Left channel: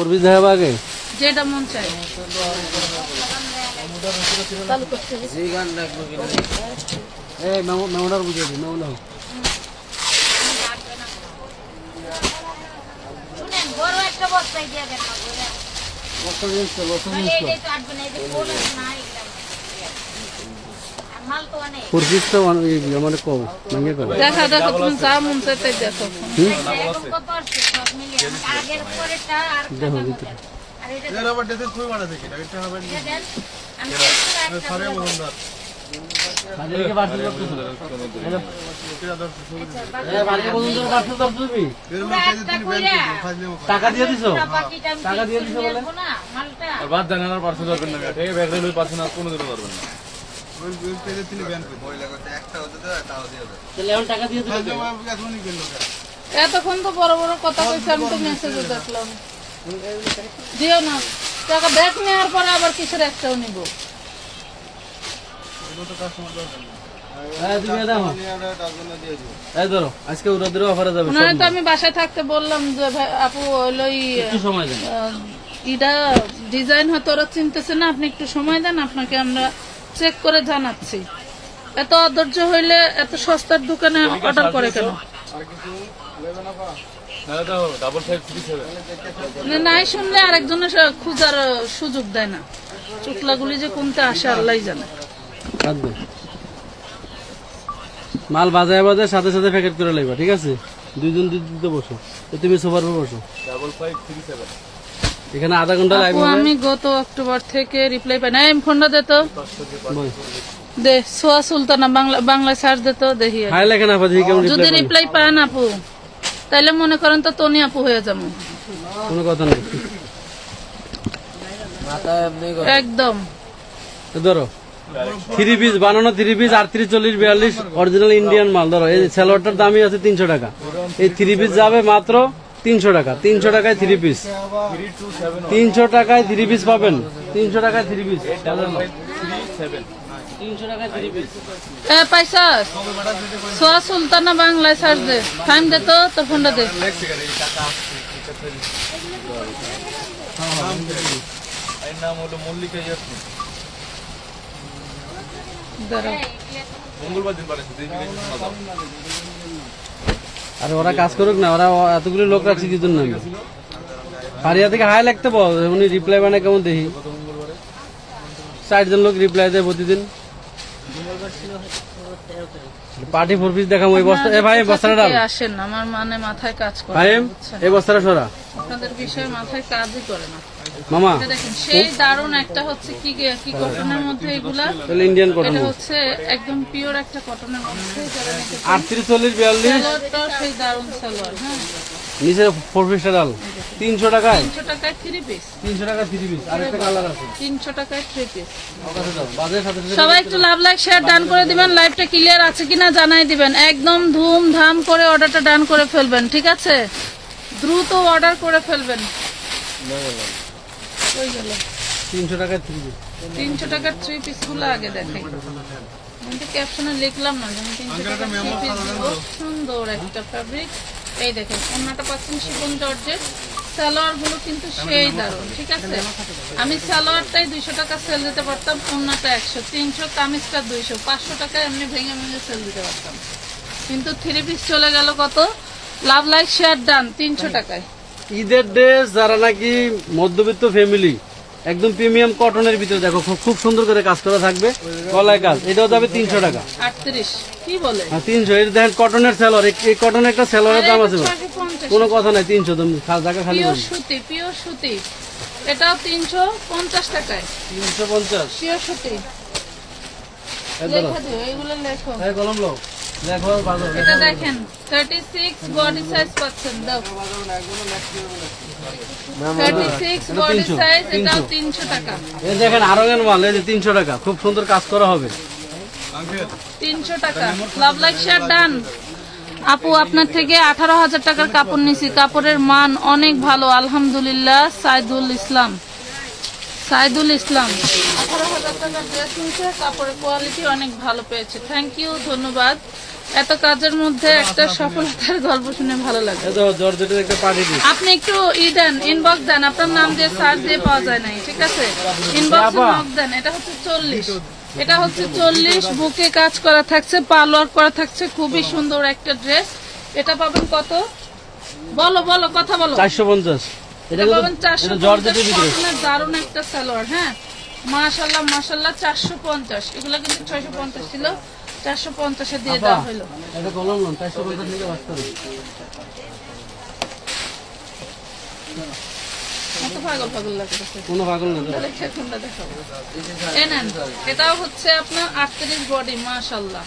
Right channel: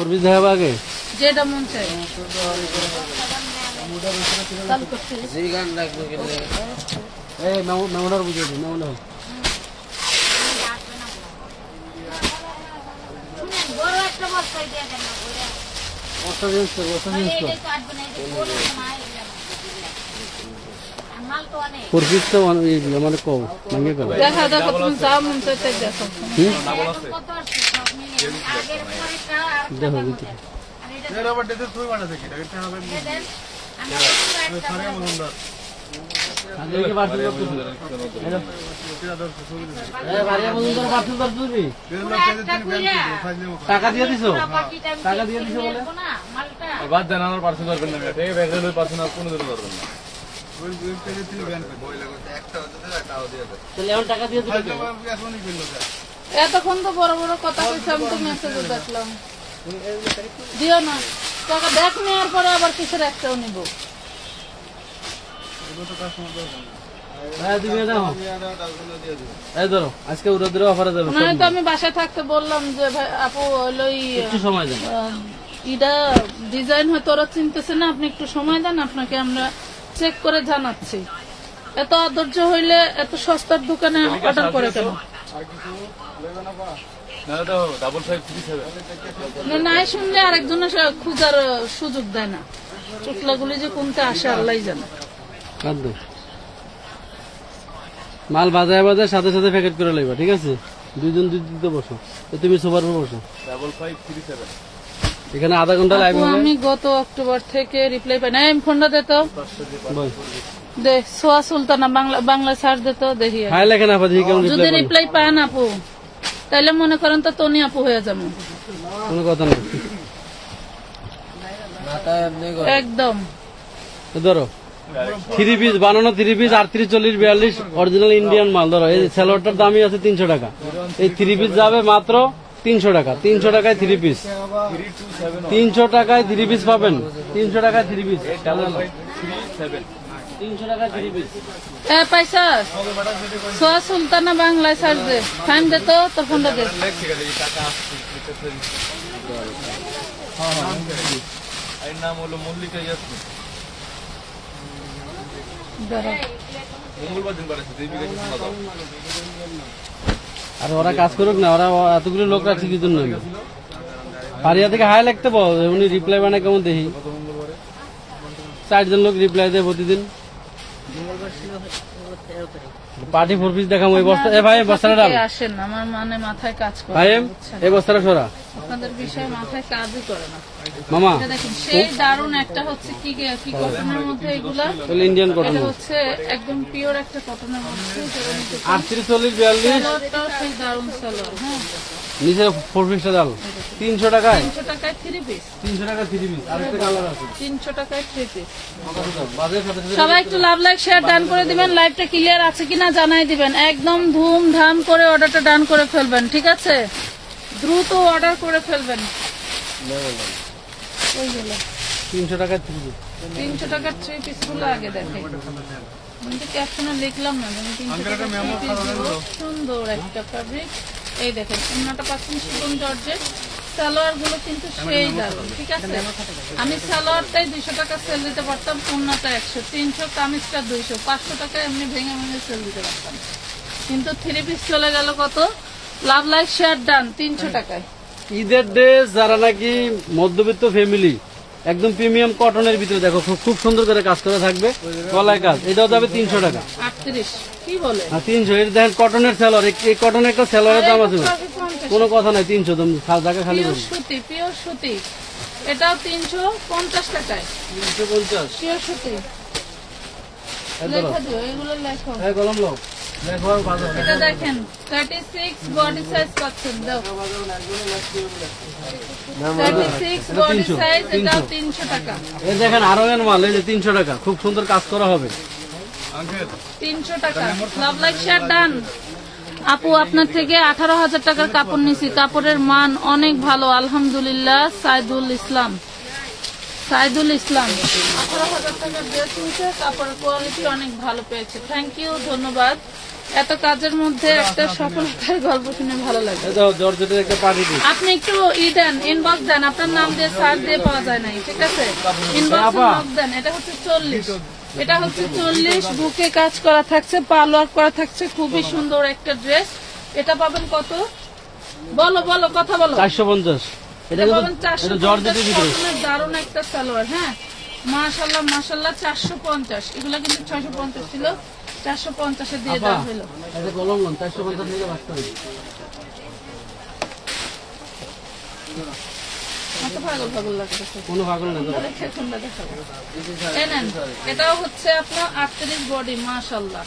করবি দেখাবো আগে যেটা মন চাই চালু করতে মেমোনার বুঝিয়ে দিই মেমোনা বড় একটা বস্তায় দিয়ে দেন না বস্তা জিনিস তো মানে কও মাঙ্গে কও দেখা দেখো তুমি যা মন চাইতে দেখো দেখো ভিতরে টাকা দিয়ে দিছো টাকা দিয়ে দিছো বলে বাদ দেন আমার পার্সেল ধরবেন না ঠিক আছে পার্সেল কোনো দিনও ধরবেন না এতক্ষণ তো বড় বড় কথা বলছে আমি তো মেসেজে দেখলাম দিও না টাকা ব্যাগ নেওয়ার পরে আবার কিসের একটাও নিব আমি বাসায় থাকতে বললাম যে ভাই আপু হইলো ইটা ডিজাইন হয়তো ওরা চিনতেছে না আপনি একটু সময় দেন আপনাকে আমরা চেক করে জানাচ্ছি এত অধৈর্য হইলে এত সস্তার দোকানে অর্ডার করে কেন নাই শুনলে আরেকজনের খুঁজার সুযোগ দেয় না চুকলাগুলি যে কোনটা আসে আল্লাহ জানে মাল বাজায় বাজায় সাথে সাথে প্যাকেট করে লাগবে ঠিক আছে দুইজন দুইতে বসো তুমি সোফার উপর বসো 5537 এখানে আধা ঘন্টা লাইভ হবে আমি গত অক্টোবর থেকে রিপ্লাই পাই না ফোনটা দে তো দে সোয়া সুলতানা বাংলা সার্চ দে তো দেখি হাই লেখা না পাজি কেমন যদি রিপ্লাই পান আপু তাহলে মনে করেন তো তনি আপু হয়ে যাবো কোনো কথা নেই একদম ধরো 3 পিস বানানো 3 পিস 38 40 42 অরিজিনাল ইন্ডিয়ান মাল ধরো এই সালোয়ারটার দামই আছে 300 টাকা এই 3 পিস যাবে মাত্র 300 টাকা 300 টাকায় 3 পিস 300 টাকায় 3 পিস পাবেন 300 টাকায় 3 পিস 300 টাকায় 3 পিস পয়সা সোয়া সুলতানা বাংলা সার্চ দে ফাইন দে তো ফোনটা দে এর নাম হলো মল্লিকা ইয়াসমিন মঙ্গলবার দিন পাঠাচ্ছে আর ওরা কাজ করুক না ওরা এতগুলো লোক রাখছে কি জন্য পারিয়া থেকে হাই লাগতে বল উনি রিপ্লাই বানায় কেমন দেখি 60 জন লোক রিপ্লাই দেয় প্রতিদিন পার্টি 4 পিস দেখাম ওই বস্তা এ ভাই বস্তাটা ডাল আসেন আমার মানে মাথায় কাজ করে ভাই এই বস্তাটা সরা আপনাদের বিষয় মাথায় কাজই করে না মামা দেখেন সেই দারুণ একটা হচ্ছে কি কটনের মধ্যে এগুলা ইন্ডিয়ান কটন হচ্ছে একদম পিওর একটা কটনের মধ্যে করে নিতে 38 40 42 সেই দারুণ সালোয়ার হ্যাঁ নিচে 4 পিস ডাল 300 টাকায় 3 পিস 300 টাকা 3 পিস আরেকটা কালার আছে 300 টাকায় 3 পিস সবাই একটু লাভ লাইক শেয়ার ডান করে দিবেন লাইভটা ক্লিয়ার আছে কিনা জানাই দিবেন একদম ধুমধাম করে অর্ডারটা ডান করে ফেলবেন ঠিক আছে দ্রুত অর্ডার করে ফেলবেন 300 টাকা 3 পিস 300 টাকার 3 পিস গুলো আগে দেখাই আমি তো ক্যাপশনে লিখলাম না যেমন 300 টাকার 3 পিস সুন্দর একটা ফ্যাব্রিক এই দেখেন অন্যটা পাচ্ছেন শিফন জর্জেট সালোয়ার গুলো কিন্তু সেই দারুণ ঠিক আছে আমি সালোয়ারটাই 200 টাকা সেল দিতে পারতাম অন্যটা 100 300 কামিজটা 200 500 টাকা এমনি ভেঙে ভেঙে সেল দিতে পারতাম কিন্তু 3 পিস চলে গেল কত লাভ লাইক শেয়ার ডান 300 টাকায় ঈদের ড্রেস যারা নাকি মধ্যবিত্ত ফ্যামিলি একদম প্রিমিয়াম কটনের ভিতরে দেখো খুব সুন্দর করে কাজ করা থাকবে গলায় কাজ এটাও যাবে 300 টাকা 38 কি বলে 300 এটা দেখেন কটনের সালোয়ার এই কটনের একটা সালোয়ারের দাম আছে কোনো কথা নাই 300 তুমি টাকা খালি পিওর সুতি পিওর সুতি এটাও 350 টাকায় 350 পিওর সুতি লেখা দিও এগুলো লেখো এই কলম লো দেখো বাজার এটা দেখেন 36 বডি সাইজ পাচ্ছেন দাও 36 বডি সাইজ এটাও 300 টাকা এই দেখেন আরো এর মাল এই যে 300 টাকা খুব সুন্দর কাজ করা হবে 300 টাকা লাভ লাইক শেয়ার ডান আপু আপনার থেকে 18,000 টাকার কাপড় নিছি কাপড়ের মান অনেক ভালো আলহামদুলিল্লাহ সাইদুল ইসলাম সাইদুল ইসলাম 18,000 টাকার ড্রেস নিয়েছে, কাপড়ের কোয়ালিটি অনেক ভালো পেয়েছে। থ্যাংক ইউ, ধন্যবাদ। এত কাজের মধ্যে একটা সফলতার গল্প শুনে ভালো লাগে। জর্জেটের একটা পার্টি পিস। আপনি একটু দেন, ইনবক্স দেন, আপনার নাম দিয়ে সার্চ দিয়ে পাওয়া যায় নাই, ঠিক আছে? ইনবক্স দেন। এটা হচ্ছে 40, এটা হচ্ছে 40, বুকে কাজ করা থাকছে, পালোয়ার করা থাকছে, খুবই সুন্দর একটা ড্রেস। এটা পাবেন কত? বলো বলো, কথা বলো। 450। এটা পাবেন 450, জর্জেটের ভিতরে দারুণ একটা সালোয়ার। হ্যাঁ, মাশাআল্লাহ মাশাআল্লাহ। 450, এগুলো কিন্তু 650 ছিল, 450 দিয়ে দেওয়া হলো। এটা কলম লন 450 থেকে বাস করে। এত পাগল পাগল লাগতেছে। কোনো পাগল না। এটাও হচ্ছে আপনার 38 বডি, মাশাআল্লাহ।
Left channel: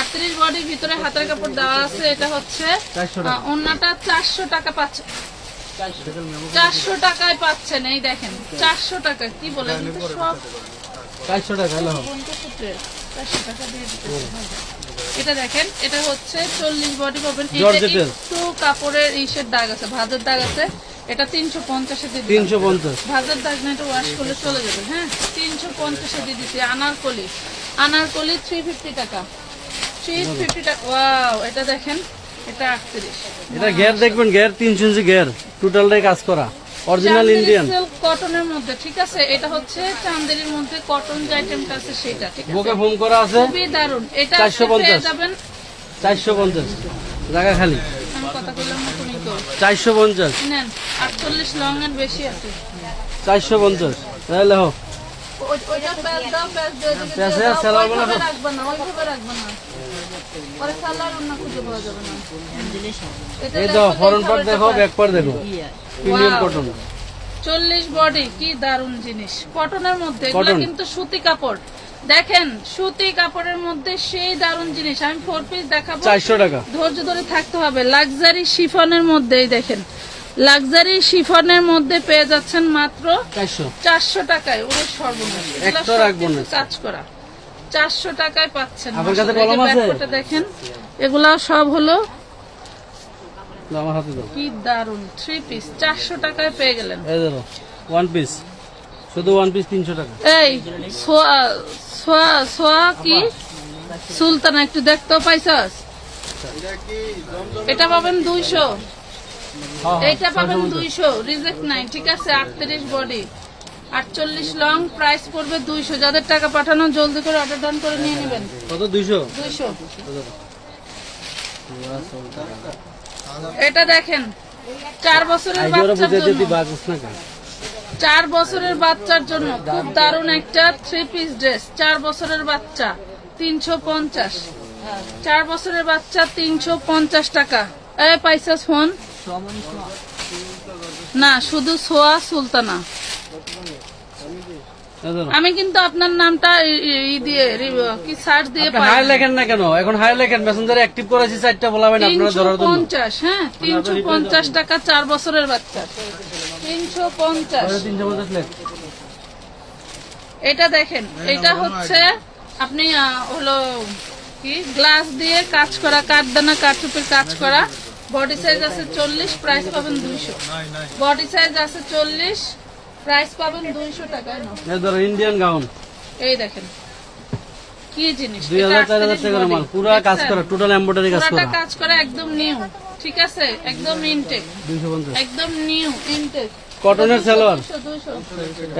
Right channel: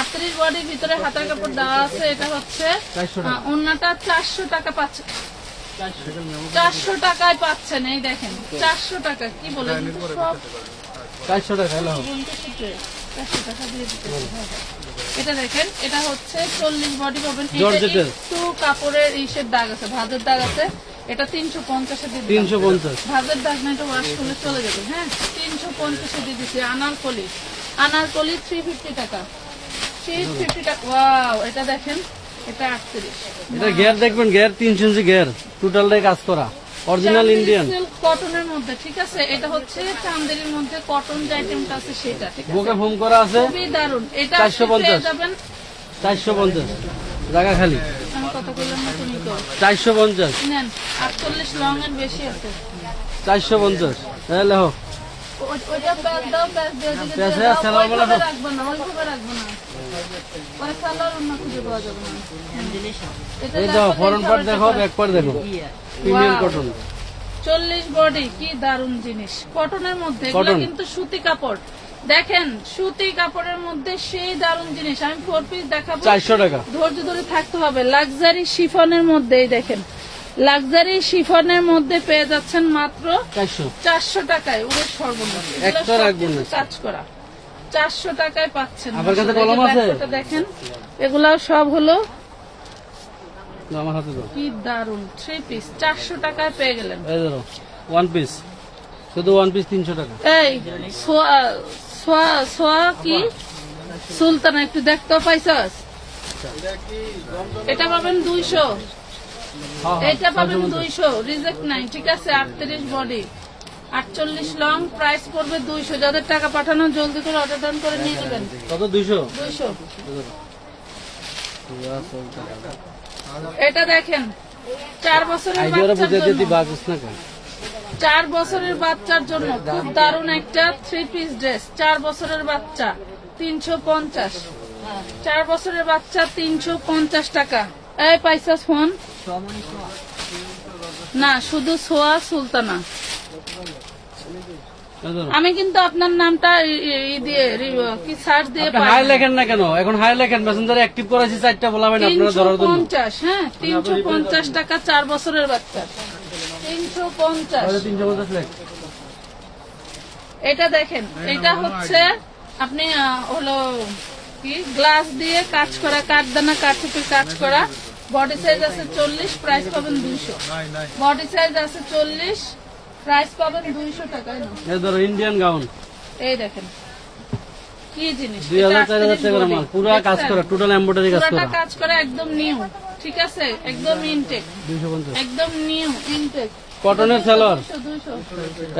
38 বডির ভিতরে হাতের কাপড় দেওয়া আছে। এটা হচ্ছে ওন্নাটা 400 টাকা পাচ্ছে, 400 টাকায় পাচ্ছেন। এই দেখেন 400 টাকা, কি বলেন সব 400 টাকা। হ্যালো, 400 টাকা দিয়ে দিতে। এটা দেখেন, এটা হচ্ছে 40 বডি পাবেন। একটু কাপড়ের ইসের দাগ আছে, ভাঁজের দাগ আছে। এটা 350 দিয়ে 350 ভাঁজের দাগ না, এটা ওয়াশ করলে চলে যাবে। হ্যাঁ, 350 দিয়ে দিচ্ছি। আনারকলি 350 টাকা, 350 টাকা। ওয়াও, এটা দেখেন, এটা 38। এটা গের দেখবেন, গের 3 ইঞ্চি গের, টোটালটাই কাজ করা, অরিজিনাল ইন্ডিয়ান কটনের মধ্যে, ঠিক আছে? এটা হচ্ছে চান্দেরির মধ্যে কটন যে আইটেমটা আছে সেটা, ঠিক আছে? বুকে ফোম করা আছে, খুবই দারুন। এটা 450 যাবেন 450 জায়গা খালি। আমি কথা বললাম না, তুমি তো 450 নেন। 48 লং এর বেশি আছে, 450। তাহলে হো ওইটা প্যাচ দাও, প্যাচ দিয়ে দিলে প্যাচে সেলার বলা তো রাখবে না, ওইভাবে রাখবে না, পরে সালোয়ার অন্য খুঁজে পাওয়া যাবে না। এই তো ফরন পার্ট দেখো, ব্যাক পার্ট দেখো, প্রিমিয়াম কটন। 40 বডি, কি দারুন জিনিস কটনের মধ্যে। এগুলো কিন্তু সুতি কাপড়, দেখেন সুতি কাপড়ের মধ্যে সেই দারুন জিনিস। আমি 4 পিস দেখাবো, 400 টাকা। ধৈর্য ধরে থাকতে হবে। লাক্সারি শিফনের মধ্যে দেখেন, লাক্সারি শিফনের মধ্যে পেয়ে যাচ্ছেন মাত্র 400 টাকায়। ওরে সর্বনাশ, একটা রাখবো না, কাজ করা 400 টাকায় পাচ্ছেন। আমার কাছে কলম আছে, দেখেন এগুলো সব হলো আমার হাতে দাও। কি দারুন 3 পিস 400 টাকায় পেয়ে গেলেন। এই ধরো 1 পিস, শুধু 1 পিস 300 টাকা। এই সোয়া কি সুলতানা, একটু দেখতে পাইছাস? এটা পাবেন 200, এটা পাবেন 200, রিজেক্ট নাই, ঠিক আছে? 38 বডি, 48 লং, প্রাইস পড়বে 200। যাদের টাকা পাঠানো জলদি করে অর্ডার ডান করে নিয়ে নেবেন। কত? 200। এটা দেখেন 4 বছরের বাচ্চার জন্য, 4 বছরের বাচ্চার জন্য খুব দারুণ একটা 3 পিস ড্রেস। 4 বছরের বাচ্চা 350, 4 বছরের বাচ্চা 350 টাকা। এই পাইছাস ফোন না, শুধু সোয়া সুলতানা। আমি কিন্তু আপনার নামটা দিয়ে কি সার্চ দিয়ে পাই। হাই লেখেন না কেন? এখন হাই লেখেন, মেসেঞ্জারে অ্যাক্টিভ করেছি 4টা বলাবেন আপনারা ধরার জন্য। 350, হ্যাঁ 350 টাকা 4 বছরের বাচ্চা, 350। 350 লেখ। এটা দেখেন, এটা হচ্ছে আপনি হলো কি গ্লাস দিয়ে কাজ করা, কাঠদানা কাঠুপির কাজ করা। বডি সাইজ আছে 40, প্রাইস পাবেন 200। বডি সাইজ আছে 40, প্রাইস পাবেন 200 টাকায়। ইন্ডিয়ান গাউন, এই দেখেন কি জিনিস, 2000-4000 টাকার মাল, পুরো কাজ করা, টোটাল এমব্রয়ডারি কাজ করা, কাজ করা, একদম নিউ, ঠিক আছে? একদম ইনটেক, 250, একদম নিউ ইনটেক কটনের সালোয়ার।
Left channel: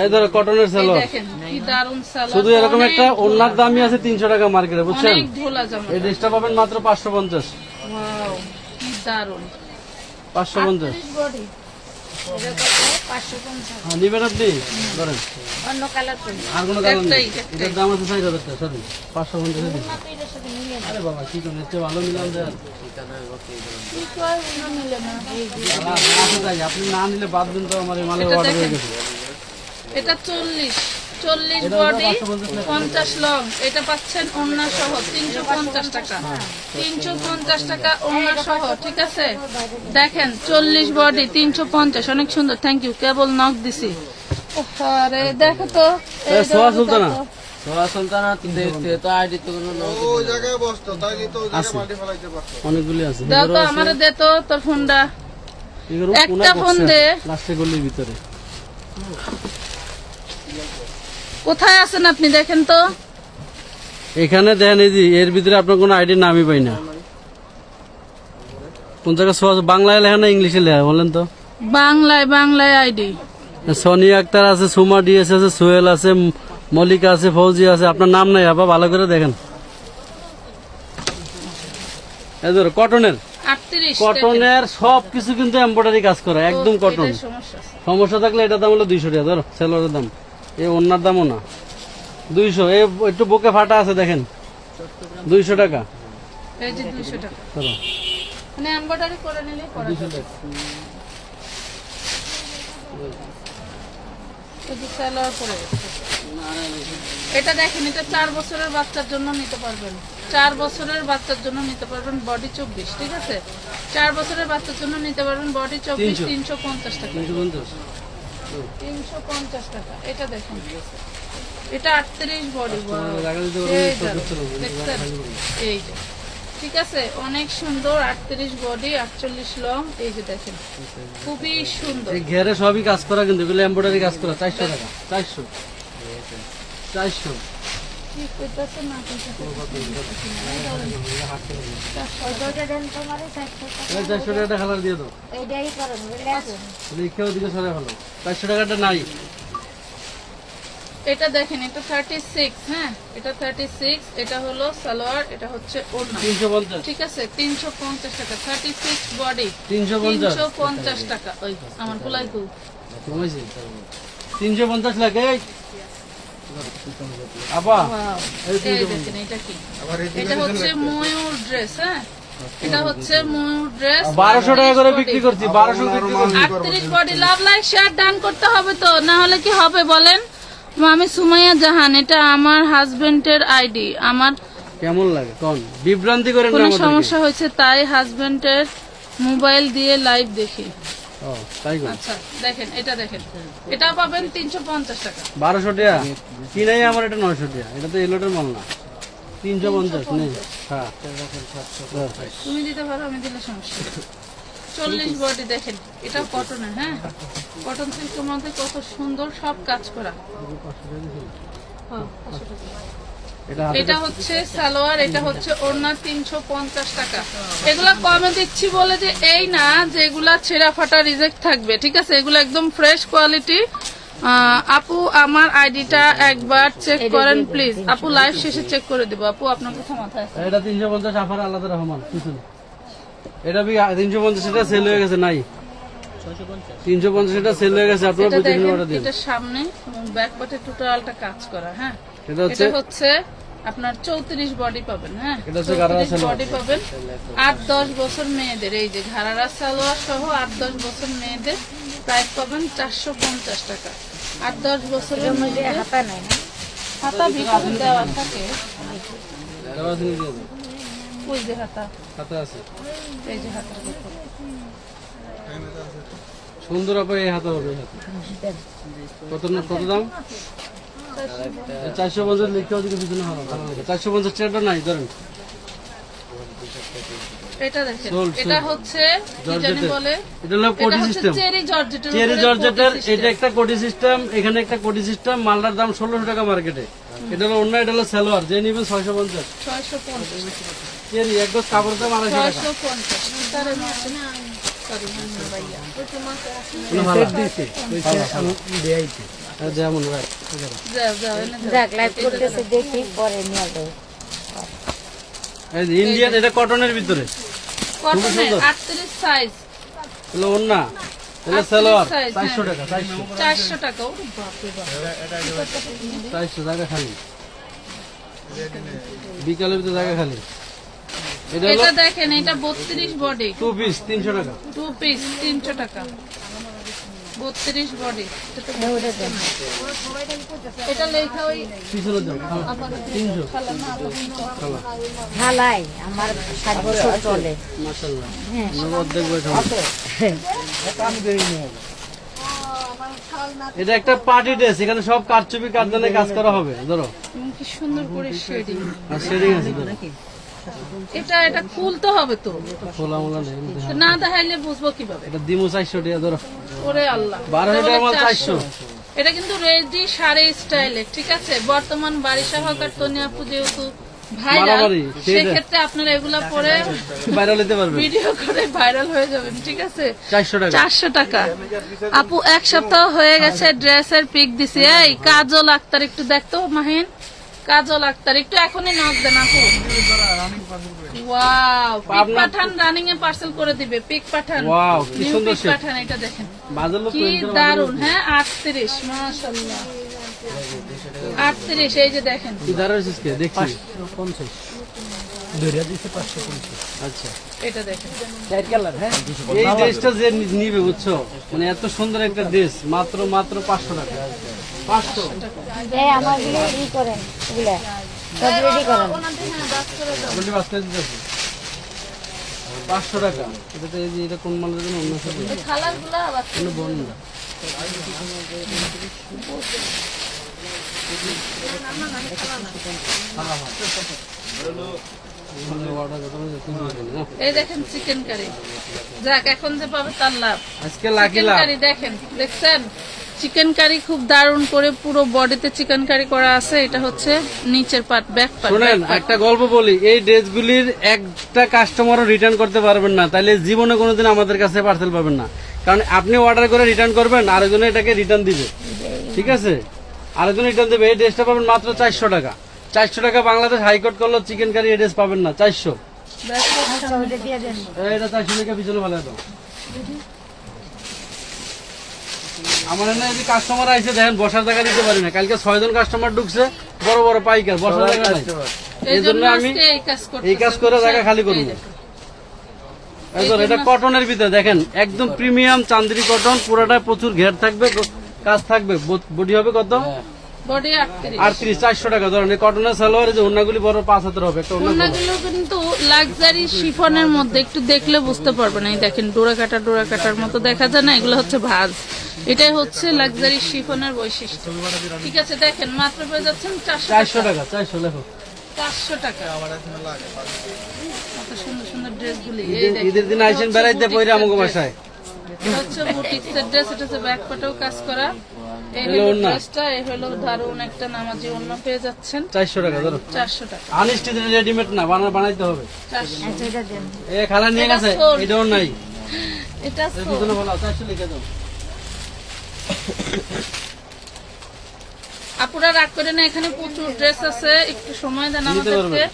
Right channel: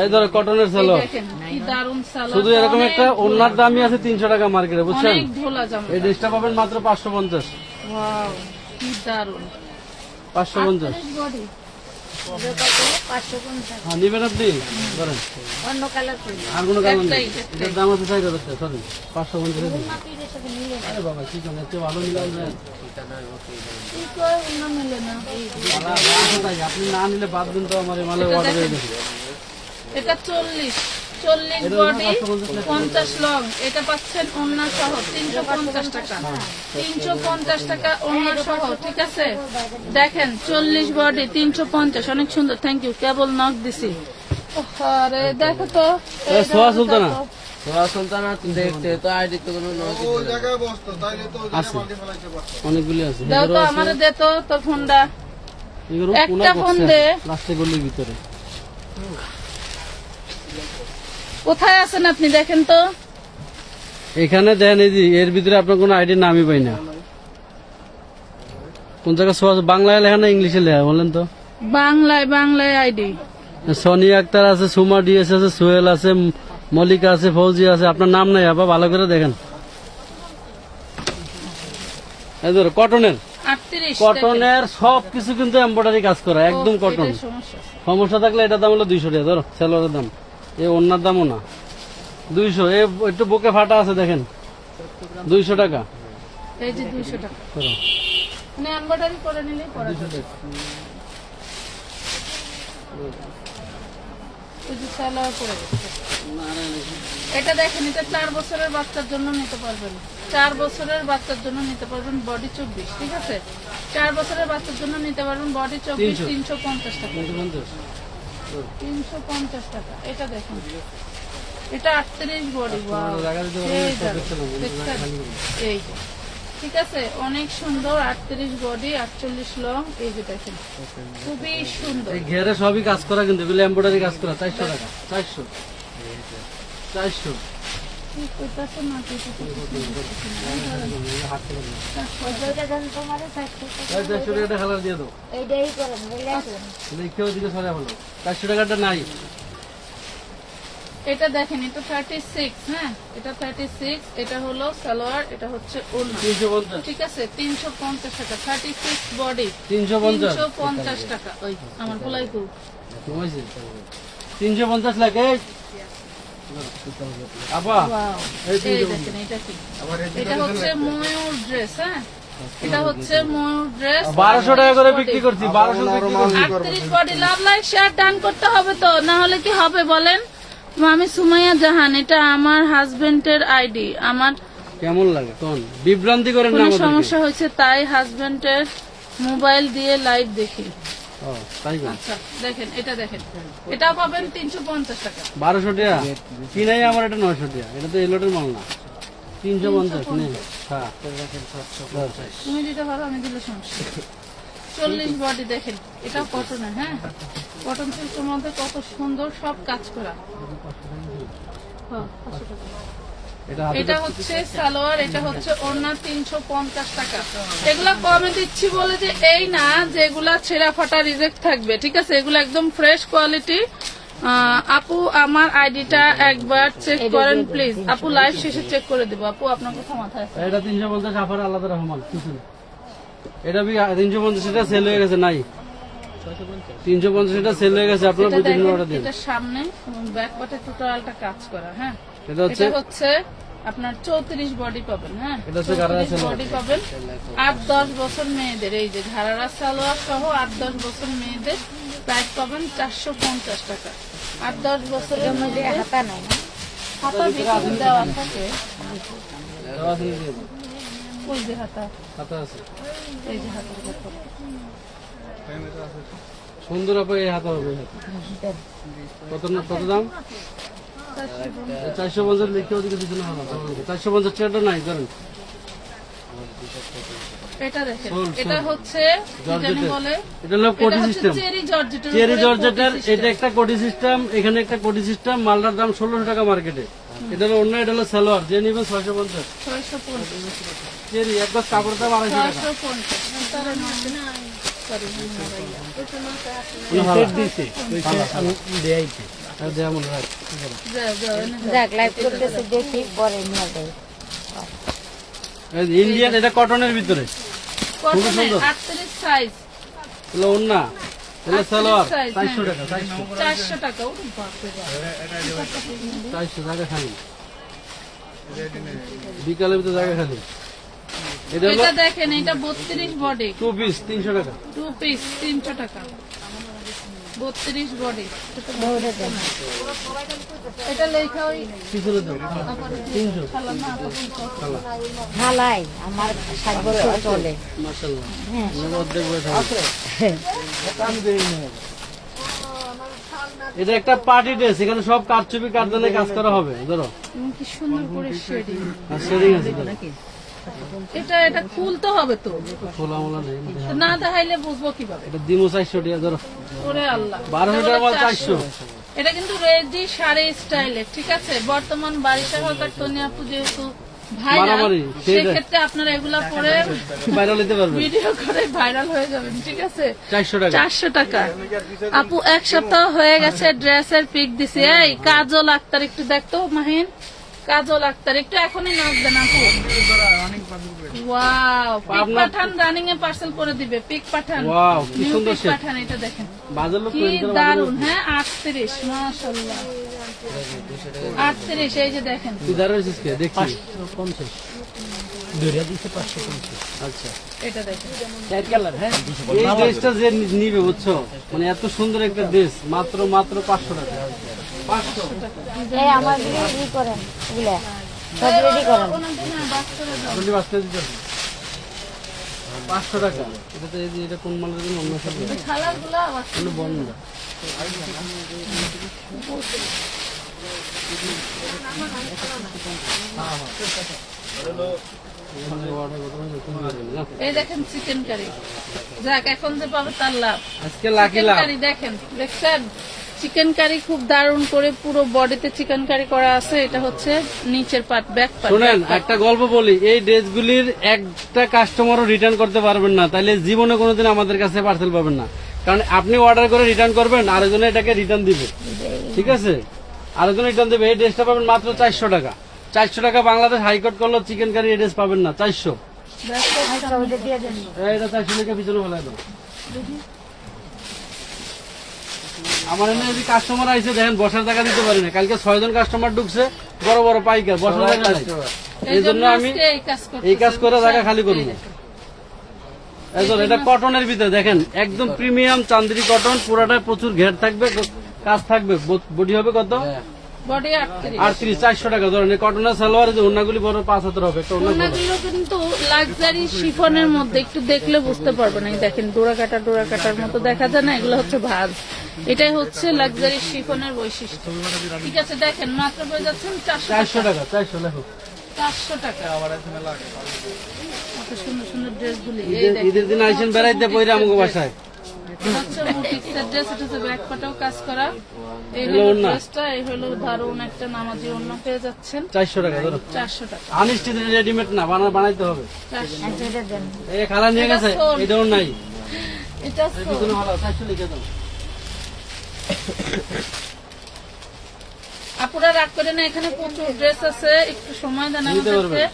এই ধরো কটনের সালোয়ার, দেখেন কি দারুন সালোয়ার। শুধু এরকম একটা ওন্নার দামই আছে 300 টাকা মার্কেটে, বুঝছেন? অনেক ঢোলা জামা। এই ড্রেসটা পাবেন মাত্র 550। ওয়াও, কি দারুন, 550 বডি। নিবেন আপনি? ধরেন অন্য কালার করি, আর কোনো কালার নেই, এটার দাম আছে 6000 টাকা, সরি 550। আরে বাবা কি করুন, এর চেয়ে ভালো নিলাম দেন। আপনি না নিলে বাদ দিন তো, আমার এই মালের অর্ডার হয়ে গেছে। এটা 40 বডি, 50 লং। এটা পাচ্ছেন ওড়না সহ 350 টাকা, 350 টাকা ওড়না সহ, ঠিক আছে? দেখেন 40 বডি 350, অনেক সুন্দর। থ্যাংক ইউ, কেবল নক দিছি। আরে দেখো তো, সোয়া সুলতানা, অনেকগুলি আছে। দাও তো আমারে, দে তো তোর ফোনটা, একটা ফোন দে। লাস্টে গলির ভিতরে কোথায় আছেন আপনি দেখেন তো? এখানে দেন এই যে এর ভিতরে আপনার কোনো আইডির নামই পাই না। কোন জায়গায় বাংলায় লেখা না ইংলিশে লেখা বলেন তো? বাংলায় আইডি। সোনিয়া আক্তার আছে, সুমা ডিএস আছে, সোহেল আছে, মল্লিকা আছে, ফৌজি আছে। আপনার নাম নাই আপা, ভালো করে দেখেন। এই ধরো কটনের, 38 কটনের সবকিছু কিন্তু এমব্রয়ডারি কাজ করা, একদম কটন। এটাই সমস্যা। সমস্যা থাকলে এটার দাম হলো 200 টাকা। ধরো সেলোয়ারের দাম, এ অন্যার দামও না 200। একটু বুকে ফাটা আছে দেখেন, 200 টাকা। এই যে 200 টাকা, ধরো মানে এমব্রয়ডারি করে নিলে পড়া যাবে। এই যে সালোয়ার পরে এটা দেখেন, এটা 4 বছরের বাচ্চার জন্য নিতে পারবেন। 4 বছরের বাচ্চার জন্য নিতে পারবেন, বডি 24, ঠিক আছে? 4 বছরের বাচ্চার জন্য নিতে পারবেন, বডি 24, 350 টাকা। 350 টাকা। এটা দেখেন, এটা 38 বডি। এই যে ঠিক আছে, অনেক সুন্দর। 38 বডি, 48 লং। এই যে দেখেন, খুবই সুন্দর। এই ঘেরে সবই কাজ করা, কিন্তু এগুলো এমব্রয়ডারি কাজ করা। 400 টাকা। 400 ঠিক কইতাছে না, কইতাছে 400 টাকাটা কালার দিয়ে দাও। এইটাই করেন, বুঝলেন? লিখেও দিকে সরে ভালো। 400 টাকাটা নাই। এটা দেখেন, এটা 36, হ্যাঁ এটা 36। এটা হলো সালোয়ার, এটা হচ্ছে ওড়না, 350। ঠিক আছে? 350 টাকা। 36 বডি, 350 350 টাকা। ওই আমার গুলাই কু কমাইছে 350 লাগে। আপা ওয়াও, এই এই দেখেন, এটা কি? এটা হচ্ছে ময়ূর ড্রেস, হ্যাঁ এটা হচ্ছে ময়ূর ড্রেস। 1200 টাকা করে বিক্রি করছি। 1200 38 body. Love like share done করতে হবে তো, না হলে কি হবে বলেন? আমি সুমাইয়া জাহান, এটা আমার হাজবেন্ডের আইডি। আমার কেমন লাগে কোন বিভ্রান্তি করেন না কোনো আমাদের। সমস্যা হয়েছে তাই হাজবেন্ডের মোবাইল দিয়ে লাইভ দেখি। ও তাই কোন আচ্ছা দেখেন, এটা দেখেন, এটা পাবেন 350 টাকা। 1200 টাকা কি নাই আমার, এটা 900 টাকা। এটা তো এলোটের মাল না। 350 নেই। হ্যাঁ তুমি দিতে পারো, আমি দিলে সমস্যা। 40 বডি দেখেন, এটা কটনের, হ্যাঁ কটন সিল্কের মধ্যে কত সুন্দর সব কাজ করা। হ্যাঁ, 500 টাকা। এটা হাতে এটা হচ্ছে সালোয়ার, এটা হচ্ছে ওড়না, 350 টাকা। এগুলা কমে দিচ্ছি বলে যে এই না যে এগুলা ছেঁড়া ফাটা রিজেক্ট থাকবে, ঠিক আছে? এগুলো একদম ফ্রেশ কোয়ালিটি। আপু আমার আইডিটা একবার চেক করেন প্লিজ। আপু লাইভ শেষে চেক করে দিব। আপু আপনার কথা মাথায় আছে? এটা 350 আফার আলাদা রহমান কিছু না। এটা 350 এটা সেল হয়ে গেছে, নাই 350 এটা সেল হয়ে গেছে। আপনার এটা বুঝে দেখেন, অর্ডার দিন। এটা সামনে এবং ব্যাক পার্টে টোটালটা কাজ করা, হ্যাঁ এটা হচ্ছে এটা হচ্ছে আপনার 34 বডি পাবেন, হ্যাঁ এটা হচ্ছে গারারা সালোয়ার। বডি পাবেন। 8-10 বছর মেয়েদের, এই যে ঘাড়ারা সালোয়ার সহ 8-10 বছর মেয়েদের প্রাইস পাবেন 450 টাকা। 8-10 বছরের মধ্যে হাতা নাই না? হাতা ভিতরে দেওয়া থাকে। দেওয়া আছে নাকি? ওই যে হাতা, হাতে আছে। এই যে হাতা সুন্দর আপা, এই হাতে হবে। কত না, কত দাম? 450 লিখতে হবে কিছু না। 450 টাকাটা নাই ধরেন। এটা দেখেন, সোল, এটা হচ্ছে কি জানি বলে, এটা হলো কোটি এটা হচ্ছে সিস্টেম। চেরি জর্জেটের চেরি উপরে জর্জেটের কোটি এটা একটা কোটি সিস্টেম, এখানে একটা কোটি সিস্টেম। মালটার দাম 1600 টাকা মার্কেটে। এটা হলো অন্য, এটা হলো সালোয়ার, যে নিবেন 650। 650 চেরি এক গজ কাপড় দাম 250 টাকা। 650 তারে না সরি ভাইয়া যেমন রাখ। যাও যাও এনে যাও। যাক, লাইভ করতেছে, দেখি পরে নিয়ে যাই। এই যে ইন্ডিয়ান, এটা কটনের ভিতরে। কটনের সুন্দর। 38 সাইজ, হলো অন্য, হলো সালোয়ার size, 400 টাকা। 400 টাকা। ওরে বাপ রে বাপ। 400 টাকা খালি, বিকালের ভিতরে জায়গা খালি। এটা হলো এটা দেখেন, এটা 32 বডি, 2 পিস 300 টাকা। 2 পিস 300 টাকা। 32 বডি। এটা লেখা ওই কিছু দাও 300। খালা না আপা বলতো। ঢালাই আমার 60 বছর চলে। মাশাআল্লাহ, হ্যাঁ। অর্ধেক বয়স আছে। এটা একটা পার্টি ড্রেস, এখানে সব কারচুপি কাঠদানে কাজ করা হবে। ধরো এবং কি সুন্দর করে শেডিং। আর শেডিং আছে। ধরো এটা খুলতে হবে তো, খোলা মোলা নেই। তো না দেখাইলে বুঝবো কিভাবে? এটা দিমু 400 টাকা। ধরো ওরে আল্লাহ, 1200 টাকা মাল 400। এটা কিন্তু রেডি শাড়ি স্টাইলে, ঠিক আছে। বর্তমান বারিশা হকার তনি আপু যেহেতু ভাইরাল, মারামারি, সেক্ষেত্রে আপনারা এগুলা পরে ভাইরাল হতে পারবে, ভিডিও করে ভাইরাল হয়ে যাবেন, ঠিক আছে। 400 টাকা। 400 টাকা। আপু এক সপ্তাহ হয়ে গেছে ড্রেসের পিক দিছি। এই কাজল আক্তার একটু দেখতো মাহিন, কাজল আক্তার একটু এখনই নক দেন আপু। Wow, pick Pathaan, running a parcel করে দিবে। পিক পাঠান, ওয়াও কি নিউ সুন্দর পিক শেড, পাঠান, এটা দেখেন বাজার লোক কি দারুন। হ্যাঁ 38, মাশাআল্লাহ 38। এই যে দেখেন ইদারের সিস্কে দেখছি 550 দুইটা দিছে 550। আচ্ছা এটা দেখেন, চার কালার। হ্যাঁ এই ড্রেসটা যে নিবে বুঝছো, মানে এত সুন্দর একটা ড্রেস মাত্র 500 টাকা। 500 এই আমার দিকে ই করেন, এগুলা সব রেডি করেন। আপনি বাসতে দিতে 500 টাকা। এটা তো এই যে এটা কোন মালের জন্য অন্য সাথে খালাগুলা আবার কোনো বন্ধ না। এই দেখেন চিকেন কারি। যাক, এখন যে পাবে তার লাভ। আজকে লাকি চিকেন লাভ। কারি দেখেন, দেখছেন চিকেন কারি খুব দারুণ করে পুরো বডিতে চিকেন কারি করা আছে। এটা হচ্ছে নিচের পার্ট, ব্যাক পার্ট। শুনেন একটা গল্প বলি, এই ড্রেসগুলির একটা কাস্টমারও রিটার্ন করতে পারবেন না, তাইলে জীবনে কোনোদিন আমাদের কাছে পার্সেল পাবেন না। কারণ আপনি অর্ডার করে রিটার্ন করবেন, আরেকজনে এটাকে রিটার্ন দিবে, ঠিক আছে, আরেকজন রিটার্ন দেবে। এই ড্রেসটা পাবেন মাত্র 400 টাকা। 400 টাকা বাংলাদেশ হাইকোর্ট করলো চিকেন কারি এই ড্রেস পাবেন না, 400। এটা 400 টাকা পিছনে ফেলে দাও। আমার এখানে এই কাস্টমার আইসে দেখেন বসার জায়গা দিতে পারি না। কালকে 6 জন কাস্টমার ঢুকছে, বড় বড় পাইকার, বসার জায়গা নাই। এই জন্য আমি এই কাজ করে জায়গা খালি করবো। এটা কটনের ভিতরে দেখেন, একদম প্রিমিয়াম চান্দ্রি কটন, পুরোটা প্রচুর ঘের থাকবে, কাজ থাকবে। বডি হবে কত? বডি 38। 38, 400 টাকা। ধরেন এই কটনের সালোয়ার, যে ওড়নাগুলি বড় 5 হাতের হবে। একটা ওড়না ওড়নাগুলো কিন্তু লাক্সারি শিফনের মধ্যে, একটু দেখলে বুঝতে পারবেন। এই দেখেন ডোরা কাটার মতো দেখা যায় না, এগুলো হচ্ছে ভাঁজ। এটাই হচ্ছে লাক্সারি শিফনের বৈশিষ্ট্য, ঠিক আছে। দেখেন মাত্র পেয়ে যাচ্ছেন 400 টাকা। 400 লেখো। 400 টাকা। এত সুন্দর সুন্দর ড্রেসগুলি ঈদের দিন আইসেন বেড়াইতে পরে আমাকে বাসায়। হচ্ছে বুটিক্সের ড্রেস। এটা হচ্ছে ব্যাক পাটেও কাজ করা। এই হলো ড্রেসটা, এই হলো দারুণ একটা নামাজি ওড়না পেয়ে যাচ্ছেন। 400 টাকা ধরো। 400 টাকা। আনস্টিচ রেডিমেড না, বানাইতে হবে। 400। এই খালা নিয়ে গেছে, এটাও নাই। এটা কোনো ভালো 400 লিখে দাও। আপুরা রাগ করে না, এখানে প্রচুর ড্রেস আছে, একটু সময় দেন আমাদেরকে,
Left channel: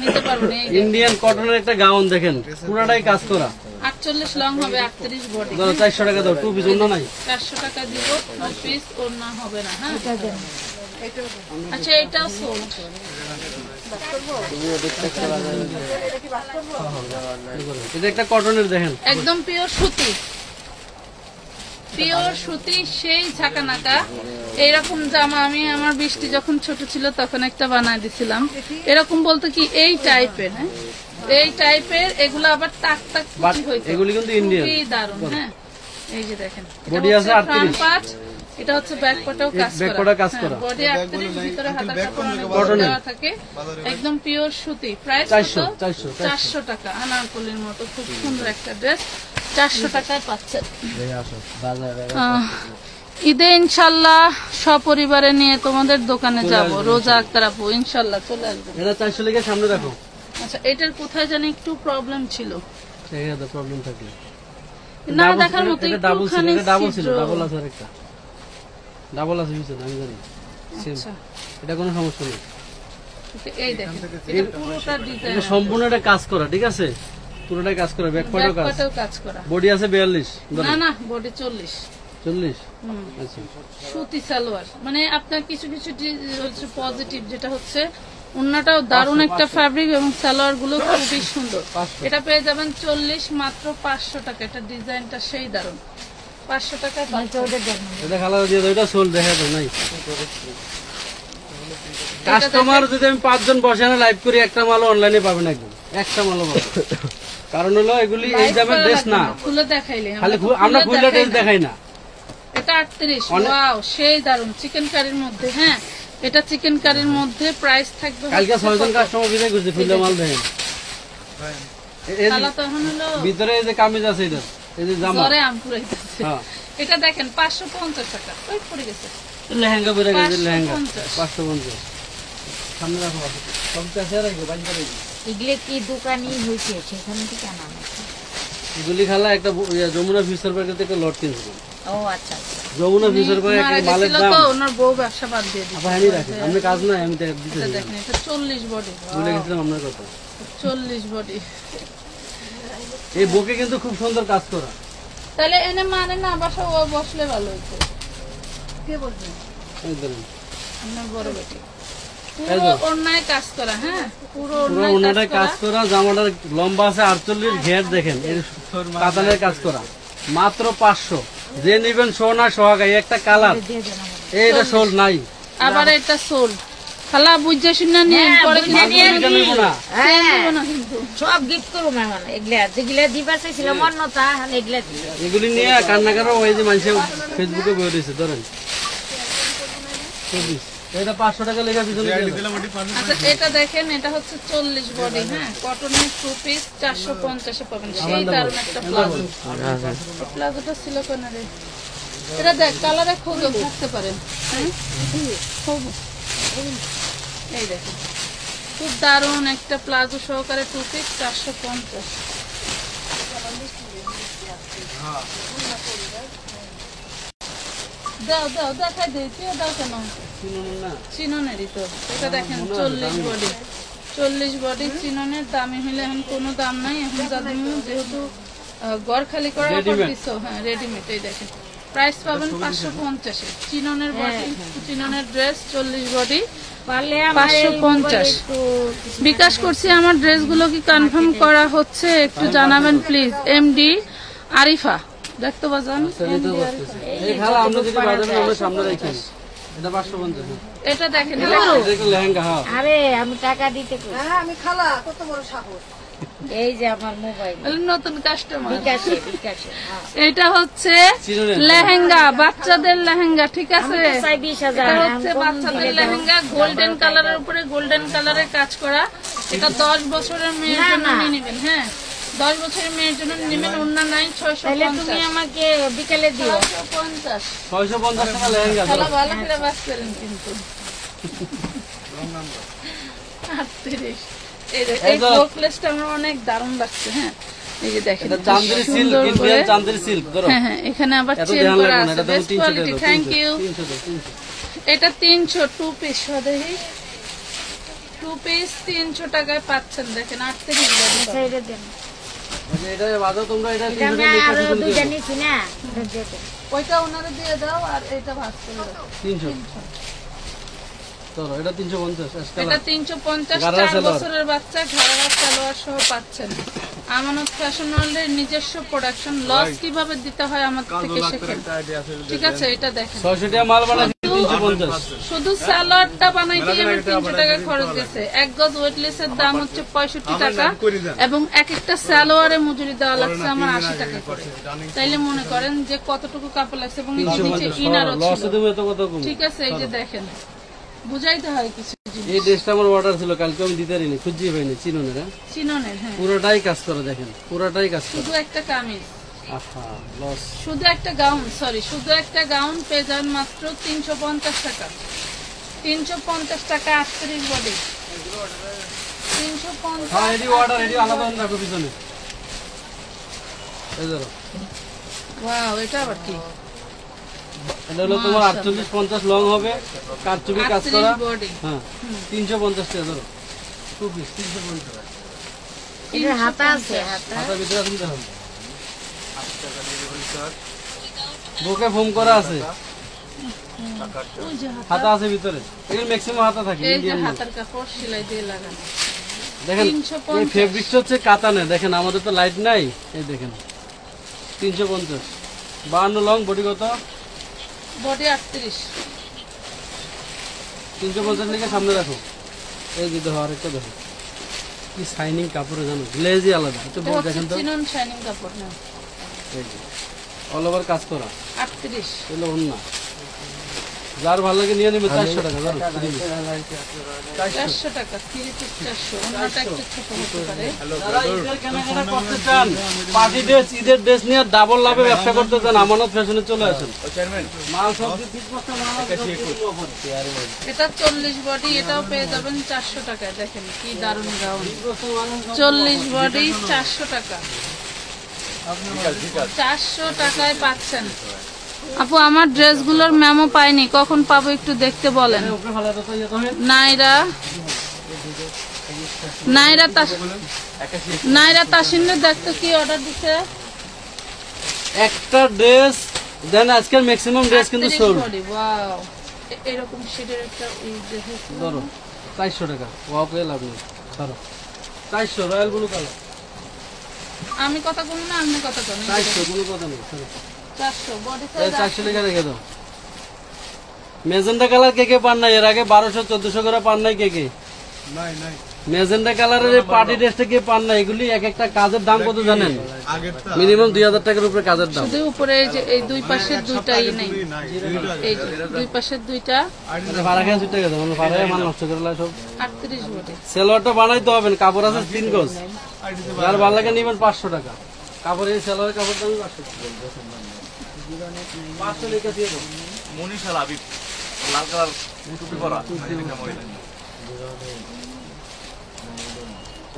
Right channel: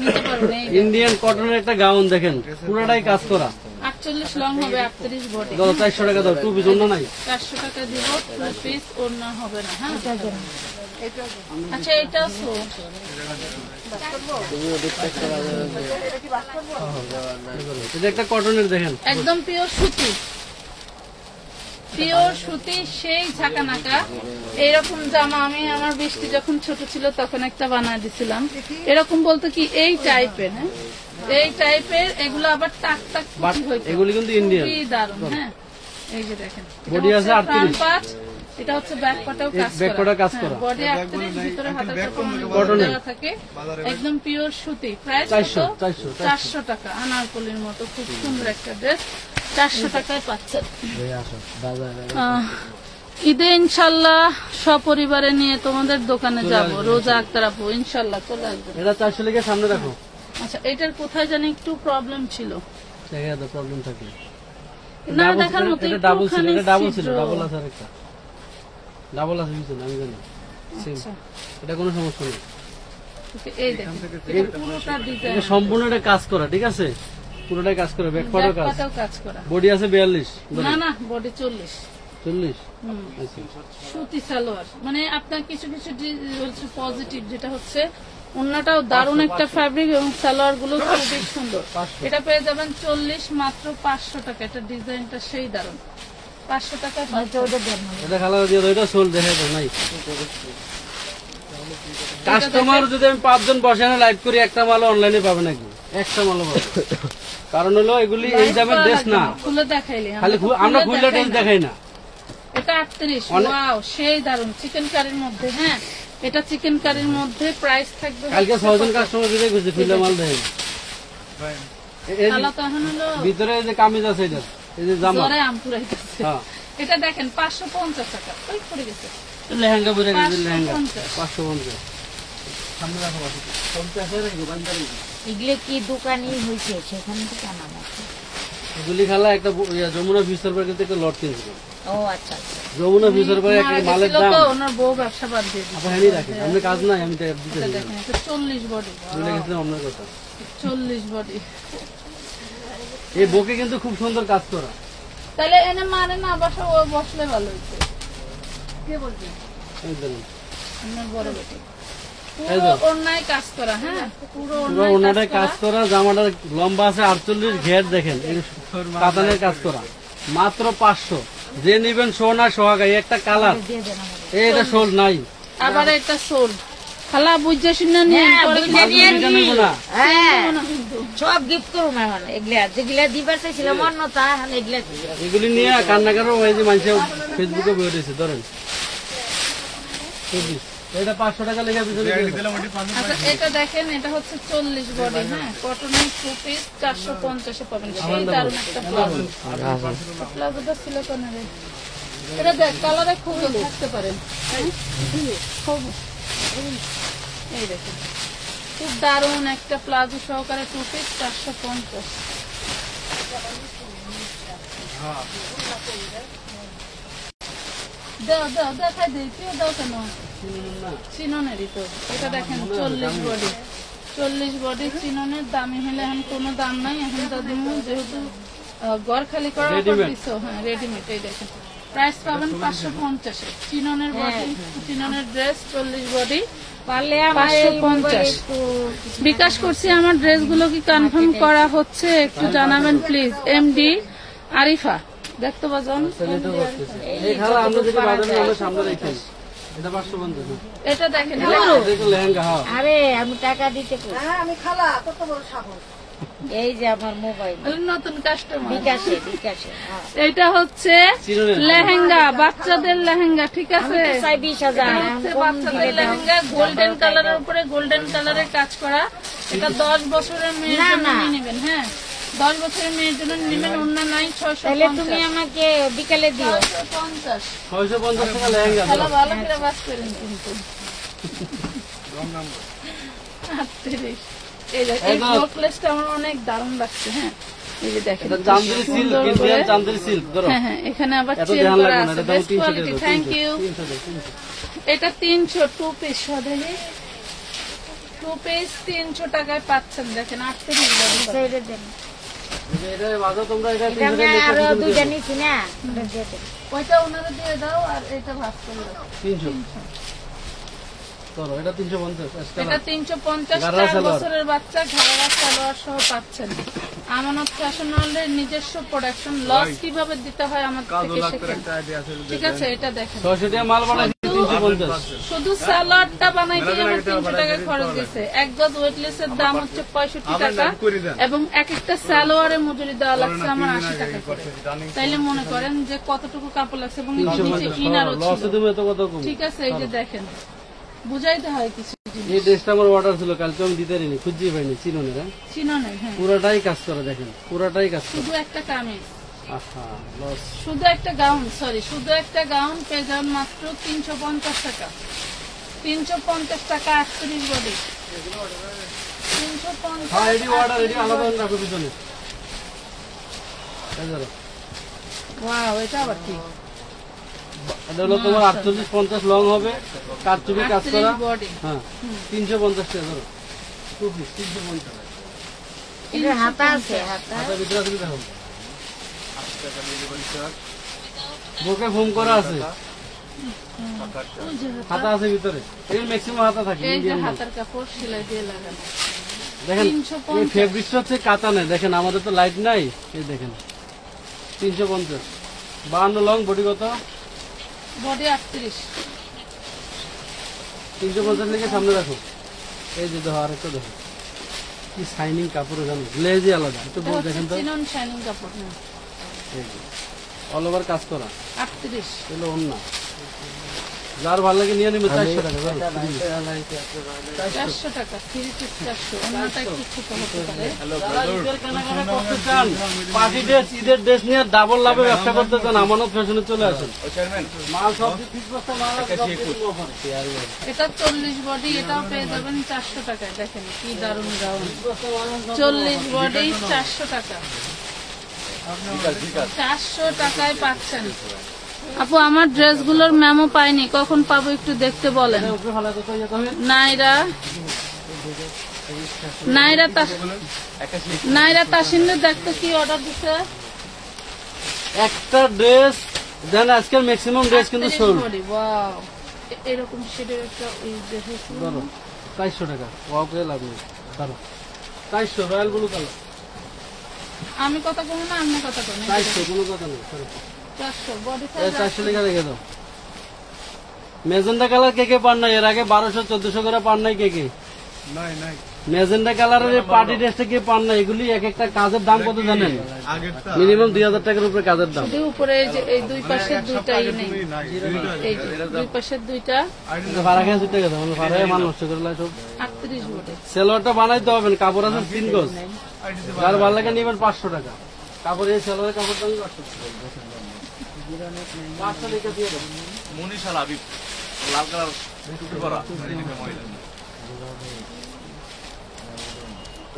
নিতে পারবেন। ইন্ডিয়ান কটনের একটা গাউন দেখেন, পুরাটাই কাজ করা। 48 লং হবে, 38 বডি। ধরো 400 টাকা দাও। 2 পিস অন্য নাই। 400 টাকা দিব, 2 পিস ওড়না হবে না। হ্যাঁ আচ্ছা, এটাও সোল্ড। এটা একটা কটনের দেখেন, একদম পিওর সুতি, পিওর সুতি, সেই ঝাঁকানাকা। এইরকম জামা আমি আমার বৃষ্টি যখন ছোট ছিল তখন একটা বানায় দিছিলাম। এরকম বলতে কি এই টাইপের, হ্যাঁ এই টাইপের। এগুলো আবার টাক টাক হইতো, এগুলি কিন্তু ইন্ডিয়ান। খুবই দারুণ। হ্যাঁ এই যে দেখেন, বডি আছে 38। এটা হচ্ছে ব্যাক পাটেও কাজ ব্যাক পাটেও কাজ করা। বডি 38, ভিতরে হাতার কাপড় অনেক বড় দেওয়া থাকে। একদম পিওর সুতি। প্রাইস 400 টাকা। আনারকলির মতো খুব সুন্দর একটা ড্রেস 400 টাকায় পাচ্ছেন। ঈদে ইনশাল্লাহ সপরিবারে নিয়ে তোমাদের দোকানে যাব। রোজা আক্তার আপু ইনশাল্লাহ চলে আসবে। এটা 400 লিখে সামনে রাখো। আচ্ছা, এটার কোথায় জানি একটু প্রবলেম ছিল, প্রবলেম থাকলে না দেখার মতো। এটা ডাবল ছিল, এটা ডাবল ছিল, ডাবল আছে আরেকটা, ডাবল আছে পিছনে, আমি জানি। এটা কোনো সমস্যা নেই। এই দেখেন, এটা পুরোটা ডিজাইন, এটা সম্পূর্ণ এটা কাজ করা, ঠিক আছে, পুরোটাই কাজ করা। ব্যাক পাটেও কাজ করা। বডি আছে 42। না না, বডি 40। 40। আচ্ছা, সুতি সালোয়ার। মানে আপনার কিছু কিছু হচ্ছে পজিটিভ, যেটা হচ্ছে ওন্নাটাও দারুণ একটা ফ্যাব্রিক এবং সালোয়ার গুলো খুবই সুন্দর। এটা পেয়ে যাবেন 40, মাত্র 500 টাকা। এটা ডিজাইনটা সেই দারুণ, 500 টাকা। এটা খালা দিয়ে দাও, এটা সোল দেখা দাও নাই। কাস্টমার যদি আমি 5 জন বসে লাইভ করি, একটা মালও অনলাইনে পাবে নাকি? একটা মালও পাবে। কারণ হলো এগুলি এই দামের ড্রেস না, খুলে দেখাইলে খালি আমরা খুলে ড্রেস দেখাই না। এটা 38। ওয়াও, সেই দারুণ চিকেন কারির মধ্যে। হ্যাঁ এটা চিকেন কারির মধ্যে। প্রাইস থাকবে, কালকে 6 জন কাস্টমার বিদায় করছে, খুলে মাল দেখেন। খালা তো এখন হলো ভিতরে এই যে কামিজ আছে, এটা এই যে জামা, জ্বরে আম পুরাইতেছে। হ্যাঁ এটা দেখেন 550 টাকা। ওই পড়ে গেছে লেহেঙ্গা পরে গেছে, লেহেঙ্গা 550 550। সামনে রাখো, সব চাষে রাখবো বাঞ্চার। এগুলো কি দোকানই হয়েছে সেখানে থেকে আনা নাকি? এগুলি খালা একটা যমুনা ফিউচার পার্কের থেকে একটা লট কিনছিল। ও আচ্ছা আচ্ছা। যমুনা ফিউচার পার্কে একটা মালের দাম তো ওনার বউ ব্যবসা বাদ দিয়ে দিয়েছে। আচ্ছা, হ্যাঁ রাখেন, আমি কাজ নাই, আমি দিতে এটা দেখেন এটা 40 বডি, ভুলে গেছিলাম আপনার কথা। 40 বডি। এই বুকে কিন্তু খুব সুন্দর কাজ করা। তাহলে এনে মানে না বাসা ও বসলে ভালো হইতো। কে বলছে? এই বলেন। আমার বড় বেটি। এই পুরো তো। অন্যায় কাজ করা, হ্যাঁ পুরো পুরো ওনাটাই কাজ করা, জামাটার লম্বা আছে 48, ঘের দেখেন, এই কাতানের কাজ করা, মাত্র 500। যে নিবেন সোনা সোহাগাই, একটা কালার, এটা সোল নাই। আবার এটা সোল খালা বুঝে শুনে নিয়ে পরে কিন্তু এটা নিব না। হ্যাঁ দেবো না কিন্তু। সব গিফট করুম এখন এগুলা যেগুলা দিবা চাইছিল মন্নতা এগুলা দিবা। এগুলি নিয়ে কান্না করে ওই যে মানুষের ফেসবুকে বয়ে দিয়েছে, ধরেন 24। এটা 500 টাকা লেখা পিছনে দিয়ে দাও। আচ্ছা এটা দেখেন, এটা হচ্ছে 40 বডি, হ্যাঁ কটনের 2 পিস 450 এ পাবেন। সেই দারুণ একটা প্লাজো। প্লাজোটা ছিল কেন রে? এটা দেখ কালারে খুব থাকতে পারেন, হ্যাঁ? খুব এই দেখেন খুব দারুণ একটা প্লাজো সহকারে 2 পিস 450। দাও দাও দেখাই দিই, কেউ দাও কেন? চিননেরই তো। এটা দেখেন 40 বডি, 40 বডি চিননের। দামি হলে এখন কোনো দাম নাই, এখন দামি যেহেতু ঘর খালি করার উপর দিছো, হ্যাঁ রেডিমেড। এই দেখেন প্রাইস পাবেন 550 এ। চিননের বডি, চিননের ড্রেস 40 বডি পারলে 550। বিকাশ করছি, আমার ড্রেসগুলো কি কনফার্ম করা হচ্ছে একটু জানাবেন প্লিজ। এমডি আরিফা দেখতে বাজান। এই খালা আমরা যদি বাজারে আমরা সামনে রাখি, এটা 550। এটা দেখেন এটা লেহেঙ্গা। হ্যাঁ, আরে আমি টাকা দিতে কই। আমি খালা কত বড় সাহস। এই যে আমার মোবাইল নতুন কাস্টমার। বিকাশে বিকাশে হ্যাঁ। এটা হচ্ছে চিননের। লেহেঙ্গা, বাচ্চাদের লেহেঙ্গা, ঠিক আছে? আমি তো চাই 20,000 এটা আমি হচ্ছে কম বাচ্চাদের দিলে দাও। লেহেঙ্গা, গোল্ডেন কালারের উপরে গোল্ডেন কালারের কাজ করা। এটা 10 বছরের মেয়ের না, জন্য না। নিয়ে নেবেন, হ্যাঁ 10 বছরের মেয়ের জন্য নেবেন। ওন্না নাই তাহলে তুমি 650। আমাকে বিকালে দিও। 650 650 টাকা লেহেঙ্গা। ভালো ভালো করে বাস করেন কিন্তু। 38। এই দেখেন, এই ফ্লোপ্লেসটা আমার অনেক দারুণ লাগছে, হ্যাঁ এই যে দেখেন এটা চান্দেরি সিল্ক, সুন্দর করে। Indian Chanderi silk. ধরো হ্যাঁ হ্যাঁ এখানে আবার এত চেন ধ্যান করা লাগবে না, আছে, এটা তুমি বেস্ট 300 কোয়ালিটি। টাকা। Thank you. 300। এটা 300 2 পিস দেখি, 2 পিস 300 টাকায় পাচ্ছেন। দেখেন 38 বডি। ছেড়ে দেন। এটা বাজাও তোমরা, এটা এটা আমি 300 টাকা আরো পিছনে দুইটা দিয়ে নিছি না এটা দিয়ে দেন। ওইটা ওনারে দিয়ে দাও আর এটা ভাগ করে দাও। 300। ধরো এটা 350। এটা 350। ঘাড়া 4 সালোয়ার। বছরের বাচ্চা ঘাড়া সালোয়ার সহ পাচ্ছেন। আমানত ফ্যাশন ওয়ার্ল্ডের নিজস্ব প্রোডাকশন। লস কিভাবে দিতে হয় আমার থেকে শেখেন, ঠিক আছে? এটা দেখেন 600 টাকা মাল বানাই 350। শুধু স্যালাডটা বানাইতে আমার 300 টাকা খরচ গেছে। এক গজ ওয়েটলেসের দাম হচ্ছে 65 টাকা এবং এক একটা সালোয়ারে মজুরি দেওয়া লাগছে আমার 80 টাকা করে। তাইলে মনে করেন যে কতটুকু কাপড় লাগছে এবং নিচে 350 ইনারও লস ছিল। দেবে তো কত কম। ঠিক আছে, এই যে দেখেন বুঝাইতে হয় কিছু জিনিস। এই ড্রেসটা আমার অর্ডার ছিল, কালকে আমি দিতে পারিনি, খুঁজেই পাইনি। চিননের, হ্যাঁ চিননের, হ্যাঁ পুরোটাই কাজ করে, দেখেন পুরোটাই কাজ করে। শুধু একটা কামিজ, আহা লস। শুধু একটা গাউন, সরি শুধু একটা গাউন পেয়ে যান মাত্র 350 টাকা। 350 টাকা 38 বডি। 350। হ্যাঁ এটি অর্ডার, এটি আলাদা রাখো পিছনে। এই ধরো, ওয়াও, এটা আবার কি? এটা হলো তোমার 48-50 লং হবে, কারচুপি কাজ করা। 38 বডি। হ্যাঁ 350 টাকা। ধরো 2 পিস 350। এটা হাতা আছে হাতা। হাতের ভিতরে আছে, দেখো বুকে ফোম করা আছে, হাতা আছে ভিতরে। এই ম্যাক্সিমাম হাতা থাকে এই যে ইন্ডিয়ান মাল। হাতের কাপড় সেলাই দিয়ে লাগানো। দেখেন 350 এই ফেব্রিক্স হচ্ছে কাতানের। দেখেন আমাদের তো লাইট নাই, এই দেখেন 350। 52 লং, বডি কত? বডি 38। 350 লিখে সামনে রাখো। এই যে দেখো আরেকটা দেখো, কি শাইনিং কাপড়ে জানো, গ্লেজই আলাদা। একটু বড় দেখেন তো, চিনন শাইনিং কাপড় না, অল ওভার কাজ করা। 38। এগুলো ওন্না যার ভালো লাগে নিয়ে নেবে 400 টাকা ধরো। 400 টাকা 3 পিস 400 অন্যটা একটু ছোট হতে পারে। যারা ঈদের কেনাকাটা করতে চান, পার্টি ড্রেস, ঈদের ড্রেস নিয়ে ডাবল লাভে ব্যবসা করতে চান, আমানত ফ্যাশনে চলে আসেন। ও চেয়ারম্যান মাল সব দিয়ে 30 বস্তা মাল আছে, সব দিয়ে দেবো ওপরে। এটা 40 বডি, এটাও পেয়ে যাবেন 400 টাকায়। দেখেন কি দারুণ গাউন, 40 বডি 400 টাকা, ঠিক আছে 400 টাকায় পাচ্ছেন। আপু আমার ড্রেসগুলোর মেমো পাইনি, কখন পাবো একটু দেখতে বলেন। উপরে ফেলা তো ইয়ে তো হয়। নাইরা তাসিন্দুর দেখতে কি অর্ডার দিছে। একটা ড্রেস দেন, আজকের ম্যাক্সিমাম ড্রেস কিন্তু সোল্ড। ওয়াও, এরকম শেডের একটা ওই ড্রেস ধরো 400 টাকা, ওয়াও পেয়ে লাভ নেই। ধরো 400 রয়্যাল ব্লু কালার, আমি কথা বলবো না, আপনি কথা বলেন। 400 কোনো কথা নেই। ধরো 400 বডি এই সাইজ 400 টাকা রেখে দাও। মেজেন্টা কালার কে কে পান নাই? এর আগে 1200-1400 করে পান নাই কে কে? মেজেন্টা কালারের পার্টি ড্রেসটা কে পান নাই? এগুলি এক একটা কাজের দাম কত জানেন? মিনিমাম 2000 টাকার উপরে কাজের দাম। শুধু উপরে এই যে এই দুই পাশের দুইটাই নেই, এই যে দুই পাশের দুইটা এটা ভাড়া খেয়ে ছুটে গেছে, মানে ভাড়ায় মাল নষ্ট করে লাই সব। 38 বডি। সেলোয়ারটা বানাইতে হবে, কাপড় আছে 3 গজ। যার ভালো লাগে নিবেন 500 টাকা কাপড়। এই সেলোয়ারের কাপড় দাম 500 টাকা দিয়ে দেবো। মনীষা লাবিব লাল কালার টুপি পরা এটা মহিলা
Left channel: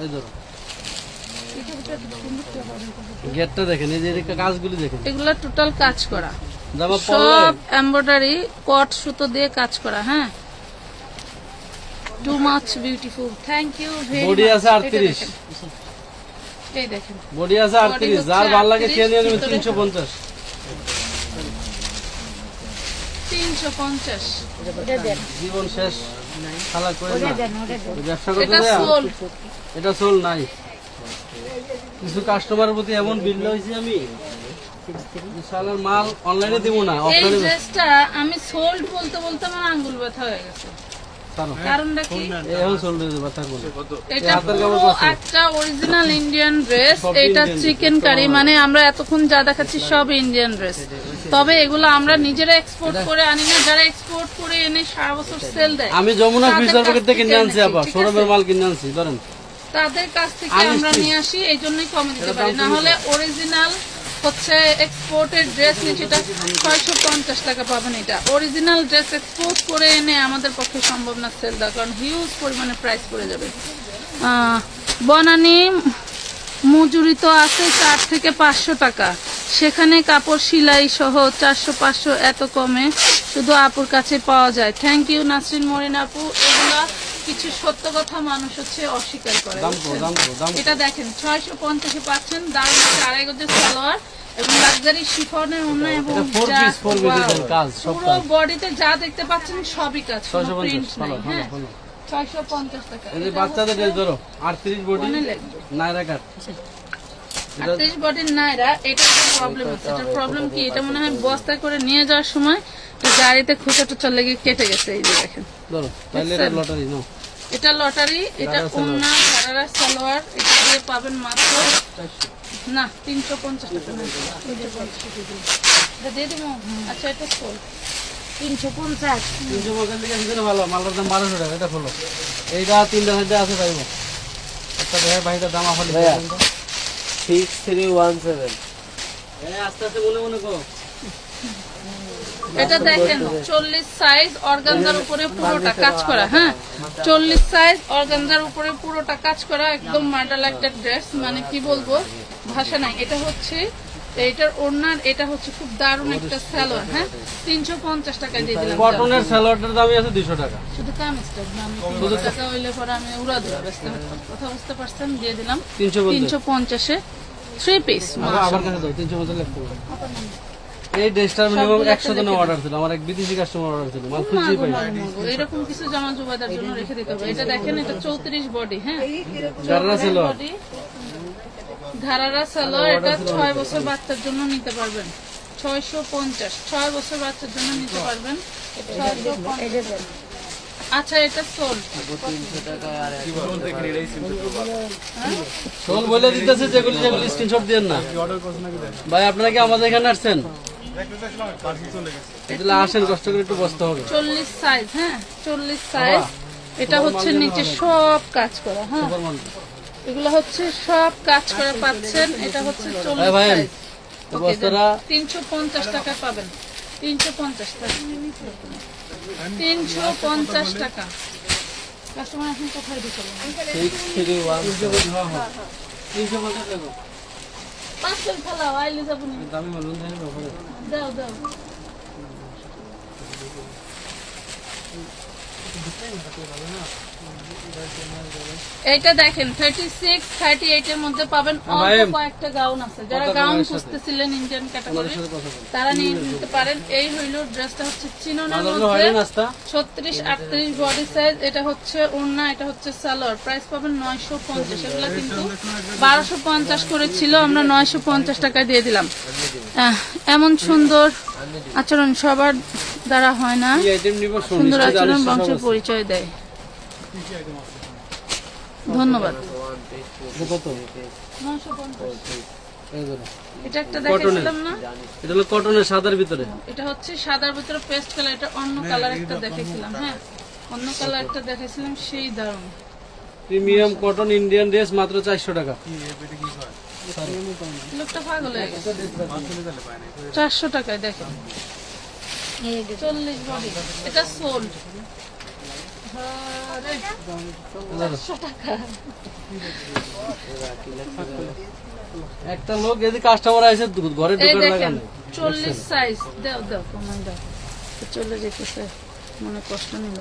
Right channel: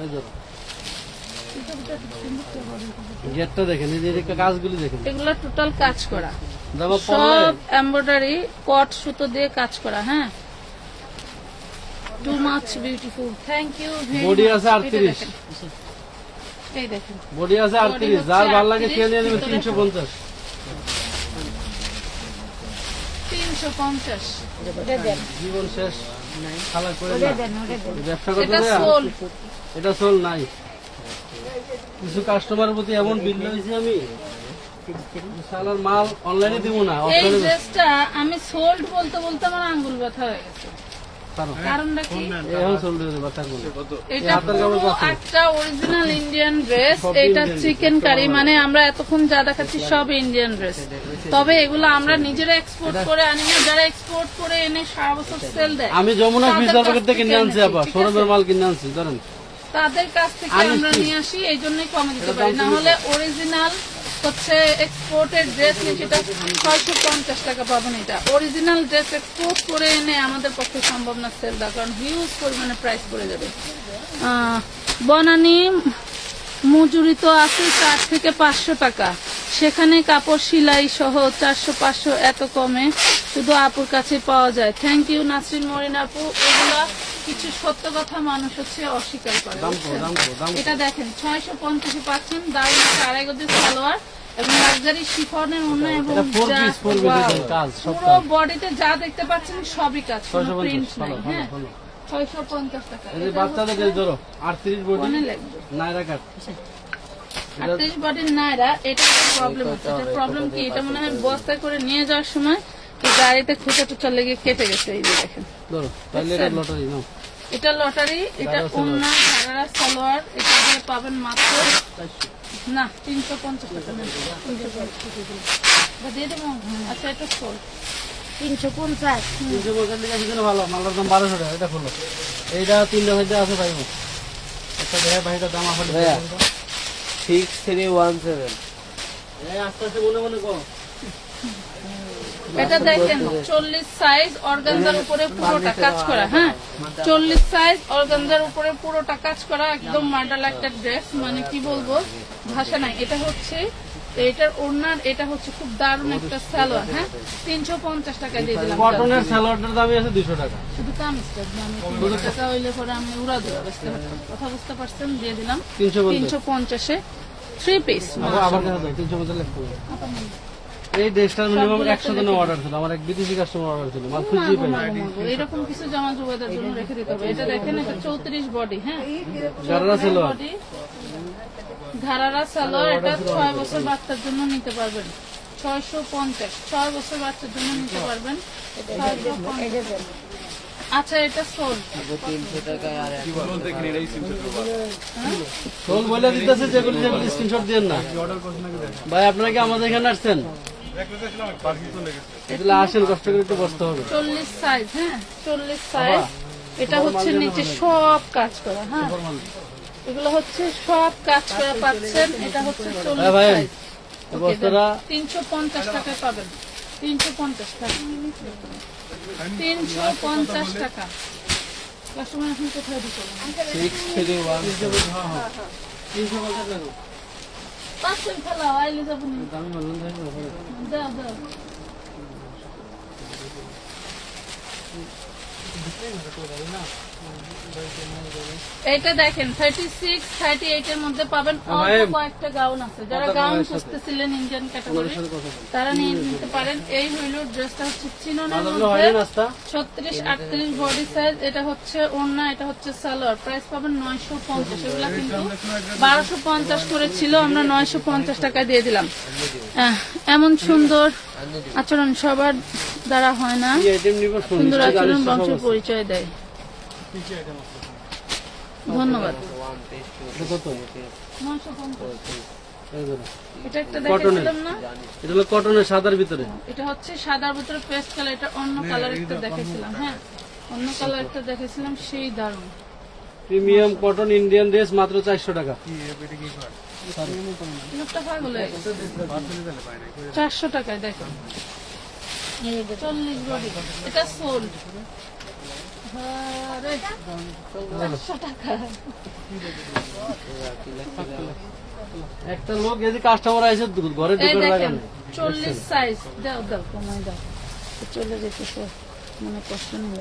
এই ধরো গেটটা দেখেন, এই যে কাজগুলি দেখেন, এগুলো টোটাল কাজ করা, জামা সব পরলে এমব্রয়ডারি কট সুতো দিয়ে কাজ করা। হ্যাঁ, too much beautiful, thank you very much. Body আছে 38, এই দেখেন বডি আছে 38। যার ভালো লাগে সে নিয়ে নেবেন 350। 350। জীবন শেষ খালা করে না, ব্যবসা করতে এটা দেয়া। সোল, এটা সোল নাই। কিছু কাস্টমারের প্রতি এমন বিল হয়েছে আমি, শালার মাল অনলাইনে দিব না, এই অফলাইনে ড্রেসটা আমি সোল্ড বলতে বলতে আমার আঙ্গুল ব্যথা হয়ে গেছে। কারণটা কি? এখন সোল দিয়ে দেবো, থাকবো না। এটা পুরো একটা অরিজিনাল ইন্ডিয়ান ড্রেস। এটা চিকেন কারি, মানে আমরা এতক্ষণ যা দেখাচ্ছি সব ইন্ডিয়ান ড্রেস। তবে এগুলো আমরা নিজেরা এক্সপোর্ট করে আনি না, যারা এক্সপোর্ট করে এনে সারা বছর সেল দেয় আমি যমুনা তাদের ফিউচার কাছ পকেট থেকে কিনে আনছি, এনেছি, আবার ঠিক শোরুমের আছে? মাল কিনে আনছি। ধরেন তাদের কাছ থেকে আমরা নিয়ে আসি, এই জন্যই কমে দিতে পারি। না হলে অরিজিনাল হচ্ছে এক্সপোর্টের ড্রেস নিচে 650 টাকা পাবেন। এটা অরিজিনাল ড্রেস এক্সপোর্ট করে এনে আমাদের পক্ষে সম্ভব না সেল দেওয়া, কারণ হিউজ পরিমাণে প্রাইস পড়ে যাবে। বনানী মজুরি তো আছে 4 থেকে 500 টাকা, সেখানে কাপড় সেলাই সহ 400-500 এত কমে শুধু আপুর কাছে পাওয়া যায়। থ্যাংক ইউ নাসরিন মরিন আপু। এগুলা কিছু সত্য কথা মানুষ হচ্ছে অস্বীকার করে। এটা দেখেন 650 পাচ্ছেন, দাম 2.5 গজের সালোয়ার এবং লাক্সারি শিফনের অন্য এবং পুরো বডিতে যা দেখতে পাচ্ছেন সবই কাজ, প্রিন্ট নাই। হ্যাঁ 650 টাকা। বাচ্চাদের ড্রেস ধরো 38 বডি নাইরা কাট, 38 বডির নাইরা। এটা প্রবলেম হচ্ছে, এটা প্রবলেম কি? এটা মনে হয় বস্তা করে নিয়ে যাওয়ার সময় গাড়িতে খুঁচা টুচা লেগে কেটে গেছে। এই যে দেখেন, ধরো তাহলে এটা লটারি নাও। এটা লটারি, এটা অন্য ধারারা সালোয়ার। এটা দিয়ে পাবেন মাত্র না 350 টাকা। এটা দিয়ে দেবো। আচ্ছা এটা সোল 350। 350 ভালো, মালটার দাম 1200 টাকা। এটা খোলো, এইটা 3টা সাইডে আছে পাইব। একটা দেখে ভাইটার দাম আসলে 6317। আস্তে আস্তে মনে মনে কর। এটা দেখেন 40 সাইজ অর্গানজার উপরে পুরোটা কাজ করা। হ্যাঁ 40 সাইজ অর্গানজার উপরে পুরোটা কাজ করা, একদম মডেল একটা ড্রেস, মানে কি বলবো ভাষা নাই। এটা হচ্ছে এটার ওড়নার, এটা হচ্ছে খুব দারুণ একটা সালোয়ার। হ্যাঁ 350 টাকায় দিয়ে দিলাম। কটনের সালোয়ারটার দামই আছে 200 টাকা। শুধু কামিজটা আমি 200 টাকা হইলে পরে আমি উড়া দেবো, ব্যস্ত হতাম। কথা বুঝতে পারছেন? দিয়ে দিলাম 350-এ 3 পিস। আবার কাছে দাও 350 লিখতে হবে। এই ড্রেসটার মিনিমাম 100 জনের অর্ডার ছিল, আমার এক বিদেশি কাস্টমার অর্ডার ছিল, মাল খুঁজেই পাই না। এরকম কিছু জামা জুবাইদার জন্য রেখে দিতে হবে। এটা দেখেন, এটা 34 বডি। হ্যাঁ জাররা সালোয়ার, ধারারা সালোয়ার। এটা 6 বছর বাচ্চার জন্য নিতে পারবেন। 650, 6 বছর বাচ্চার জন্য নিতে পারবেন। 650। আচ্ছা এটা সোল 300 টাকা। আর দেখেন এটাই সিমসেট সোল বলে দিতেছে, যেগুলি যেগুলি স্ক্রিনশট দিয়েন না ভাই। আপনারা কি আমাদের এখানে আসছেন? এগুলো আসেন কষ্ট করে একটু বসতে হবে। 40 সাইজ, হ্যাঁ 40 সাইজ। এটা হচ্ছে নিচে সব কাজ করা, হ্যাঁ এগুলো হচ্ছে সব কাজ করে পাচ্ছেন। এটা হচ্ছে 40 সাইজ। 350 টাকা পাবেন, 350 টাকা, 350 টাকা। কাস্টমার এখন কোথায় দিচ্ছেন? 500 ফেলাও, আইলে যাবো নি। দাও দাও। এইটা দেখেন 36, 38 এর মধ্যে পাবেন। অল্প কয়েকটা গাউন আছে, যারা গাউন খুঁজতেছিলেন ইন্ডিয়ান ক্যাটাগরি তারা নিয়ে নিতে পারেন। এই হইল ড্রেসটা হচ্ছে চিনোনার মধ্যে 36, 38 বডি সাইজ। এটা হচ্ছে ওড়না, এটা হচ্ছে সালোয়ার। প্রাইস পাবেন 950। এগুলা কিন্তু 1250 করে ছিল, আমরা 950 টাকা দিয়ে দিলাম। এমন সুন্দর আচরণ সবার দ্বারা হয় না, সুন্দর আচরণ বংশের পরিচয় দেয়। ধন্যবাদ। এটা একটা দেখেছিলাম না, এটা হলো কটনের সাদার ভিতরে, এটা হচ্ছে সাদার ভিতরে পেস্ট কালার। এটা অন্য কালার একটা দেখেছিলাম, হ্যাঁ অন্য কালার একটা দেখেছিলাম, সেই দারুণ। প্রিমিয়াম কটন ইন্ডিয়ান ড্রেস মাত্র 400 টাকা। লোকটা পাগল হয়ে গেছে। 400 টাকায় দেখো, 40 বডি। এটা সোল 400 টাকা। একটা লোক যদি কাস্টমার আসে ঘরে এই ঢুকে দেখেন লাগানো 40 সাইজ। দাও দাও কমাই দাও, চলে যেতেছে মনে কষ্ট নিল।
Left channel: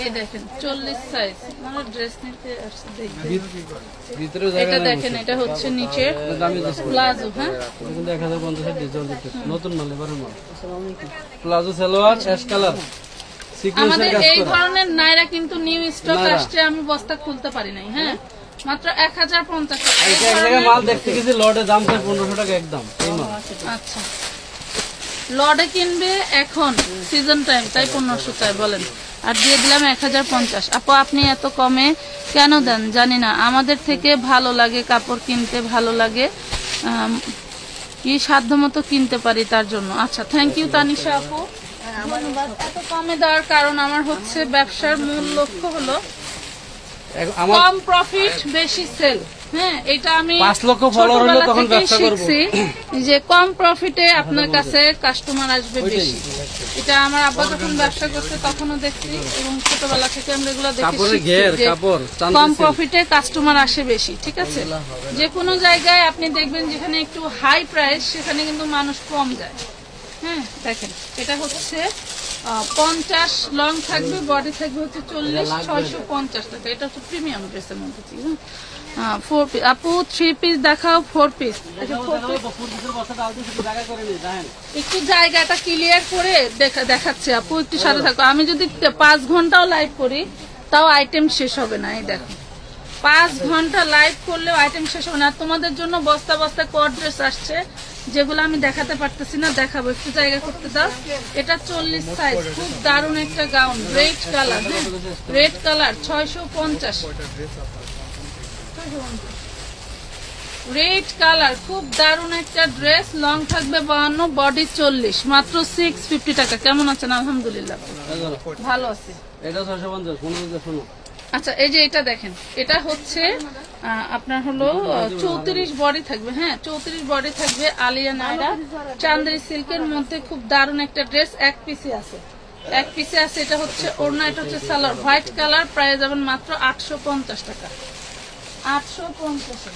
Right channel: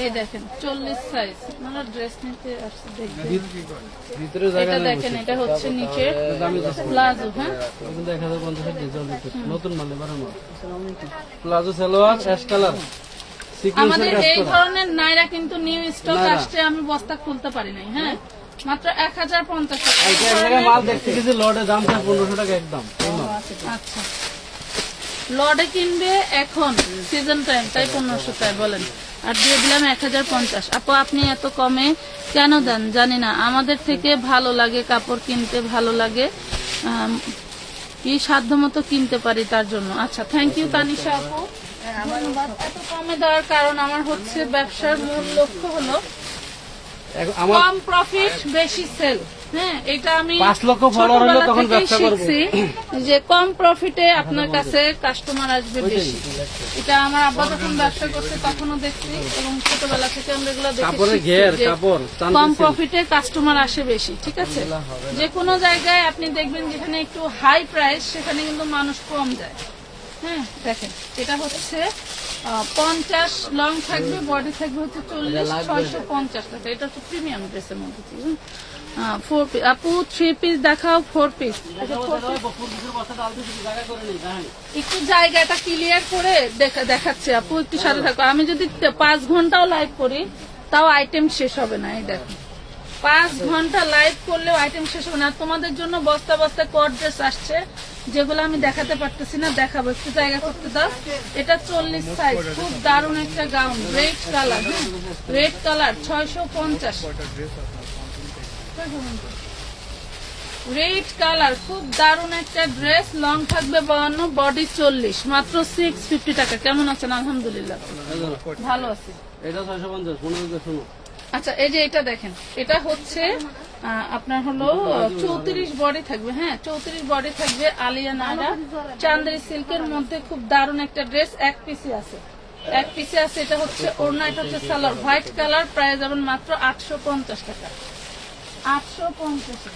এই দেখেন 40 সাইজ। আমার ড্রেস নিতে আসছে দেখবেন ভিতরে জায়গা এটা নেই। দেখেন এটা হচ্ছে নিচের প্লাজো, হ্যাঁ 1050 ডিজাইন দিচ্ছে, নতুন মাল, এবারের মাল। প্লাজো সালোয়ার অ্যাশ কালার সিকোয়েন্সের আমাদের কাজ এই করা। ধরনের নাইরা কিন্তু নিউ স্টক নায়রা। আসছে, আমি বস্তা খুলতে পারি নাই, হ্যাঁ মাত্র 1050 টাকা। এক জায়গায় মাল দেখতে গেছি লটে দাম চাই 1500 টাকা একদম। এই মাল আচ্ছা লটে কিনবে এখন সিজন টাইম, তাই 1500 চাই বলেন, আর দিয়ে দিলাম 1050। আপু আপনি এত কমে কেন দেন জানি না, আমাদের থেকে ভালো লাগে কাপড় কিনতে, ভালো লাগে কি সাধ্য মতো কিনতে পারি তার জন্য। আচ্ছা থ্যাংক ইউ তানিশা আপু, ধন্যবাদ। এত কমে দেওয়ার কারণ আমার হচ্ছে ব্যবসার মূল লক্ষ্য হলো আমার কম প্রফিট বেশি সেল। হ্যাঁ এটা আমি 5 লক্ষ ফলোয়ার হলে ছোটবেলা তখন থেকেই ব্যবসা করব। শিখছি যে কম প্রফিটে আপনার কাছে কাস্টমার আসবে বেশি। এটা আমার আব্বা যখন ব্যবসা করতে তখনও দেখছি, এবং ছোটবেলা থেকে আমরা এগুলো দেখে কাপড়ের শিখছি ঘের যে কাপড় কম প্রফিটে কাস্টমার আসে বেশি। ঠিক আছে, যে কোনো জায়গায় আপনি দেখবেন যেখানে একটু হাই প্রাইস সেখানে কিন্তু মানুষ কম যায়। হ্যাঁ দেখেন এটা হচ্ছে 50 লং থাকবে, বডি থাকবে হচ্ছে 40, 650 টাকা। এটা হচ্ছে প্রিমিয়াম ড্রেসের মধ্যে। 4 পিস আপু 3 পিস দেখাও, 4 পিস। একটু জায়গাটা ক্লিয়ার করে দেখাচ্ছে আপু, একটু সাথে থাকো। আমি যদি 5 ঘন্টাও লাইভ করি তাও আইটেম শেষ হবে না। এই দেখো 5 ঘন্টা লাইভ করলেও আইটেম শেষ হবে না। তোমাদের জন্য বস্তা বস্তা কট ড্রেস আসছে যেগুলো আমি দেখাতে পারতেছি না, দেখাবো, একটু জায়গা করতে দাও। এটা 40 সাইজ, খুব দারুণ একটা gown, red colour, red colour 650। Red colour খুব দারুণ একটা ড্রেস, লং থাকবে 52, বডি 40, মাত্র 650 টাকা। কেমন আছেন? আলহামদুলিল্লাহ ভালো আছে। এটা 650 15 শোনো। আচ্ছা এই যে এটা দেখেন, এটা হচ্ছে আপনার হলো 34 বডি থাকবে, হ্যাঁ 34 বডি থাকবে। আলিয়া নায়রা চান্দেরি সিল্কের মধ্যে খুব দারুণ একটা ড্রেস, এক পিসে আছে, এক পিসে আছে। এটা হচ্ছে ওড়না, এটা হচ্ছে সালোয়ার, হোয়াইট কালার। প্রাইস যাবেন মাত্র 850 টাকা, 850।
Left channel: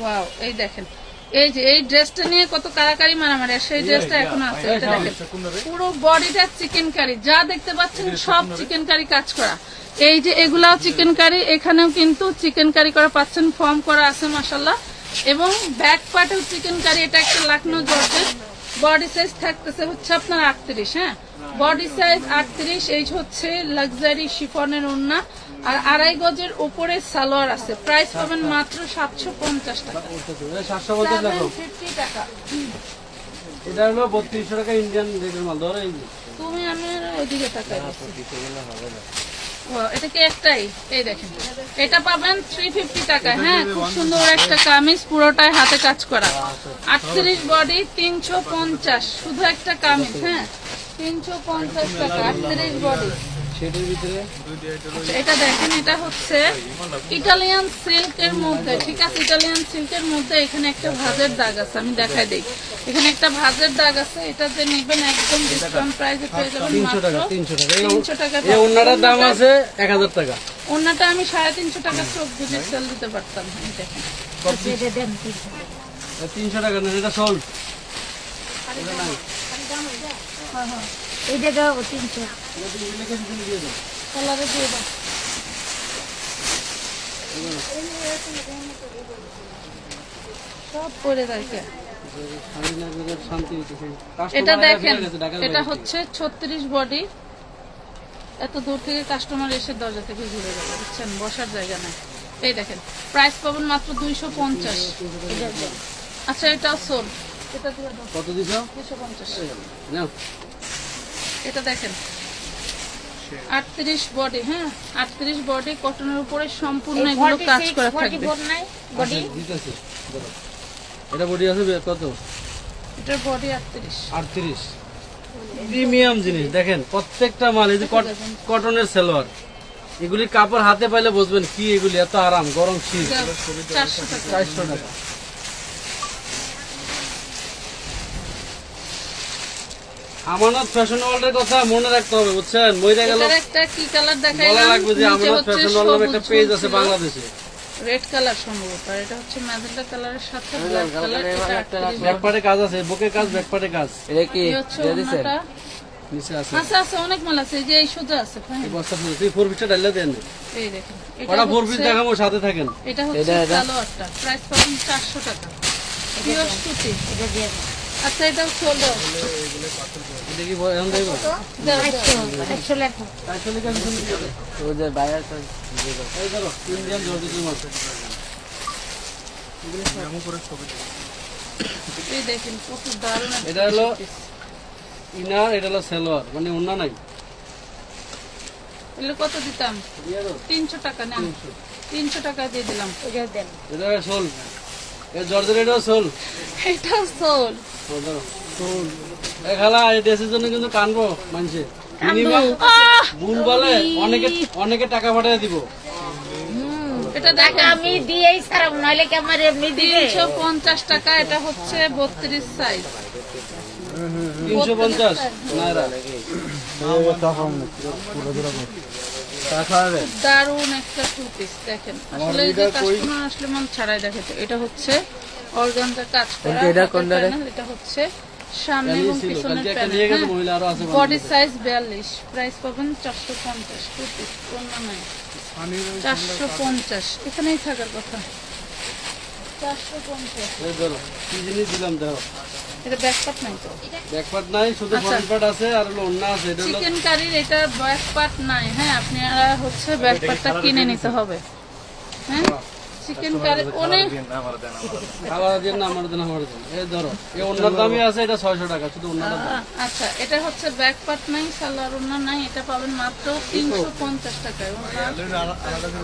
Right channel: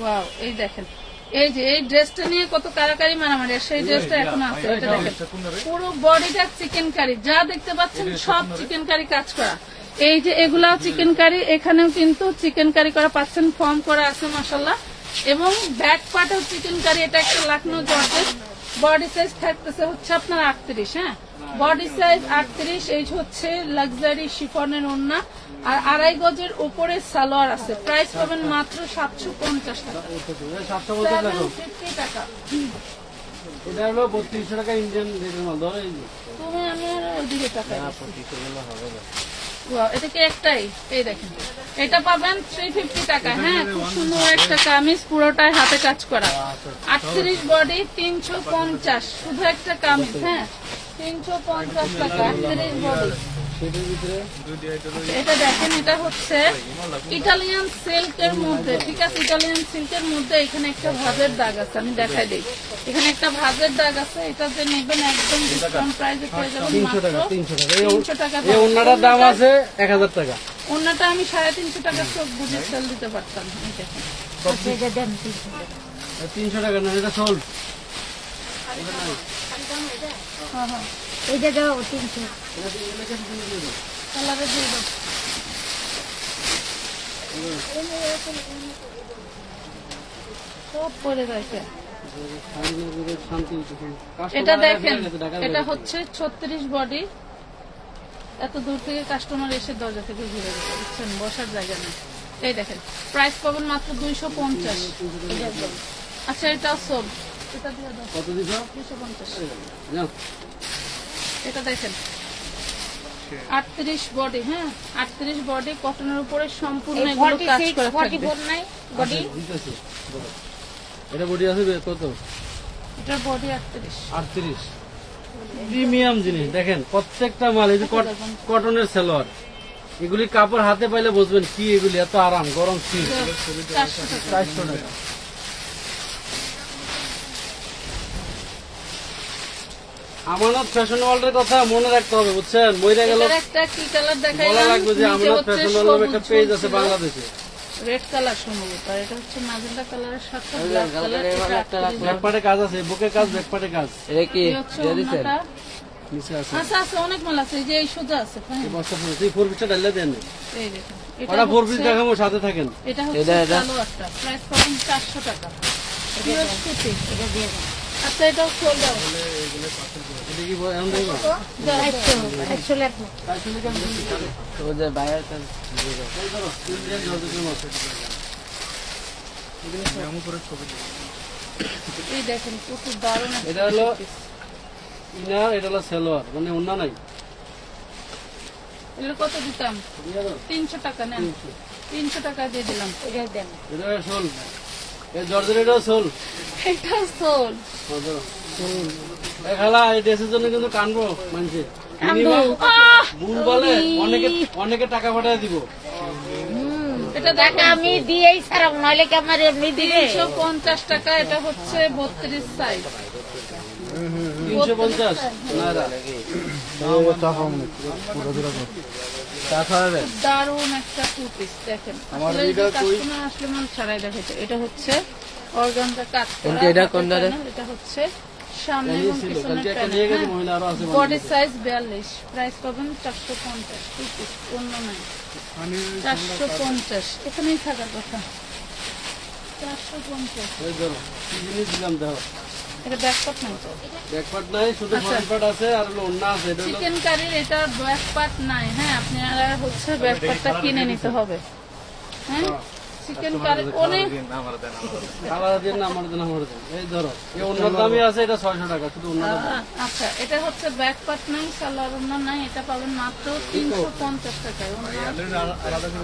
ওয়াও এই দেখেন, এই যে এই ড্রেসটা নিয়ে কত কারাকারি মারামারি, আর সেই ড্রেসটা এখন আছে। এটা দেখেন পুরো বডিটা চিকেন কারি, যা দেখতে পাচ্ছেন সব চিকেন কারি কাজ করা। এই যে এগুলাও চিকেন কারি, এখানেও কিন্তু চিকেন কারি করা পাচ্ছেন, ফর্ম করা আছে মাশাআল্লাহ। এবং ব্যাক পার্টেও চিকেন কারি। এটা একটা লাখনৌ জর্জেট, বডি সাইজ থাকতেছে হচ্ছে আপনার 38, হ্যাঁ বডি সাইজ 38। এই হচ্ছে লাক্সারি শিফনের ওড়না, আর 2.5 গজের উপরে সালোয়ার আছে। প্রাইস পাবেন মাত্র 750 টাকা, 750 টাকা। এটা হলো 3200 টাকা ইন্ডিয়ান রেটের মাল। ধরো এই যে তুমি আমি ওইদিকে টাকা Wow, এটা কি একটাই? এই দেখেন, এটা পাবেন 350 টাকা। হ্যাঁ, খুব সুন্দর একটা কামিজ, পুরোটাই হাতে কাজ করা। 38 বডি, 350, শুধু একটা কামিজ। হ্যাঁ, 350 টাকা, 38 বডি। সেটার ভিতরে এটা দেখেন, এটা হচ্ছে ইটালিয়ান সিল্কের মধ্যে। ঠিক আছে, ইটালিয়ান সিল্কের মধ্যে এখানে একটা ভাঁজের দাগ আছে, আমি দেখাই দিই। এখানে একটা ভাঁজের দাগ আছে, এটা যে নেবেন একদম ডিসকাউন্ট প্রাইসে পেয়ে যাবেন 300 টাকা, মাত্র 300 টাকা। 300 টাকা। এই ওন্নাটার দাম আছে 1000 টাকা। ওন্নাটা আমি 350 টাকা চোখ বুঝে সেল দিতে পারতাম। এই দেখেন, 300 টাকা না, এটা সোল্ড। হ্যাঁ হ্যাঁ, এটা দাও 300 কালারে দিয়ে দাও। সব পরে থাকে। এটা দেখেন, এটা হচ্ছে 36 বডি। এত দূর থেকে কাস্টমার এসে দরজা থেকে ঘুরে গেছে, বুঝছেন, বসার জায়গা নাই। এই দেখেন, প্রাইস পাবেন মাত্র 250। আচ্ছা, এটা সোল, এটা দিয়ে দাও। কত দিছ? 250। নাও। এটা দেখেন, 38 বডি। হ্যাঁ, 38 বডি, কটনের উপরে সম্পূর্ণ এগুলো কাজ করা থাকবে। 44 নাই বডি। ঠিক আছে, ধরো। এটা বডি আছে কত? এটার বডি 38। 38। প্রিমিয়াম জিনিস দেখেন, প্রত্যেকটা মাল। এই যে কটনের সালোয়ার, এগুলি কাপড় হাতে পাইলে বুঝবেন কি এগুলি এত আরাম, গরম শীত। 400 টাকা। 400 টাকা। আমানত ফ্যাশন ওয়ার্ল্ডের কথা মনে রাখতে হবে, বুঝছেন, মইরা গেল এটার একটা কি কালার বলা দেখাইলাম, লাগবে যে আমানত ফ্যাশন ওয়ার্ল্ডের একটা পেজ আছে বাংলাদেশে। রেড কালার সম্ভবত, আর এটা হচ্ছে ম্যাজেন্টা কালারের সাথে ব্ল্যাক কালার। ব্যাকপার্টে কাজ আছে, বুকে কাজ, ব্যাকপার্টে কাজ। এটা কি ওন্নাটা নিচে আছে, আচ্ছা আছে, অনেক মাল আছে। এই যে এই সোজা আছে, হ্যাঁ, বস্তা ফুল। সেই 4 পিসটা ডাইলা দেন। এই দেখেন, ওটা 4 পিস দেখাবো, সাথে থাকেন। এটা হচ্ছে সালোয়ারটা, প্রাইস পাবেন 400 টাকা। পিওর সুতি। এটা দিয়ে দাও। আচ্ছা, এটাও সোল দাও। এটা কি এখন দেখবো? দাও, দাও। 100 লেখো। তো যে বায়ার এই ধরো, ইন্ডিয়ান জর্জেটের মাল। এই দেখেন, প্রচুর দারুণ একটা এটা হলো piece। ইনার, এটা হলো সালোয়ার, মানে ওন্না নাই। এগুলো কত দিতাম? 300 টাকা না, 300 টাকা দিয়ে দিলাম। এটা দেন। এটা সোল, এটা জর্জেট, এটাও সোল। এটাও সোল। সোল এই খালা, এই দেশের জন্য কিন্তু কানবো মানছে। বুন বলে অনেকে টাকা পাঠায় দিব। এটা দেখেন, আমি দিয়েই ছাড়াবো, নইলে কি আমার এমনি দিবে? 350 টাকা। এটা হচ্ছে 32 সাইজ। 350 নাইরা। দারুণ একটা টু পিস দেখেন। আসলে এই যে কাস্টমার আসলে মন ছাড়াই দেখাচ্ছে। এটা হচ্ছে অর্গানজা কাজ করা। এটা কোন দারে? এটা হচ্ছে সামনে এবং পিছনে নিয়ে গেছে মহিলা, আরো আছে। Body size 42। প্রাইস পাবেন 450। টু পিস, অন্য নাই। 450, এখানেই থাকার কথা। 450। এই ধরো, কি জিনিস দিলাম দেখো। এটা ব্যাকপার্ট নাই তো? ব্যাকপার্ট নাই, শুধু আচ্ছা। ফ্রন্ট পার্ট আছে, আর হলো ওন্না আছে। এটা হলো চিকেন কারির এটা ব্যাকপার্ট নাই। হ্যাঁ, আপনারা হচ্ছে ব্যাকপার্টটা কিনে নিতে হবে। হ্যাঁ, চিকেন কারি অনেক খাবার দিন না, আমার দিন, আমার দিন। এই ধরো, এই ওন্নার দামই আছে, এটা 600 টাকা, শুধু ওন্নাটা দাম। আচ্ছা, এটা হচ্ছে ব্যাকপার্ট নাই, সালোয়ার ওন্না নাই। এটা পাবেন মাত্র 350 টাকায়।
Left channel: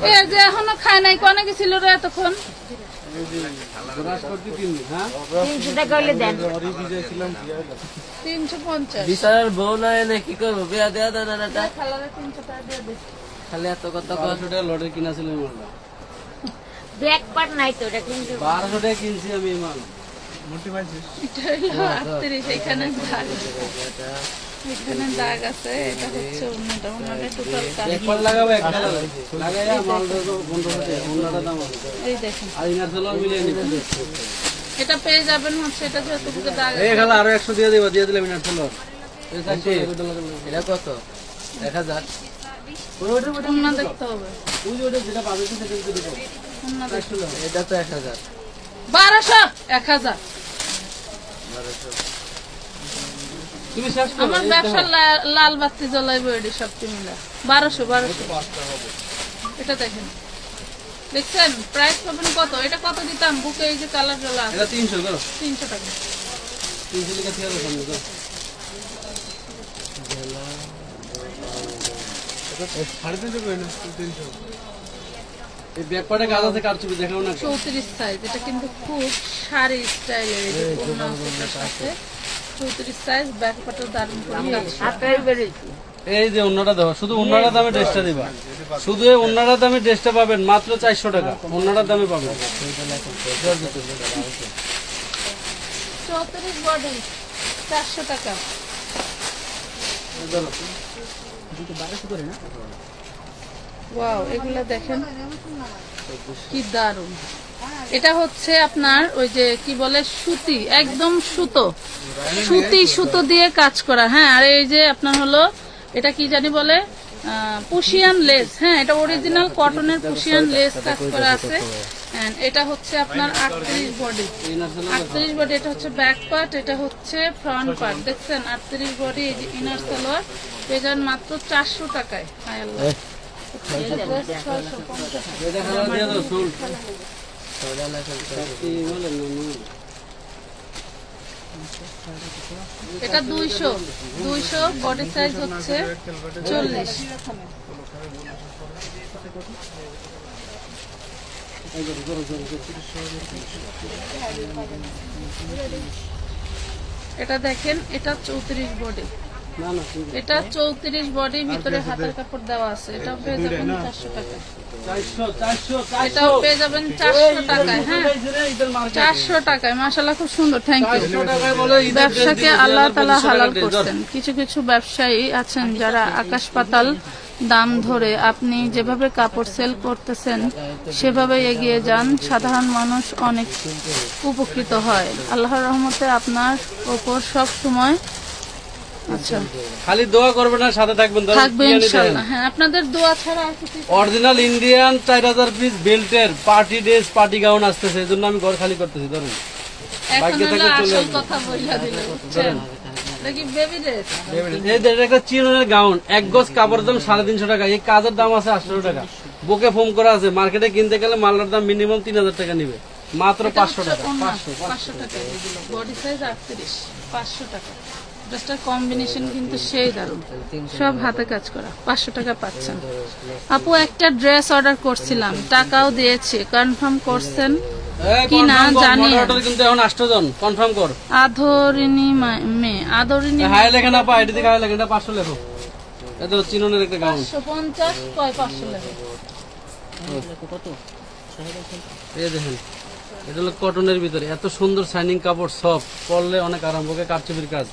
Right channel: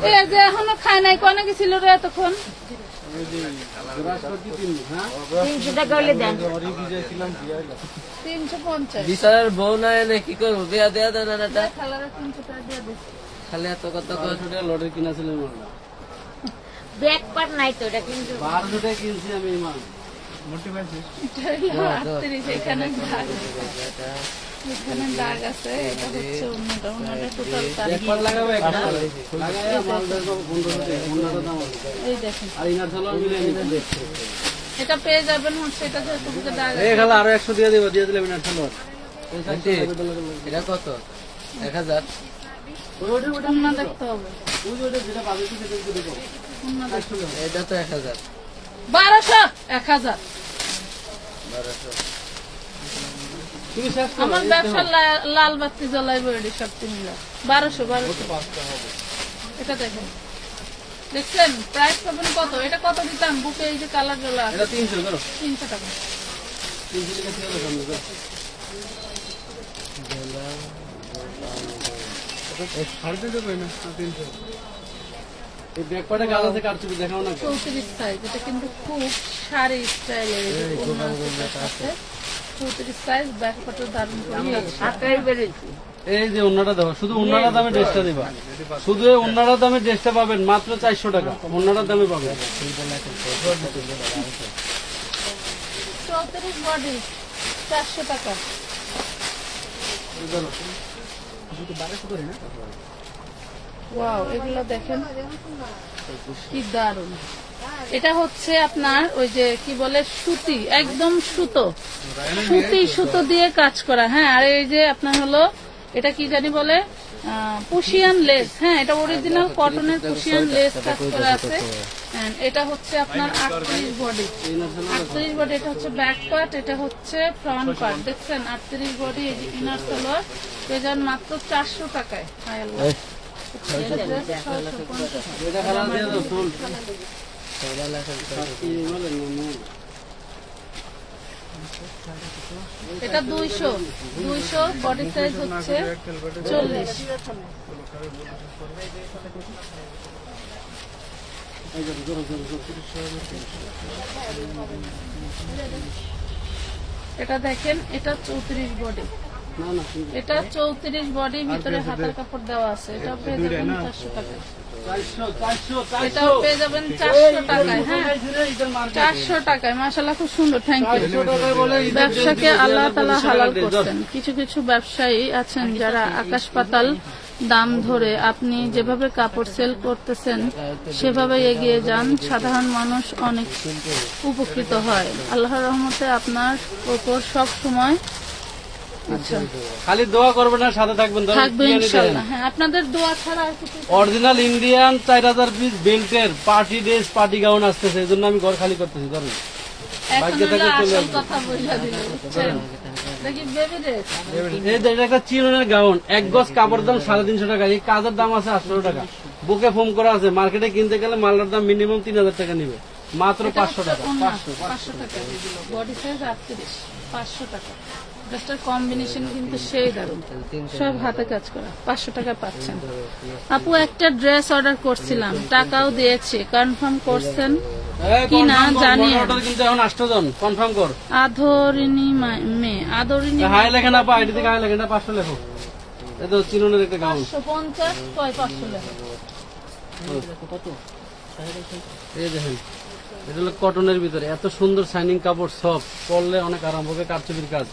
এই যে এখনো খায় নাই, কোনে গেছিল রে এতক্ষণ? বৃহস্পতি 3 দিন, হ্যাঁ 300 টাকা হইলে দেন। 350। বিচারের বউ নয় না, কি করবো, বিয়া দেয়া দাও না। খালারে 300 টাকা দিয়ে দে। খালি এত কথা 1200 টাকা লটে কিনাছিলাম মালটা। ব্যাক পার্ট নাই তো, এটা কিন্তু 1200 টাকা কিনছি আমি এই মাল। এটা হলো 38, এখানে দাগ আছে। এখানে দাগ আছে। এটা হচ্ছে অন্যটা, ওনাদের টোটাল কাজ। ব্যাকপার্ট লাগাবো, একটা লাগাই আর মাল দেখো 1500 টাকা, ওন্নাটা দাম আছে। এই দেখেন, আর ইনার সালোয়ার মিলিয়ে নিতে। এটা পেয়ে যাবেন হচ্ছে, এটা যেহেতু বুকে দাগ এই আছে। খালা আরো 100 দিয়ে দিবা, দিয়ে দিলাম ইনার সালোয়ার। এই 400 টাকা লাগবে। এটা কত? 1000। ওন্না দেখতে হবে। ওই যে ওটা যেটা পাবে সেটা দিতে দাও। ওন্না দেখতে হবে। এটা তো 1000। 1200, 1000। তুমি শেষ করো। আমার ব্যবসা লাল বাতি জ্বলাইবে এটি সব মিলে। 1200। এটা দেখেন, দেখছেন প্রাইস পাবেন কত? এটা কত দিতাম? বুকে এই যে কালার জ্বলা আছে, এটা 300 করো। 300 টাকা। 300 টাকা ছেড়ে সামনে দাও। এই ব্যাকপার্টে কাজ আছে, কারচুপি দেখাও না। 34 সাইজ, এটা কিন্তু খুব শাড়ি স্টাইলের। এই যে ওড়না আছে 34 সাইজ, ব্যাক পাটও দারুণ করে। এই যে ওন্নাটা দেওয়া, শুধু ওন্নাটার দামে ড্রেসটা দিবা, শুধু এই ওন্নাটার দামে ড্রেসটা পাবেন মাত্র 400 টাকা, ওন্নাটার দামে পাবেন। 34 বডি 400 টাকা। ওয়াও, এগুলো দেখেন কি দারুন। এটা হচ্ছে আপনার ওই যে কি বলে সুতি, একদম সুতো দিয়ে কাজ করা। হ্যাঁ, আর এই যে আপনার হলো এটা কি জানি বলে পুশিয়ান লেস। হ্যাঁ, এটা অরিজিনাল কটনের পুশিয়ান লেস কাজ করা আছে। এটা হচ্ছে আপনার 38 বডি। এটা হচ্ছে ব্যাক পার্ট, এটা হচ্ছে ফ্রন্ট পার্ট। দেখছেন 38 বডি, এই যে ইনার সালোয়ার পেয়ে যান মাত্র 400 টাকায়। হায় আল্লাহ, এটা 200 বডি সাইজ হচ্ছে 40। এটা দেখেন, এটা 34 বডি। এটা 34 বডি, ভিতরে হাতের কাপড় দেওয়া আছে। এটাও পেয়ে যাবেন 400 টাকা। এটাও পেয়ে যাবেন 400 টাকায়। হ্যাঁ, 400 টাকায়। মাশাআল্লাহ, খুব সুন্দর। Thank you. ব্যবসাকে আল্লাহ তাআলা হালাল করছেন। কিছু কিছু ব্যবসায়ী আছেন যারা আকাশ পাতাল দাম ধরে, আপনি যেভাবে কাপড় সেল করতেছেন সেভাবে এগিয়ে যান, সাধারণ মানুষ অনেক উপকৃত হয়। আল্লাহর রহমতে আপনার ওপর সব সময় খালি দোয়া করবেন না, সাথে থাকবেন। ইনশাআল্লাহ। হ্যাঁ, আপনাদের দোয়া ছাড়া আর কিছু। অরিজিনাল ইন্ডিয়ান 4000 পিস বেল্টের পার্টি ড্রেস, পার্টি গাউন আসতেছে, এই জন্য আমি ঘর খালি করতেছি। ধরুন, ভাগ্য থেকে চলে আসবে। কথা বইলা দিল, বুঝছেন? দেখি বেবি ড্রেস, এই দেখেন একটা চিরনের গাউন, 1 গজ কাপড়ের দাম 350 টাকা। এই কাজের দাম আছে 800 টাকা। বুকে ফোম করা আছে। মার্কেটে কিনতে গেলে মালের দাম মিনিমাম 3000 টাকা নিবে, মাত্র 500 টাকা। 500 টাকা। বডি সাইজ 38, 500 টাকা। ড্রেসটার কম্বিনেশন কিন্তু সেই দারুণ, সব হাতে কাজ করা। 500 টাকা পাচ্ছেন। আপু, একটা ড্রেস অর্ডার করছিলাম, টাকাও দিয়েছি, কনফার্ম করছেন কি না জানি। কিন্তু এখন 8 জন কনফার্ম কর। আদরিনী আদরিনী হাই লেখা না, আইডি থেকে হাই লেখা, 500 লেখো। এটা চিরনের একটা গাউন 550 কয় 500 লেখো। এই দেখেন, এটা হলো কটনের ভিতরে এত সুন্দর শাইনিং কাপড়, সফট, পরলে অনেক আরাম। বুকে কারচুপির কাজ।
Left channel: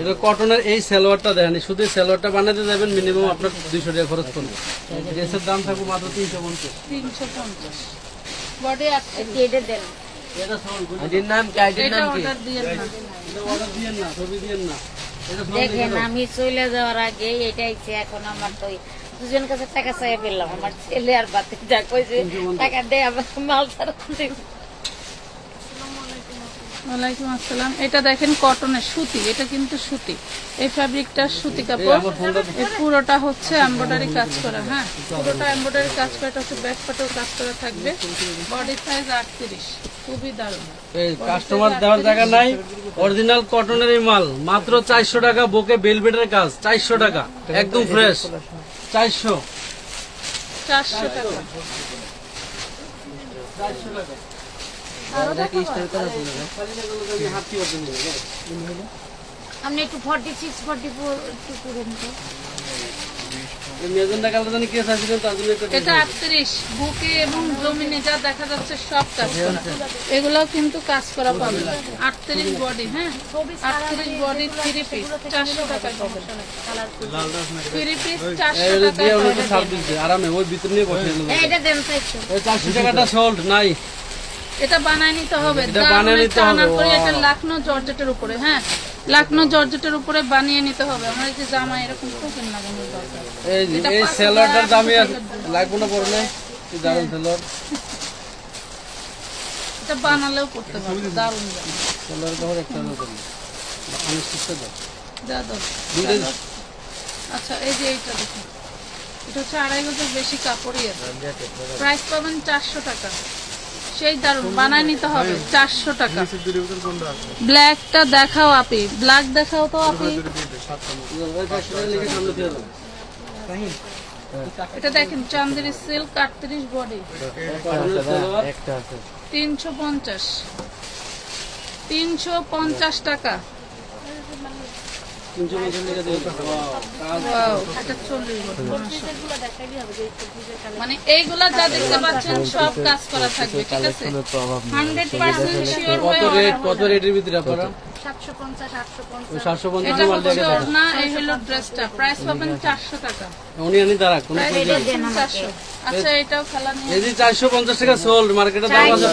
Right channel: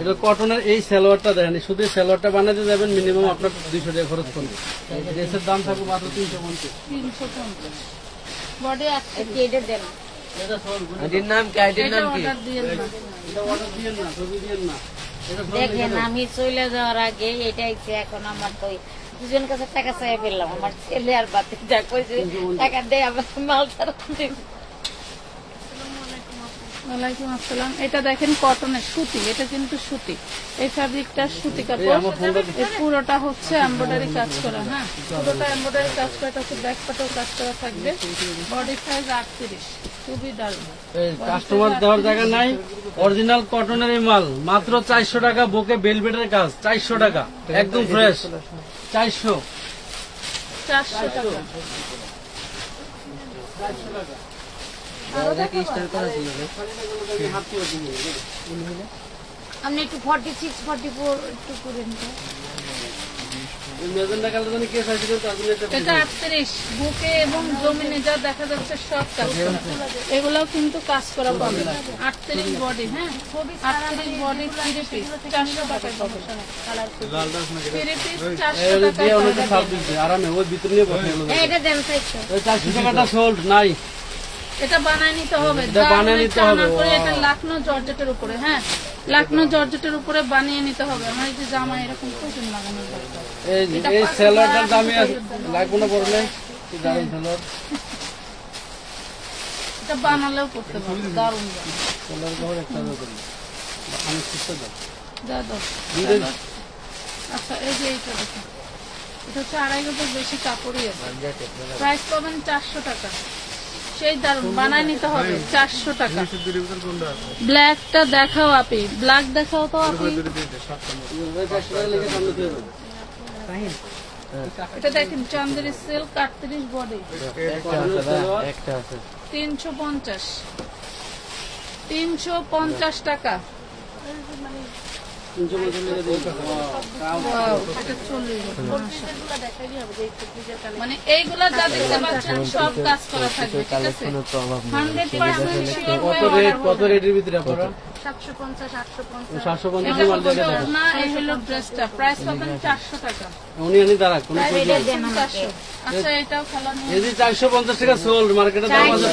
এটা কটনের। এই সালোয়ারটা দেখেন, শুধু সালোয়ারটা বানাতে যাবেন মিনিমাম আপনার 200 টাকা খরচ করবে। ড্রেসের দাম থাকবে মাত্র 350। বডি দেখেন, আমি চলে যাওয়ার আগে এটাই এখন আমার তো দুজন কাছে টাকা চাই পেলাম। আমার ছেলে আর বাতি যা কইছে টাকা দেয়, আবার মাল ছাড়া। ওয়ালাইকুম আসসালাম। এটা দেখেন কটনের সুতি, এটা কিন্তু সুতি। এই ফ্যাব্রিকটা সুতি কাপড়। এই পুরোটা হচ্ছে এমব্রয়ডারি কাজ করা। হ্যাঁ, পুরোটা এমব্রয়ডারি কাজ করা। এটা হচ্ছে ব্যাক পাটেও কাজ করা থাকবে। বডি সাইজ 38, খুবই দারুণ। কাস্টমার দেওয়ার জায়গা নাই। অরিজিনাল কটনের এই মাল মাত্র 400 টাকা। বুকে বেলভেটের কাজ 400 টাকা, একদম ফ্রেশ। 400 টাকা। আপনি একটু 46, 44 একটু করেন তো। মেজেন্ডা কালার জানি কে চাইছিলেন, তার জন্য এটা 38, বুকে এবং জমিনে যা দেখা যাচ্ছে সব কাজ করা। এগুলাও কিন্তু কাজ করা পাবে। 38 বডি। হ্যাঁ, 38 বডি 3 পিস 400 টাকায় পাবে। 3 পিস 400 টাকায় আরামে ওই ভিতরে নিয়ে বসে গেল। এটা দেন 400। ওই 400 টাকাটা সোল্ড নাই। এটা বানায় নিতে হবে। এটা বানিয়ে নিতে হবে। এটা লাকনো জর্জেটের উপরে। হ্যাঁ, লাকনো জর্জেটের উপরে বানিয়ে নিতে হবে। আমার এই যে জামা এরকম কুচন লাগানোর দরকার। এই সেলারটার দামই লাগবে না পড়লে। কি দারুণ সেলার। এটা বানালেও করতে পারবে, দারুণ জামা। সেলার কাপড় একটা দেন, আমি শিখতে দাও। যা দাও। আচ্ছা, এই যে এইটা দেখুন, এটা হচ্ছে 2.5 গজের বেশি কাপড়ই আছে। প্রাইস পাবেন 400 টাকা। সেই দারুণ, বানায় নিতে হবে 400 টাকা। ব্ল্যাকটা দেখাও আপি, ব্ল্যাক দেখাও তো আপি। এটা দেখেন চান্দেরি সিল্ক 38 বডি একটা আছে 350 350 টাকা। Wow, এটা 40 বডি। মানে এইগুলা যা দেখতে পাচ্ছেন সব কাজ করা থাকবে, ঠিক আছে? কালেকশনের প্রভাব নেই 100% শিওর কত রেটের ভিতরে আপনারা 750 850 750 এটা মাল হচ্ছে দিয়ে না, এই হলো ড্রেসটা প্রাইস পাবেন 400 টাকা। উনি আনি তারা কোন প্রাইস 400। আচ্ছা এটাও খেলা নিয়ে এই যে 450 টাকা সোল্ড মার্কেটে দাম আছে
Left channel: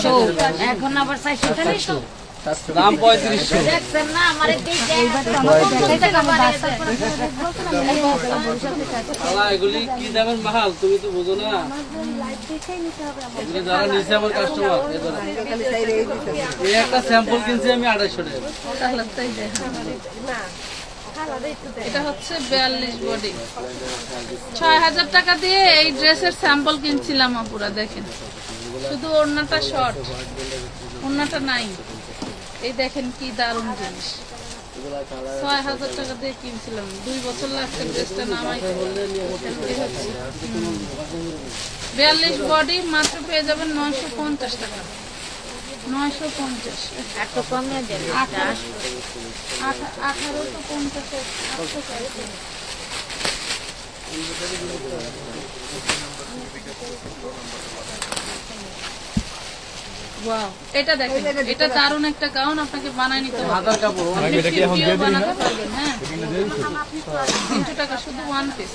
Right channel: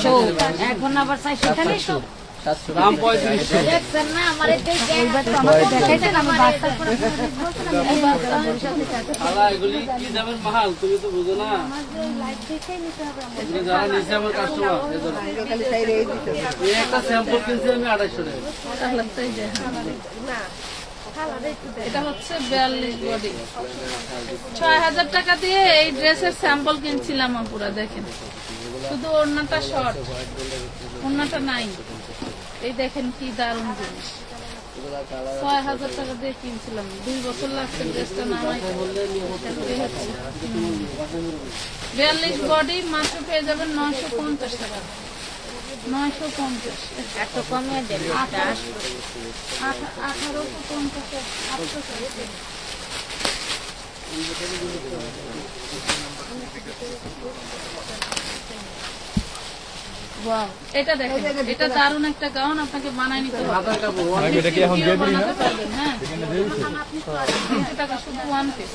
এখন আবার 400 খালি সব দাম 3500 দেখছেন না আমারে আলা এগুলি কি দামের মাল তুমি তো বুঝো না এগুলি যারা নিচে আমার কাস্টমার এই একটা স্যাম্পল কিনছি আমি 250 টাকা তাহলে তাই দেখ। এটা হচ্ছে 42 বডি 6000 টাকা দিয়ে এই ড্রেসের স্যাম্পল কিনছিলাম পুরা, দেখেন শুধু ওড়নাটা শর্ট, ওড়নাটা নাই। এই দেখেন কি দারুণ জিনিস, 6000 টাকা দিয়ে কিনছিলাম, 2 বছর লাগছে ড্রেসটা নামাই। 42 বডি মাত্র পেয়ে যাবেন 950 টাকা, 950 একটু কমিয়ে দেন 1850 ওয়াও, এটা দেখেন, এটা দারুণ একটা গাউন, আপনাকে বানায় নিতে হবে। হাতার কাপড় এটা কি এখন দিয়ে দিই না? বানাতে পারবেন, হ্যাঁ 300 টাকা শুধু ওয়ান পিস,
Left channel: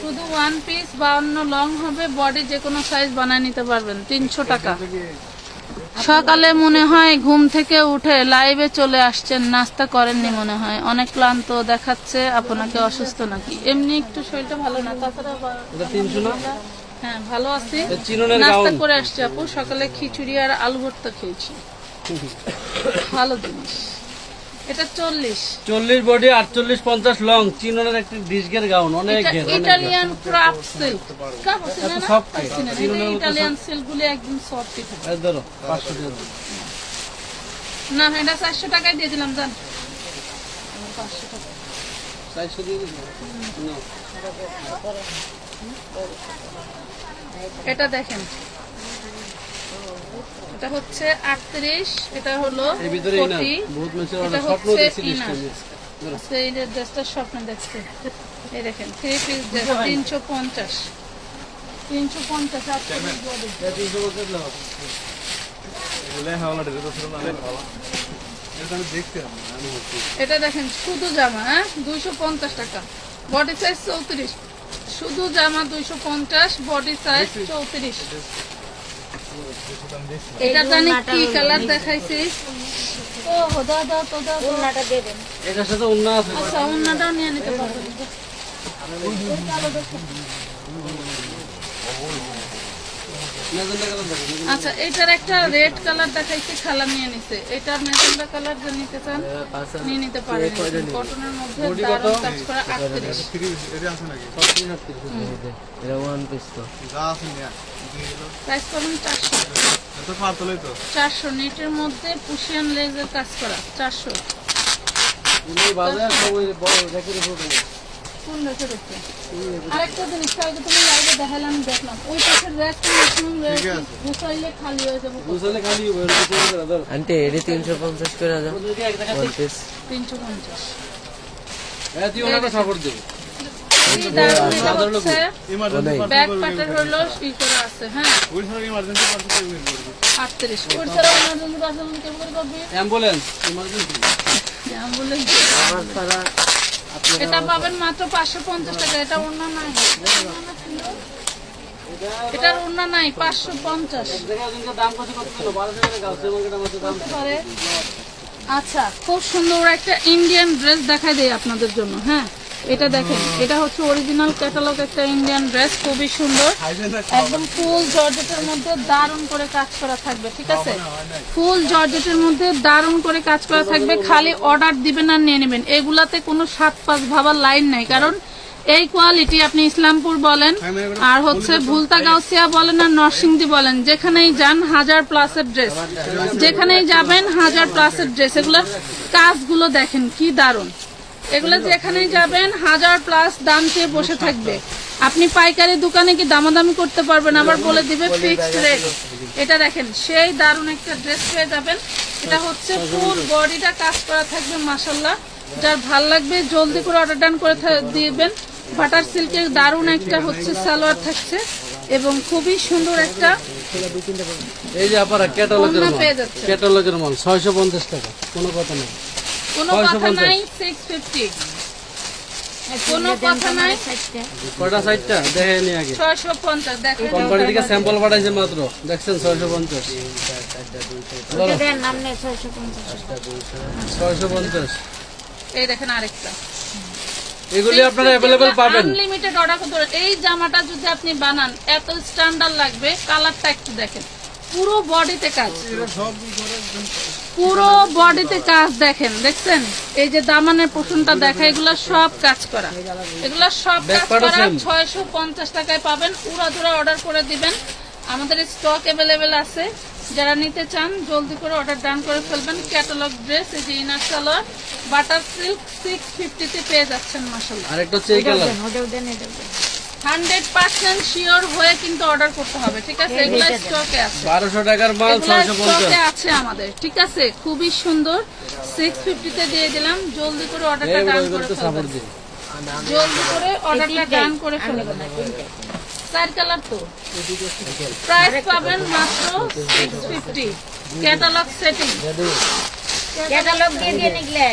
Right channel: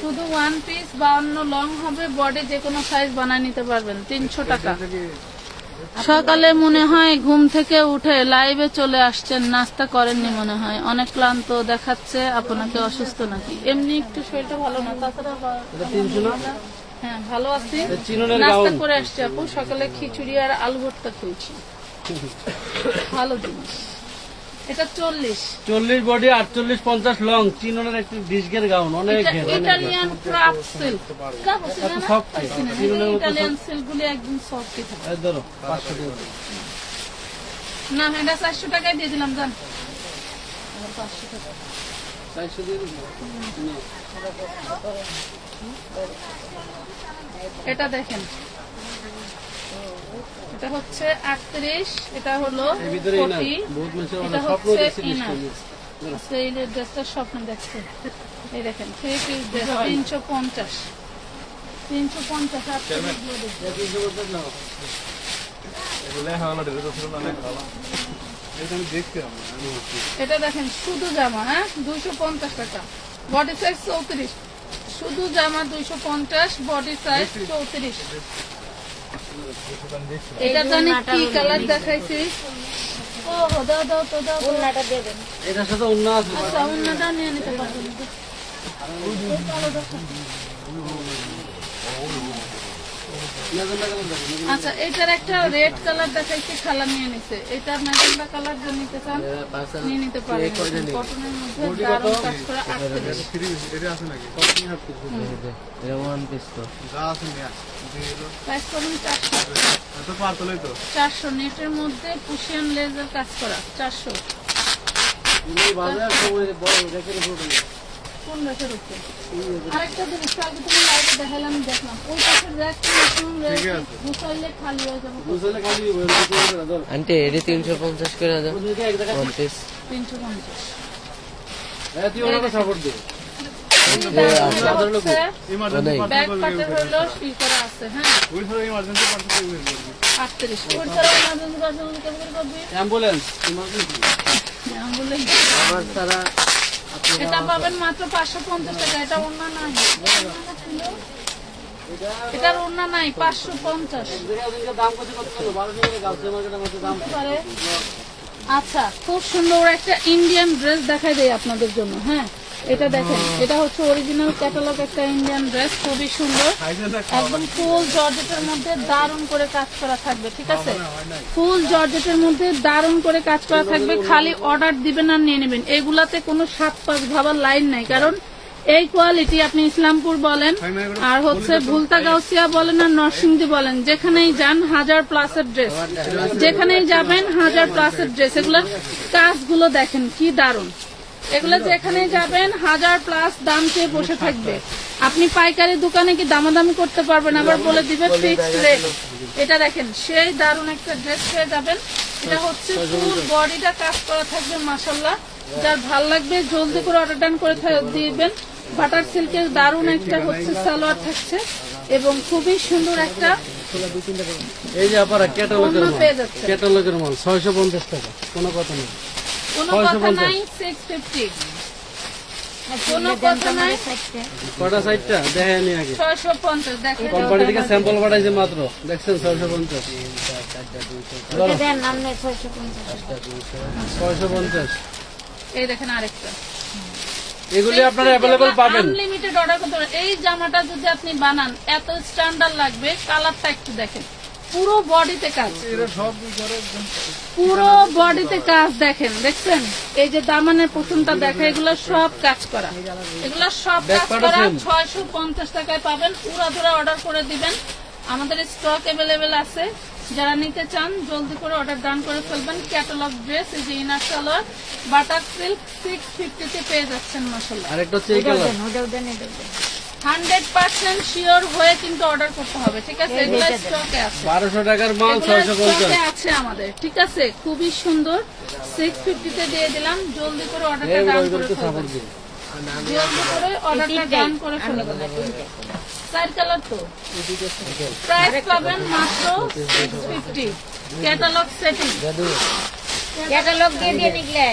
শুধু ওয়ান পিস 52 লং হবে, বডি যে কোনো সাইজ বানায় নিতে পারবেন 300 টাকা। সকালে মনে হয় ঘুম থেকে উঠে লাইভে চলে আসছেন, নাস্তা করেননি মনে হয়, অনেক ক্লান্ত দেখাচ্ছে, আপনাকে অসুস্থ নাকি? এমনি একটু শরীরটা ভালো না, তাছাড়া 300 না হ্যাঁ ভালো আছি, চিননের নাস্তা গাউন করে আসছি আপু, সকালে খিচুড়ি আর আলু ভর্তা খেয়েছি, ভালো জিনিস। এটা 40 বডি 48 50 লং চিননের একটা ডিসগের গাউন অনেক ঘের অনেক Italian craft silk, soft Italian silk গুলি একদম সফট থাকে। এই ধরো 500 টাকা না এটা 400 টাকায় দিয়ে দিলাম, জান 500 টাকা। 400 দিয়ে দিন এটা দেখেন, এটা হচ্ছে 38, এটা হলো এই ভিতরেই না 40, বহুত মানুষের এটা অনেক স্বপ্ন হচ্ছে দেখছি ইনার। ডিসকাউন্ট আচ্ছা, এই যে ড্রেসটার স্বপ্ন দেখছে, এই দেখেন 3 পিস ড্রেস 350 38 বডি। এগুলো হাওলা ড্রেস ছিল না, হাওলা এটা আমি দেখছিলাম এটা দেখেন শুধু জামা, হ্যাঁ 250 টাকা, বডি সাইজ 34, শুধু জামা 250, বডি সাইজ 34। এটা জানি কি কালার দেখাইছি, ও দাও দাও তো দাও, ওন্নাটা দেবেন এটার সাথে অন্য আছে আচ্ছা অন্যটাও নিয়ে নিতে পারবেন। আচ্ছা এটার একটা রেড কালার দেখাইছে, খালা নিয়ে নিছে, এটা ম্যাজেন্ডা কালার যে নিতে চান নিয়ে নিতে পারেন, কটনের মধ্যে দারুণ কাজ করা 38 এটা আছে নাকি? এটা ওয়ান পিস তো প্রাইস করুন 400, এত পাতলই তো 400 নেটের মধ্যে পুশিয়ান লেজের কাজ করা 400। বাজার সব ওই বড় রেখে কোন রেখের উপরে আরেকটা জিনিস আগে তুমি লাইভে দেখালাম, দেখলাম ওই পাশের র্যাকটা ম্যাক্সিমাম গুছাইলে খালি হয়ে যাবে, বুঝলে খালি ধরো আন্টি এটি 350 করে দাও ওয়ান পিস 350। তুই ওনাটা সাপোর্ট দে ব্যাক পার্টের হলো ই করা আছে, হ্যাঁ ওই ধরো ইমার্জেন্সি পার্সেল 38 ওর ছাড়া ইমার্জেন্সি পার্সেল কেমন করে করবি? অ্যাম্বুলেন্স ইমার্জেন্সি অ্যাম্বুলেন্স আমার ছাড়া এটা পাবেন মাত্র 550 টাকা, এটা ওড়না নাই, এটার ওড়না নাই 550 দাম কত করছিল 1200 টাকা গাউসের মার্কেটের মধ্যে দাম পারে। আচ্ছা খুব সুন্দর একটা ইন্ডিয়ান ড্রেস দেখাই দেই আপনাদের জন্য, হ্যাঁ এটা দেখেন, এটা হচ্ছে অরিজিনাল ক্যাটালগ একটা ইন্ডিয়ান ড্রেস, খুবই সুন্দর, একদম ফুল জর্জেটের মধ্যে দারুণ করে কাজ করা থাকবে, ঠিক আছে ফুল জর্জেটের মধ্যে দারুণ করে কাজ করা থাকবে, খালি অর্ডার দিবেন আর নিয়ে নেবেন, এগুলাতে কোনো 7-5 ভাবার লাইন নাই, কারণ এই কোয়ালিটি আপনি ইসলামপুর বলেন আর হচ্ছে ভুলতা গাউসিয়া বলেন আর নরসিংদী বলেন, যেখানেই যান 1000+ ড্রেস, যেখানেই যাবেন 1000+ ড্রেস, এগুলা কাজগুলো দেখেন কি দারুণ, এগুলো যেখানে যাবেন 1000+ দাম চেয়ে বসে থাকবে। আপনি পাইকারি দোকানে কি দামাদামি করতে পারবেন, আবার বলে দিবে ফিক্সড রেট। এটা দেখেন সেই দারুণ একটা ড্রেস পেয়ে যাবেন। এটা হচ্ছে ফুল বডিটা কাজ করা থাকবে মাশাআল্লাহ। যার ভাল লাগবে জলদি করে অর্ডার ডান করে দিবেন। বাটার সিল্কের দারুণ একটা হচ্ছে সালোয়ার থাকছে এবং খুবই সুন্দর একটা এই যে আপনারা ক্যাটালগের ওড়না মাল, পেয়ে যাচ্ছে। ক্যাটালগের মাল 650 টাকা, কোনো কথা নেই। কোনো কথা নাই 650, কোনো কথা নাই কয়টা সাইডটা দেখেন নি আগে, 650 দেখেন। কোম্পানি থেকে স্যাম্পল পাঠাইছে মাত্র, দেখছেন 650 ওটা দেন নামনে 650 650। এই দেখেন আরেকটা এগুলি আপনারা অ্যাভেলেবল পাবেন। আনলিমিটেড অর্ডার করতে পারেন। এই জামাটা যদি আপনি বানান এত স্ট্যান্ডার্ড লাগবে। কালারটা একটু দেখেন, পুরো বডিতে কাজ, পুরো বডিতে কাজ দেখেন, দেখছেন? এই যে দামানের পোষণটা দেখে, এগুলো সব কাজ করা, এগুলো সব কাজ করা। 650 টাকায় পাবেন। উড়াধুরা অর্ডার করে দিবেন, আমাদের স্টক অ্যাভেলেবেল আছে। যারা নিতে চান জলদি করে অর্ডার ডান করে ফেলবেন। ক্যাটালগ ড্রেস, এই যে ইনার সালোয়ার বাটার সিল্ক 650 তে পেয়ে যাচ্ছেন মাশাআল্লাহ। আরেকটা হচ্ছে এই কালার, ওটা দেন 100% শিওর হয়ে কিন্তু অর্ডার করতে হবে, ঠিক আছে? এগুলো স্টকে আছে, 1200 টাকার মাল এগুলো 650। স্টকে আছে আমাদের, ঠিক আছে? খুবই সুন্দর, 650 তে দিয়ে দিলাম। জলদি করে অর্ডারটা ডান করে সাপোর্ট ফেলবেন, দিন। জলদি করে অর্ডারটা ডান করে ফেলবেন। 4 কালার তো প্রাইস পাবেন মাত্র 650। ক্যাটালগ সেটিং, ক্যাটালগ দিয়ে দিয়ে নিগলে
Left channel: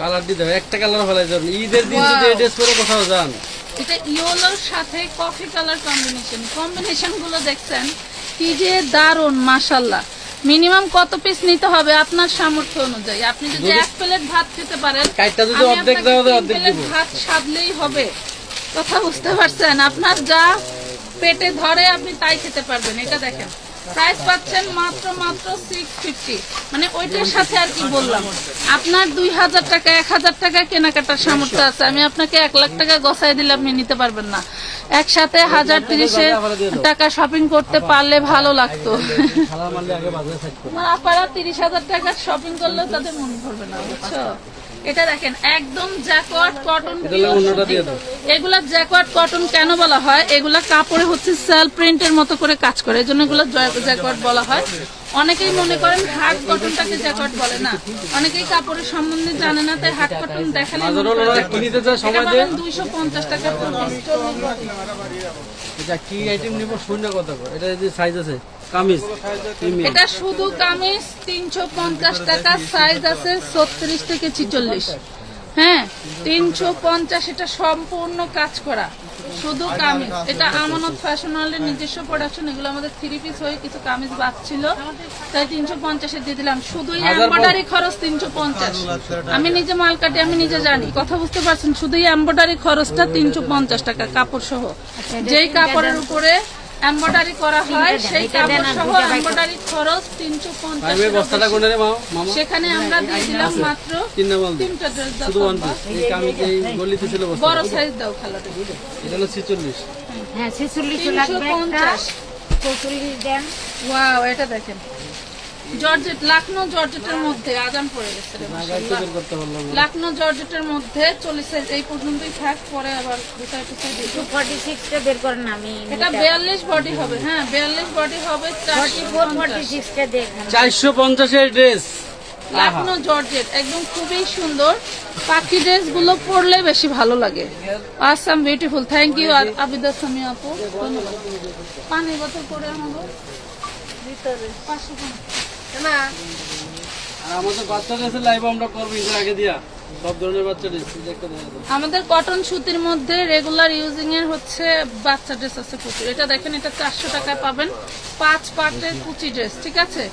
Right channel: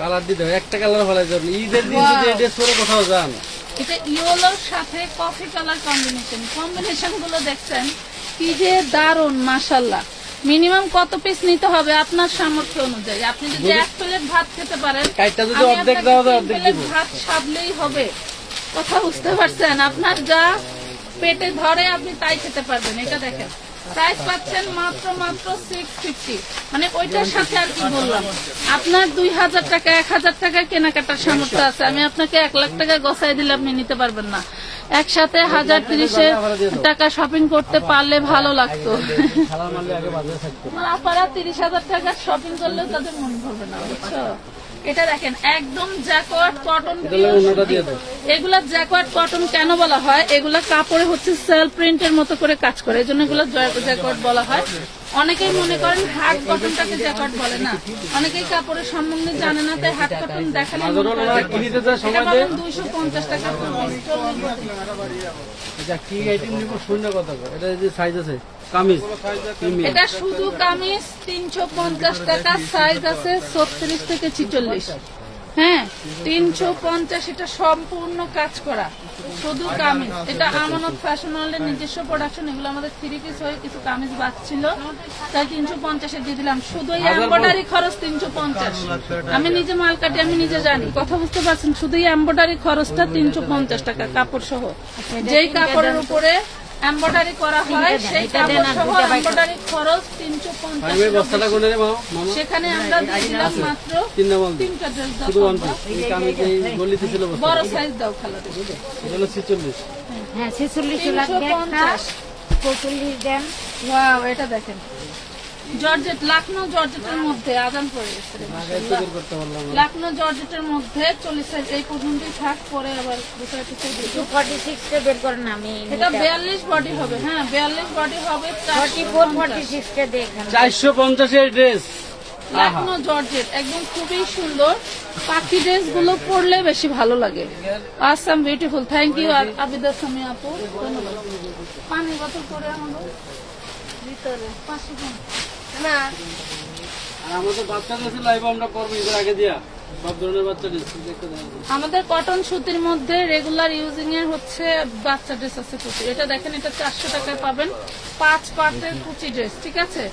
কালার দিতে হবে, একটা কালার ফেলাই যাবেন। ঈদের দিন যদি এই ড্রেস পরে কোথাও যান, এটা ইয়েলোর সাথে কফি কালার কম্বিনেশন গুলো দেখছেন কি যে দারুন মাশাআল্লাহ। মিনিমাম কত পিস নিতে হবে আপনার সামর্থ্য অনুযায়ী। আপনি যদি 1 প্লেট ভাত খেতে পারেন, কাইটটা যদি আমি অর্ধেক আপনাকে দেওয়া যায় 3 অর্ধেক প্লেট দিব। ভাত সাধলেই হবে। কথা বুঝতে পারছেন? আপনার যা পেটে ধরে আপনি তাই খেতে পারবেন। এটা দেখেন, প্রাইস পাচ্ছেন মাত্র 650। মানে ওইটার সাথে আর কি বললাম, আপনার 2000 টাকা 1000 টাকা কেনাকাটার সামর্থ্য আছে, আমি আপনাকে 1 লাখ টাকা গছাই দিলে আপনি নিতে পারবেন না। একসাথে 1030 টাকা শপিং করতে পারলে ভালো লাগতো। খালার মারলে আগে বাজারে থাকতো। আমার আপারা 30,000 টাকার শপিং করলেও তাদের মনে করবে না, বুঝছো? এটা দেখেন একদম জ্যাকওয়ার্ড কটন। অন্যটা দিয়ে দাও। এগুলা জ্যাকওয়ার্ড কটন কেন বলা হয়? এগুলা কাপড়ে হচ্ছে সেল প্রিন্টের মতো করে কাজ করে, এই জন্য এগুলো জ্যাকওয়ার্ড বলা হয়। অনেকেই মনে করেন হার্ড কটনটাকে জ্যাকওয়ার্ড বলে না, অনেকেই কাপড়ের সম্বন্ধে জানে না, তাই হার্ড কটন দেখালে মনে করে। কিনতে যায় এটা সময় পাবেন 250 টাকা। এটা কি আইটেম নিব শূন্য কথা কো। এটা যে সাইজ আছে কামিজ প্রিমিয়াম, এটা শুধু কামিজ 350 টাকা, সাইজ আছে 36 থেকে 46। হ্যাঁ 350, এটা সম্পূর্ণ কাজ করা, শুধু কামিজ। এটা আমানত ফ্যাশন ওয়ার্ল্ডের নিজস্ব প্রোডাকশন। এগুলো আমাদের 3 পিস হয়ে কিছু কামিজ বাঁচছিল, তাই 350 দিয়ে দিলাম। শুধু এমব্রয়ডারি খরচ 350। আমি নিজে মাল কাটি, আমি নিজে জানি, কথা বুঝতে পারছেন? শুধু এমব্রয়ডারি খরচটা 350 টাকা কাপড় সহ। যেই কাপড়ের উপরে এমব্রয়ডারি করা হয় সেই কাপড় সহ এমব্রয়ডারি খরচ 350। বস্তাটা কোনে রে মামা? সেখানে আমরা দিয়ে দিলাম মাত্র 3 নাম্বার 3টা ড্রেস দাও। শুধু ওয়ান পিস। এই কামিজ এই গলিতে ছিল বস্তা। বড় সাইজ দাও খালাতে। এটা হলো 46। হ্যাঁ 46 লাগবে, 45 দেন। ওয়াও, এটা দেখেন জর্জেট, লাখনৌ জর্জেটের মধ্যে আজান পড়ে গেছে রে মাশাআল্লাহ। করতে পারলাম না। লাখনৌ জর্জেটের মধ্যে 40 এই পর্যন্তই থাক, পরে আবার বিষয় কিছু দিই। 46 টা বের করেন, আমি এটা 42 বডি হবে। হ্যাঁ 42 বডি হবে। 44 46 টা দেখেন। 450 এর ড্রেস, লাখনৌ জর্জেট একদম খুবই সুন্দর। পাখি ড্রেস গুলো পরলে বেশি ভালো লাগে। Awesome beautiful. Thank you Abida Sami আপু, ধন্যবাদ। পানি বোতল করে আমাদের ভিতরে 500 না আর আমাদের বাচ্চা ড্রেসে লাইভ আমরা করব এর আগে দিয়া সব ধরনের বাচ্চা ড্রেস দেখতে দেন। আমাদের কটন সুতির মধ্যে রেগুলার ইউজিং এর হচ্ছে বাচ্চা ড্রেস আছে প্রচুর। এটা দেখেন, এটা 400 টাকায় পাবেন। 5 পার্টের কুচি ড্রেস, ঠিক আছে?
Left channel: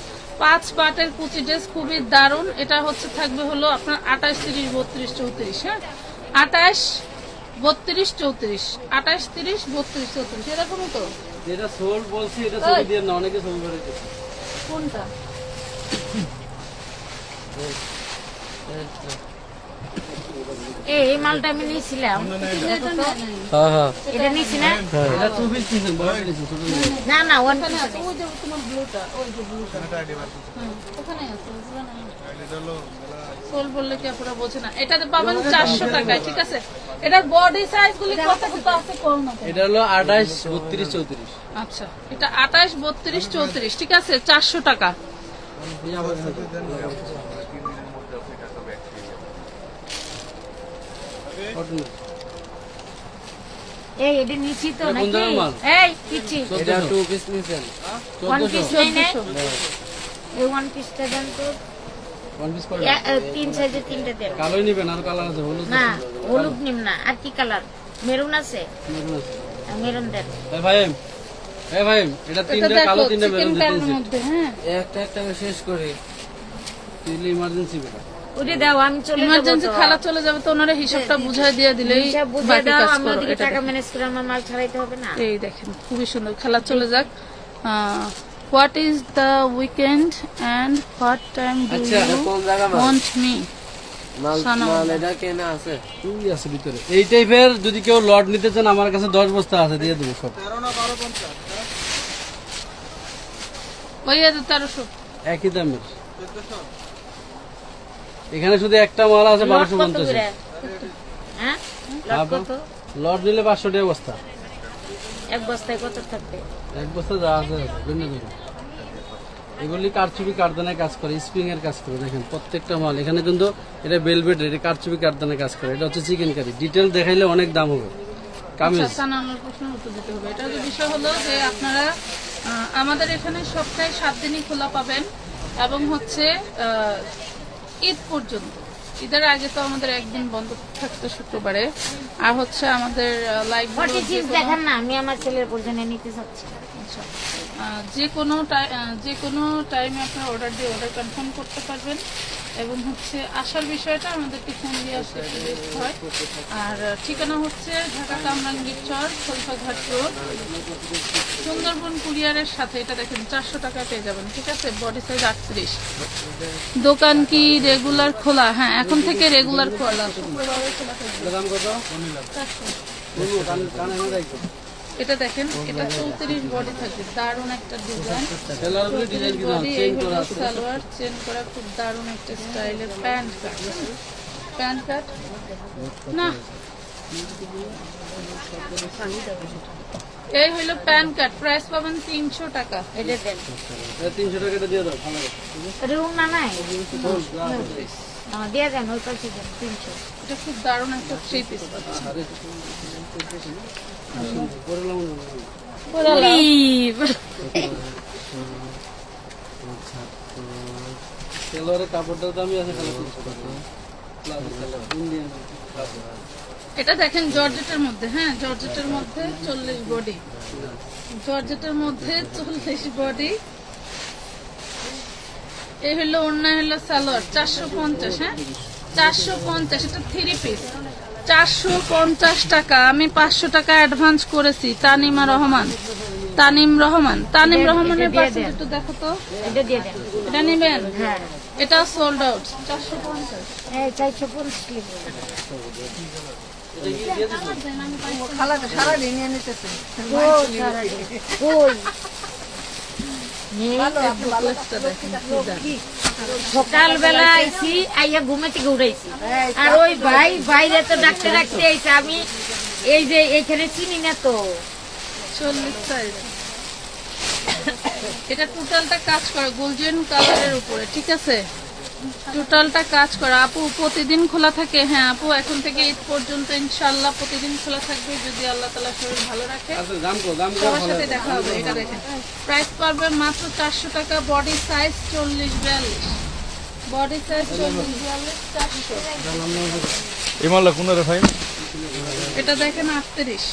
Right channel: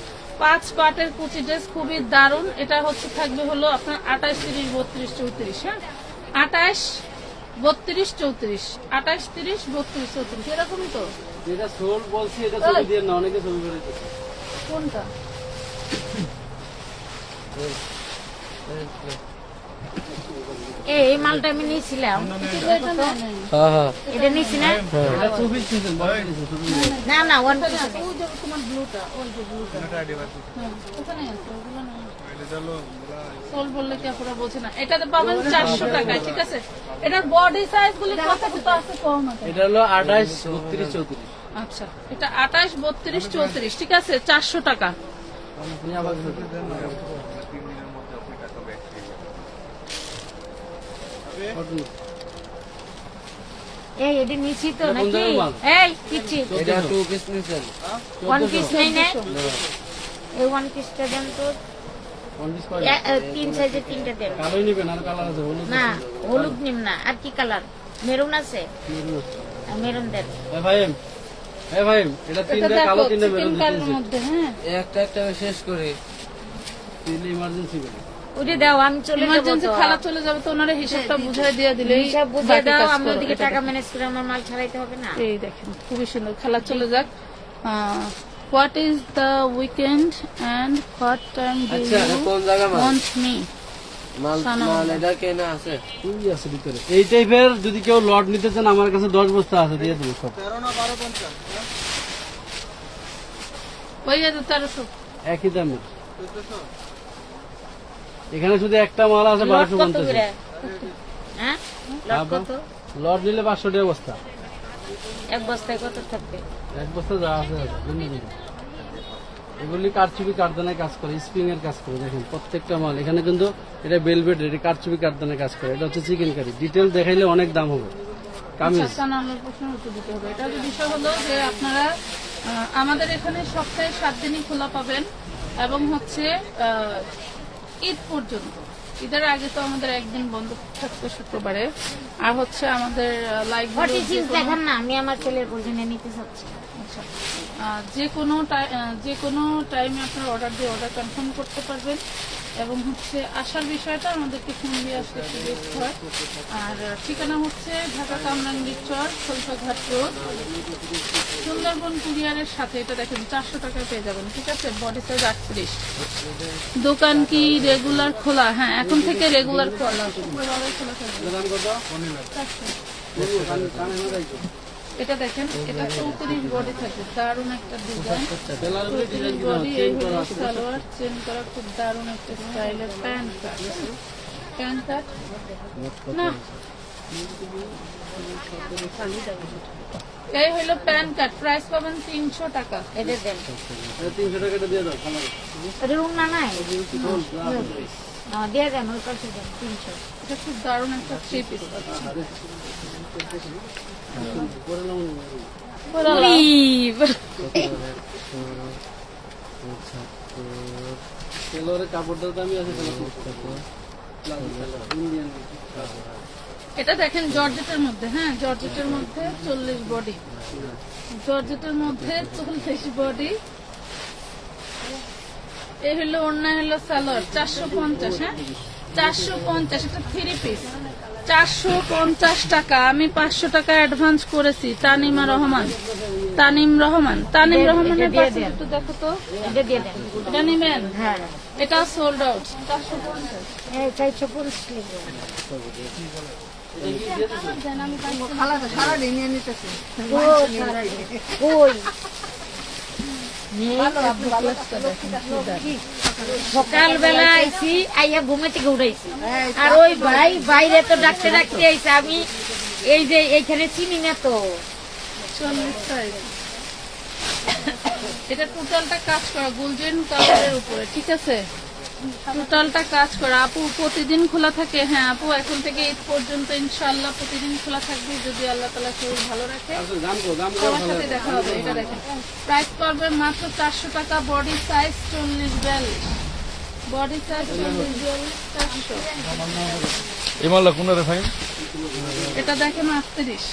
5 পার্টের কুচি ড্রেস খুবই দারুণ। এটা হচ্ছে থাকবে হলো আপনার 28, 30, 32, 34। হ্যাঁ 28, 32, 34, 28, 30, 32, 34 এরকমই তো। যেটা সোল বলছি এটা ছবি দিয়ে না, অনেকে ছবি করে দিচ্ছে। কোনটা? এই মালটা আমি নিয়েছিলাম হ্যাঁ হ্যাঁ এটা নিয়েছি না এটা 2 পিস নিছেন বড় নিছেন ছোট নিছেন না না ওয়ান পিস ওই যে তোমার ব্লুটা ওই যে ব্লুটা ওখানে আছে ওগুলো না সোল বললে কি আপনারা বোঝে না এটাতে পাবেন 400 টাকায় ঠিক আছে এটার বডি সাইজ গুলো কত কত আছে কোন মতে এটা হলো 28 32 34 আচ্ছা এটা 28 32 34 ঠিক আছে 400 টাকা এই এটা নিয়েছি তো কোন নাকি জায়গার মাল? এই কিছি এটা 2 পিস নিছেন ওয়ান পিস নেই না 1400 এই ওয়ান পিসটা দেন তো 1 পিস করে তিন সাইজের তিনটা দেন কালোই নিবেন আর কালার আছে হলুদ না হলুদ নিম না আর কি কালার মেরুন আছে মেরুন দেন এ ভাই এটা এটা তিনটা কালো তিনটা মেরুন চিকেন দিতেছি মধ্যে হ্যাঁ একটা একটা শেষ করি তিনটা ইমার্জেন্সি বেটা ওটা দাও আমি চলে যাবো ইমার্জেন্সি তো। খালা চলে যাবে তো ওনারা হিসাবটা বুঝাই দিয়ে দিলেই হিসাব বুঝে বাকি দাও কাজ আমি করো। ওদিকে এটা টাকা ম্যানেজ করে আমার মাল ছাড়াইতে হবে না এই দেখেন খুবই সুন্দর খেলা চলে যাক what is the weekend and what time do আচ্ছা ইউ কোন জায়গা মাল ওয়ান্ট মি মাল সানা মাল এটা কেনা আছে তুই আছে ভিতরে এই টাইপের যদি কেউ লট নিতে চান আমার কাছে 10 বস্তা আছে দিয়ে দেবো সব ওই যে 1300 একই দামের এখানে শুধু একটা মাল আছে লট 1250 কত করে হ্যাঁ লট কত লট নিলে 500 টাকা বস্তা এক বস্তায় কত থাকবে এক বস্তা যা আছে ভিন্ন ভিন্ন এগুলি কারচুপি কারদানায় কাজ করে স্প্রিং এর কাজ করে দেখেন প্রত্যেকটা মাল এখানে কিন্তু এটা বেলভেট এটা কারচুপি কারদানায় কাজ করে এটা হচ্ছে চিকেন কারি ডিটেল দেখাইলে অনেক দাম হবে কামিজ সানানোর প্রশ্ন উত্তর দিতে হবে এটা বিষয় হলো যে আপনারা আমাদের এখানে সপ্তাহে 7 দিনই খোলা পাবেন এবং হচ্ছে ঈদ পর্যন্ত ঈদের আগে তো আমাদের একদিন বন্ধ থাকতো শুক্রবারে আর হচ্ছে আমাদের লাইভ ফর্টি সিক্স দেখান না আমি আমার ছেলের প্রয়োজনে নিতে চাচ্ছি আচ্ছা যে কোনো টাইমে আপনারা অর্ডার দিয়ে অর্ডার কনফার্ম করতে পারবেন এবং হচ্ছে আসার বিষয়টা আমাদেরকে ফোন দিয়ে আসতে হয় আর ঠিকানা হচ্ছে ঢাকা কামরাঙ্গীর চর খলিফাঘাট রোড সুন্দরবন কুরিয়ারের সাথে এটা দেখেন 400 টাকা পেয়ে যাবেন ঠিক আছে বডি সাইজ 38 দোকান কি রেগুলার খোলা হ্যাঁ এখন থেকে রেগুলার খোলা শুক্রবারে খোলা থাকবে দাম কত 400 এটা দেখেন এটা 34 বডি থাকবে দারুণ একটা ডিজাইন সেলার উপরে ডিজাইন কি বডি চেঞ্জ করা আছে সালোয়ার চেন করা খুব দারুণ একটা স্টাইলের প্যান্ট কাট না এই হলো প্যান্ট কাট প্রাইস পাবেন 300 টাকা এটা দেন 300 টাকা দিয়ে দাও খালা রুম না নাই দিয়ে দেন ওই পাশে দেন 300 এটা খুব দারুণ একটা থ্রি পিস সেলোয়ারের কাপড়টার দামই আছে ইন্ডিয়ান এটা দেখেন জর্জেটের মধ্যে হ্যাঁ জর্জেটের মধ্যে 40 বডি জর্জেটের মধ্যে 40 বডি এই হলো অন্য হলো সালোয়ার 450 হ্যাঁ 450 এটা 3 পিস 450 টাকা আমি 500 টাকা অ্যাডভান্স করেছি তানিম রহমানের পাশে একটু দেখো তো এটা দিয়ে দেন এটা নেবেন হ্যাঁ এটা সোল্ড আউট 450 এই 450 লিখবো ওই সকালবেলা আইছি আইয়া ঘুমে থেকে উঠাইছি আর ওই বাইরে তো ডাকতে আইসি আমি এই যে এখানে চিনি না তো 40 সাইজ এটা টোটালটা কাজ করা গোল্ডেন কালারের উপরে ঠিক আছে টোটালটা কাজ করা আপু প্রতিদিন খোলা থাকে হ্যাঁ আপু এখন থেকে ঈদ পর্যন্ত ইনশাআল্লাহ প্রতিদিন খোলা থাকবে যদি আল্লাহ তাআলা শরীর ভালো রাখে দাম সবার সাথে দেখা হবে এটা দেখেন প্রাইস পড়বে মাত্র 400 টাকা বডি সাইজ 40-42 বডি সাইজ 40-42 400 এই মালটা কোন রে ভাই এটা দেখেন 38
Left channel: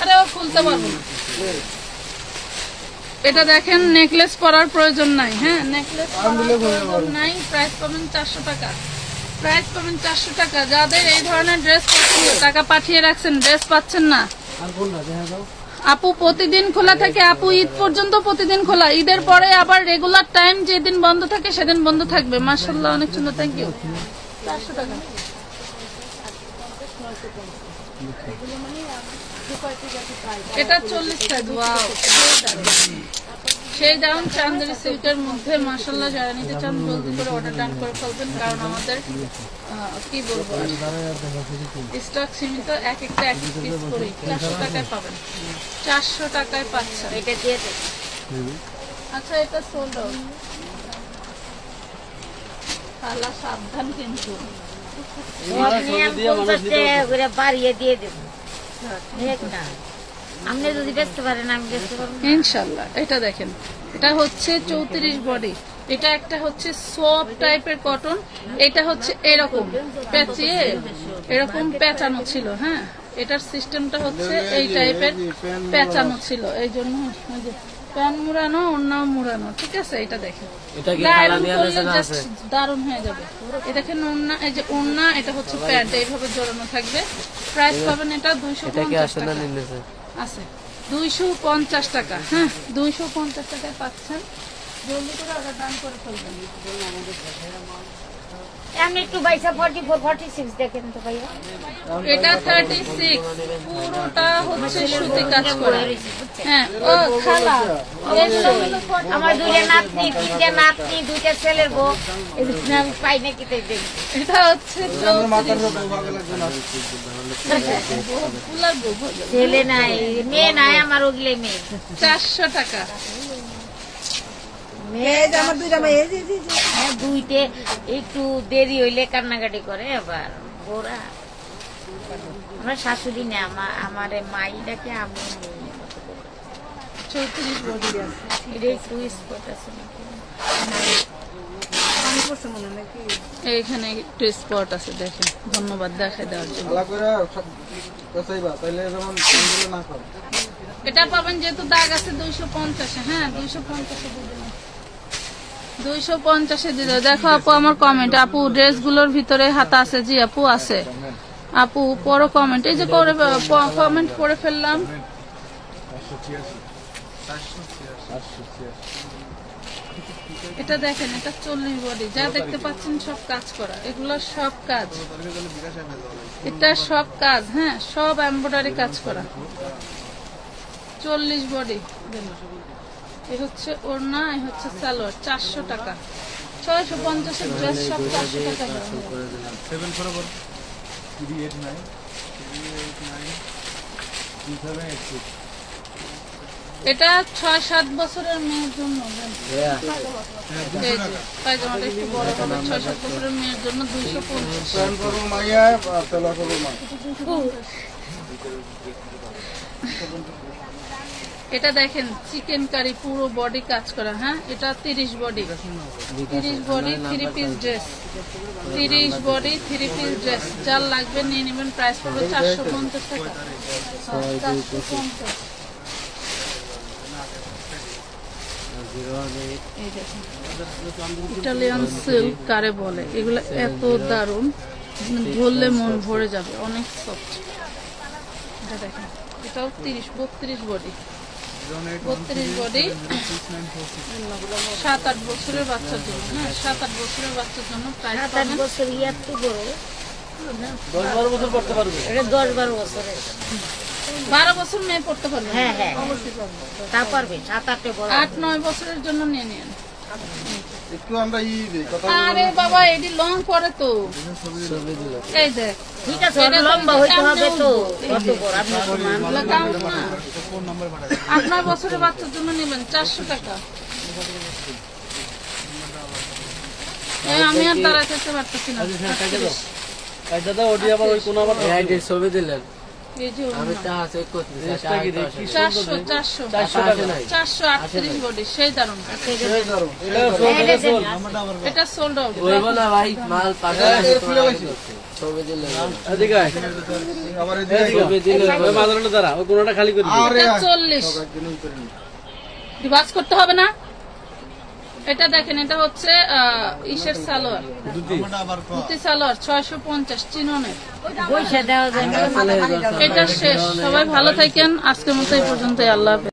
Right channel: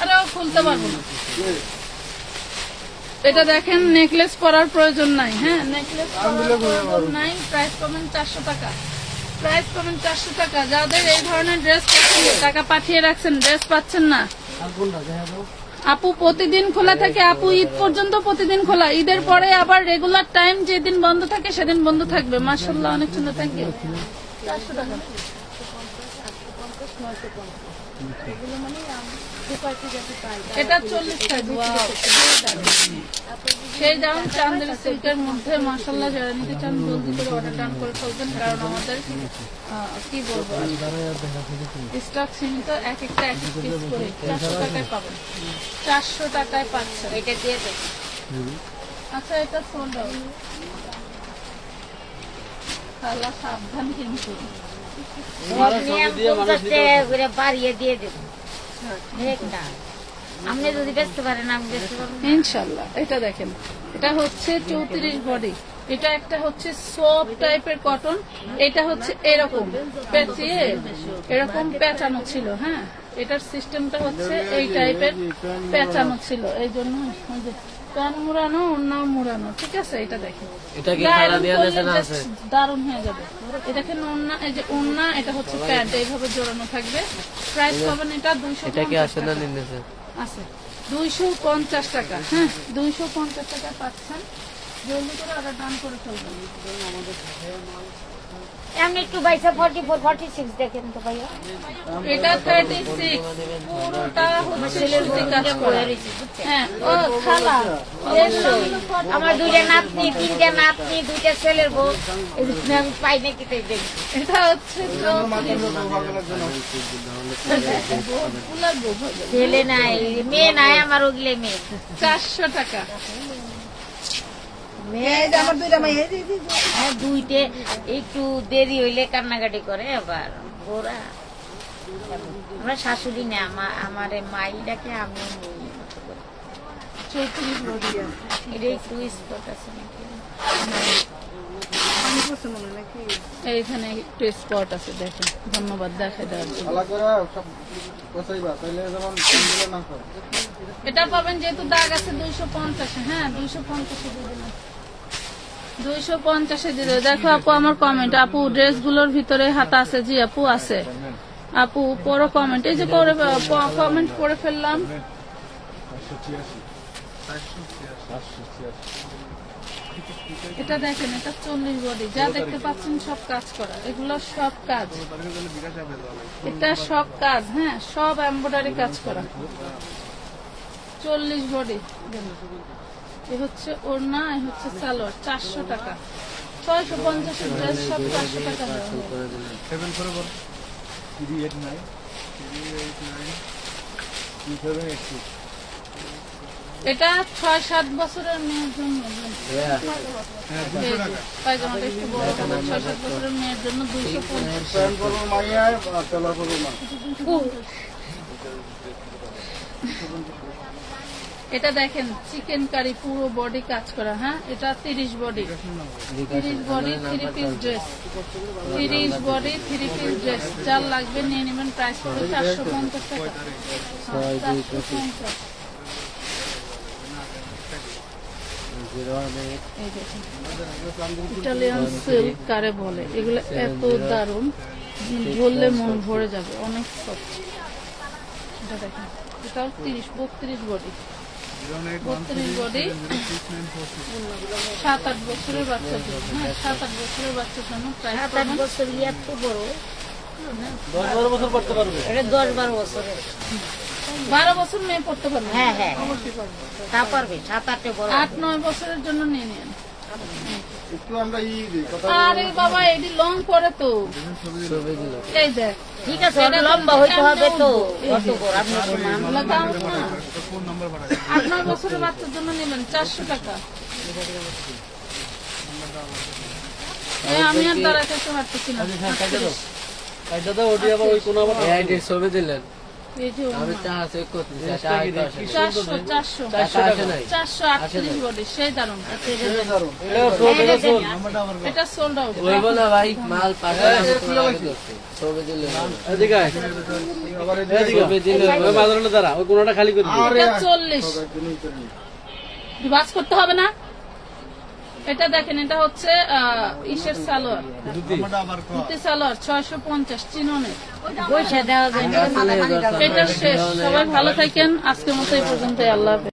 আরে ও খুলতে পারবো না এটা দেখেন নেকলেস পরার প্রয়োজন নাই হ্যাঁ নেকলেস পরার প্রয়োজন নাই প্রাইস পাবেন 400 টাকা প্রাইস পাবেন 400 টাকা যাদের এই ধরনের ড্রেস পছন্দ টাকা পাঠিয়ে রাখছেন ড্রেস পাচ্ছেন না আর কোনটা দেখা দাও আপু প্রতিদিন খোলা থাকে আপু ঈদ পর্যন্ত প্রতিদিন খোলা ঈদের পরে আবার রেগুলার টাইম যেদিন বন্ধ থাকে সেদিন বন্ধ থাকবে মাশাআল্লাহ অনেক সুন্দর থ্যাংক ইউ 400 টাকা। এটা 40 সাইজ। ওয়াও, সেই দারুন চান্দেরি সিল্কের মধ্যে মাশাআল্লাহ। যারা নিতে চান জলদি করে অর্ডার ডান করে ফেলবেন, কারণ আমাদের কি বলবো স্টক সীমিত, এক একটা এক এক পিস করে 400 টাকায় পাবেন। 400 টাকায় পাচ্ছেন। এটা দিয়ে দেন। আচ্ছা, এটা সোল্ড আউট। তাহলে সাবধান কিন্তু। বাড়িয়ে দিয়ে দেবো আপনি যদি বেচতে পারেন, আমি বেচতে পারবো ইনশাল্লাহ। এটা দেখেন, এটা হচ্ছে 34 বডি। এটা একটা হচ্ছে সফট টাইপের কটন, এটা হচ্ছে এরকম পেঁচিয়ে এরকম পেঁচানো ছিল। হ্যাঁ, এটার সিস্টেমটা হচ্ছে এই টাইপের পেঁচানো ছিল, এই জন্য প্যান মুড়ানো, ওড়না মুড়ানো। ঠিক আছে, এটা দেখেন দারুণ হয়ে যাবে। এই দেখেন ওড়না, এই যে ওড়না, এটা হচ্ছে প্যান্ট, এইভাবে জড়ানো থাকবে। প্রাইস পাবেন এটা 250 টাকা আছে, 250 টাকা। হ্যাঁ, 250 টাকা পাচ্ছেন। জলদি করে অর্ডার ডান করে ফেলবেন। এমনি একটু বাইসা 44 46 দেখেন তো ভাইয়া। এটা 36, পুরোটা হচ্ছে সুতি কাজ করা। হ্যাঁ, ও খালা, আমার দুইটা নাতনি, দুইটা ছেলের বউ, আমি পাই নাকি তাই দেখি। এটা হচ্ছে ছেলে নাই, মেয়ে নাই, আমার ওগুলো মেয়ে। 400 টাকা। আমার দুইটা মেয়ে, হ্যাঁ দুইটে একটু দেরি হইলে কান্নাকাটি করে। আবার ওরা আমার শাশুড়ি না, আমার মাই ডাকে, আমি 34 বডি আছে। এটা একটু স্পট আছে নাকি, এইখানে একটু স্পট আছে, দেখেন। ধন্যবাদ দেখাই দেওয়ার জন্য। এটা পাবেন যেহেতু দাগ আছে 250। হ্যাঁ, 250 দিয়ে দেবো। দেখো আপু, আমার কমেন্ট, আপু ড্রেসগুলোর ভিতরে হাতা আছে? জি আপু আছে। আপু পড়ো কমেন্ট, এই যে কমেন্ট করে ফেললাম। এটা দেখেন, এটা 40 বডি। যা দেখতে পাচ্ছেন সব কাজ করা, এগুলো সব কাজ, এটা সব কাজ। হ্যাঁ, সব এমব্রয়ডারি কাজ করা। 40 বডি। এ হচ্ছে ওড়না, এ হচ্ছে সালোয়ার। 400 টাকা। 650 এর ড্রেস সব 400 টাকা দেওয়া হয়। এটা 6-7 বছরের মেয়ের জন্য। পায়জামাটা একটু বড় হবে। 6-7 বছরের মেয়ের জন্য 250। এটা দেখেন চিকেন কারি, পুরো বডি কাজ করা। হ্যাঁ, এটা 30 body. 30 body 3 piece dress. 30 body 3 piece dress. যার লাগবে নিয়ে নেবেন। প্রাইস পড়বে 450 টাকা। 450। ইটালিয়ান সিল্ক কারে বলে, এগুলো এত দারুণ, ধরলে মন ভরে যাবে, অনেক সফট। এটা দেখেন, এটাও 32 বডি। 32 বডি, 7-8 বছরের বাচ্চার জন্য। হ্যাঁ, 7-8 বছরের বাচ্চার জন্য। প্রাইস 7-8 বছর একটু বড়, 10-12 বছর পড়তে পারবে। এটা 10-12 বছরের। 12 বছর মেয়ে পড়তে পারবে। হ্যাঁ হ্যাঁ, অবশ্যই পারবে। তা পারবে। 7-8 বড়, 8-9 বছরের জন্য নিয়ে নিন। আরে বাবা, এটি লং করে তো। এই দেখ, ঠিক আছে, লম্বা হইতে হবে তো। কত বড় আপনি প্রমাণ 8-9 বছরের বাচ্চার জন্য নেবেন 400 টাকা। আমি আর দাঁড়ায় থাকতে পারতেছি না। দাদা, ওটি আবার ওই কোন আবার ছবি দিলেন। এই যে আমি টাকা চেক করতে 438 বডি, সেই দারুন। এটা সোল্ড আউট। বলবো না ভাই, মাল ছবি দিলেন। দাঁড়া, ওই কোনটা খালি করে 40 বাস করতে হবে না। এটা দেখেন, এটা হচ্ছে ইসের সালোয়ার, ধুতি সালোয়ার 650 চিননের। এটা শেষ। সবাই ভালো থাকেন। আজকের মতো এই পর্যন্ত। আল্লাহ হাফেজ।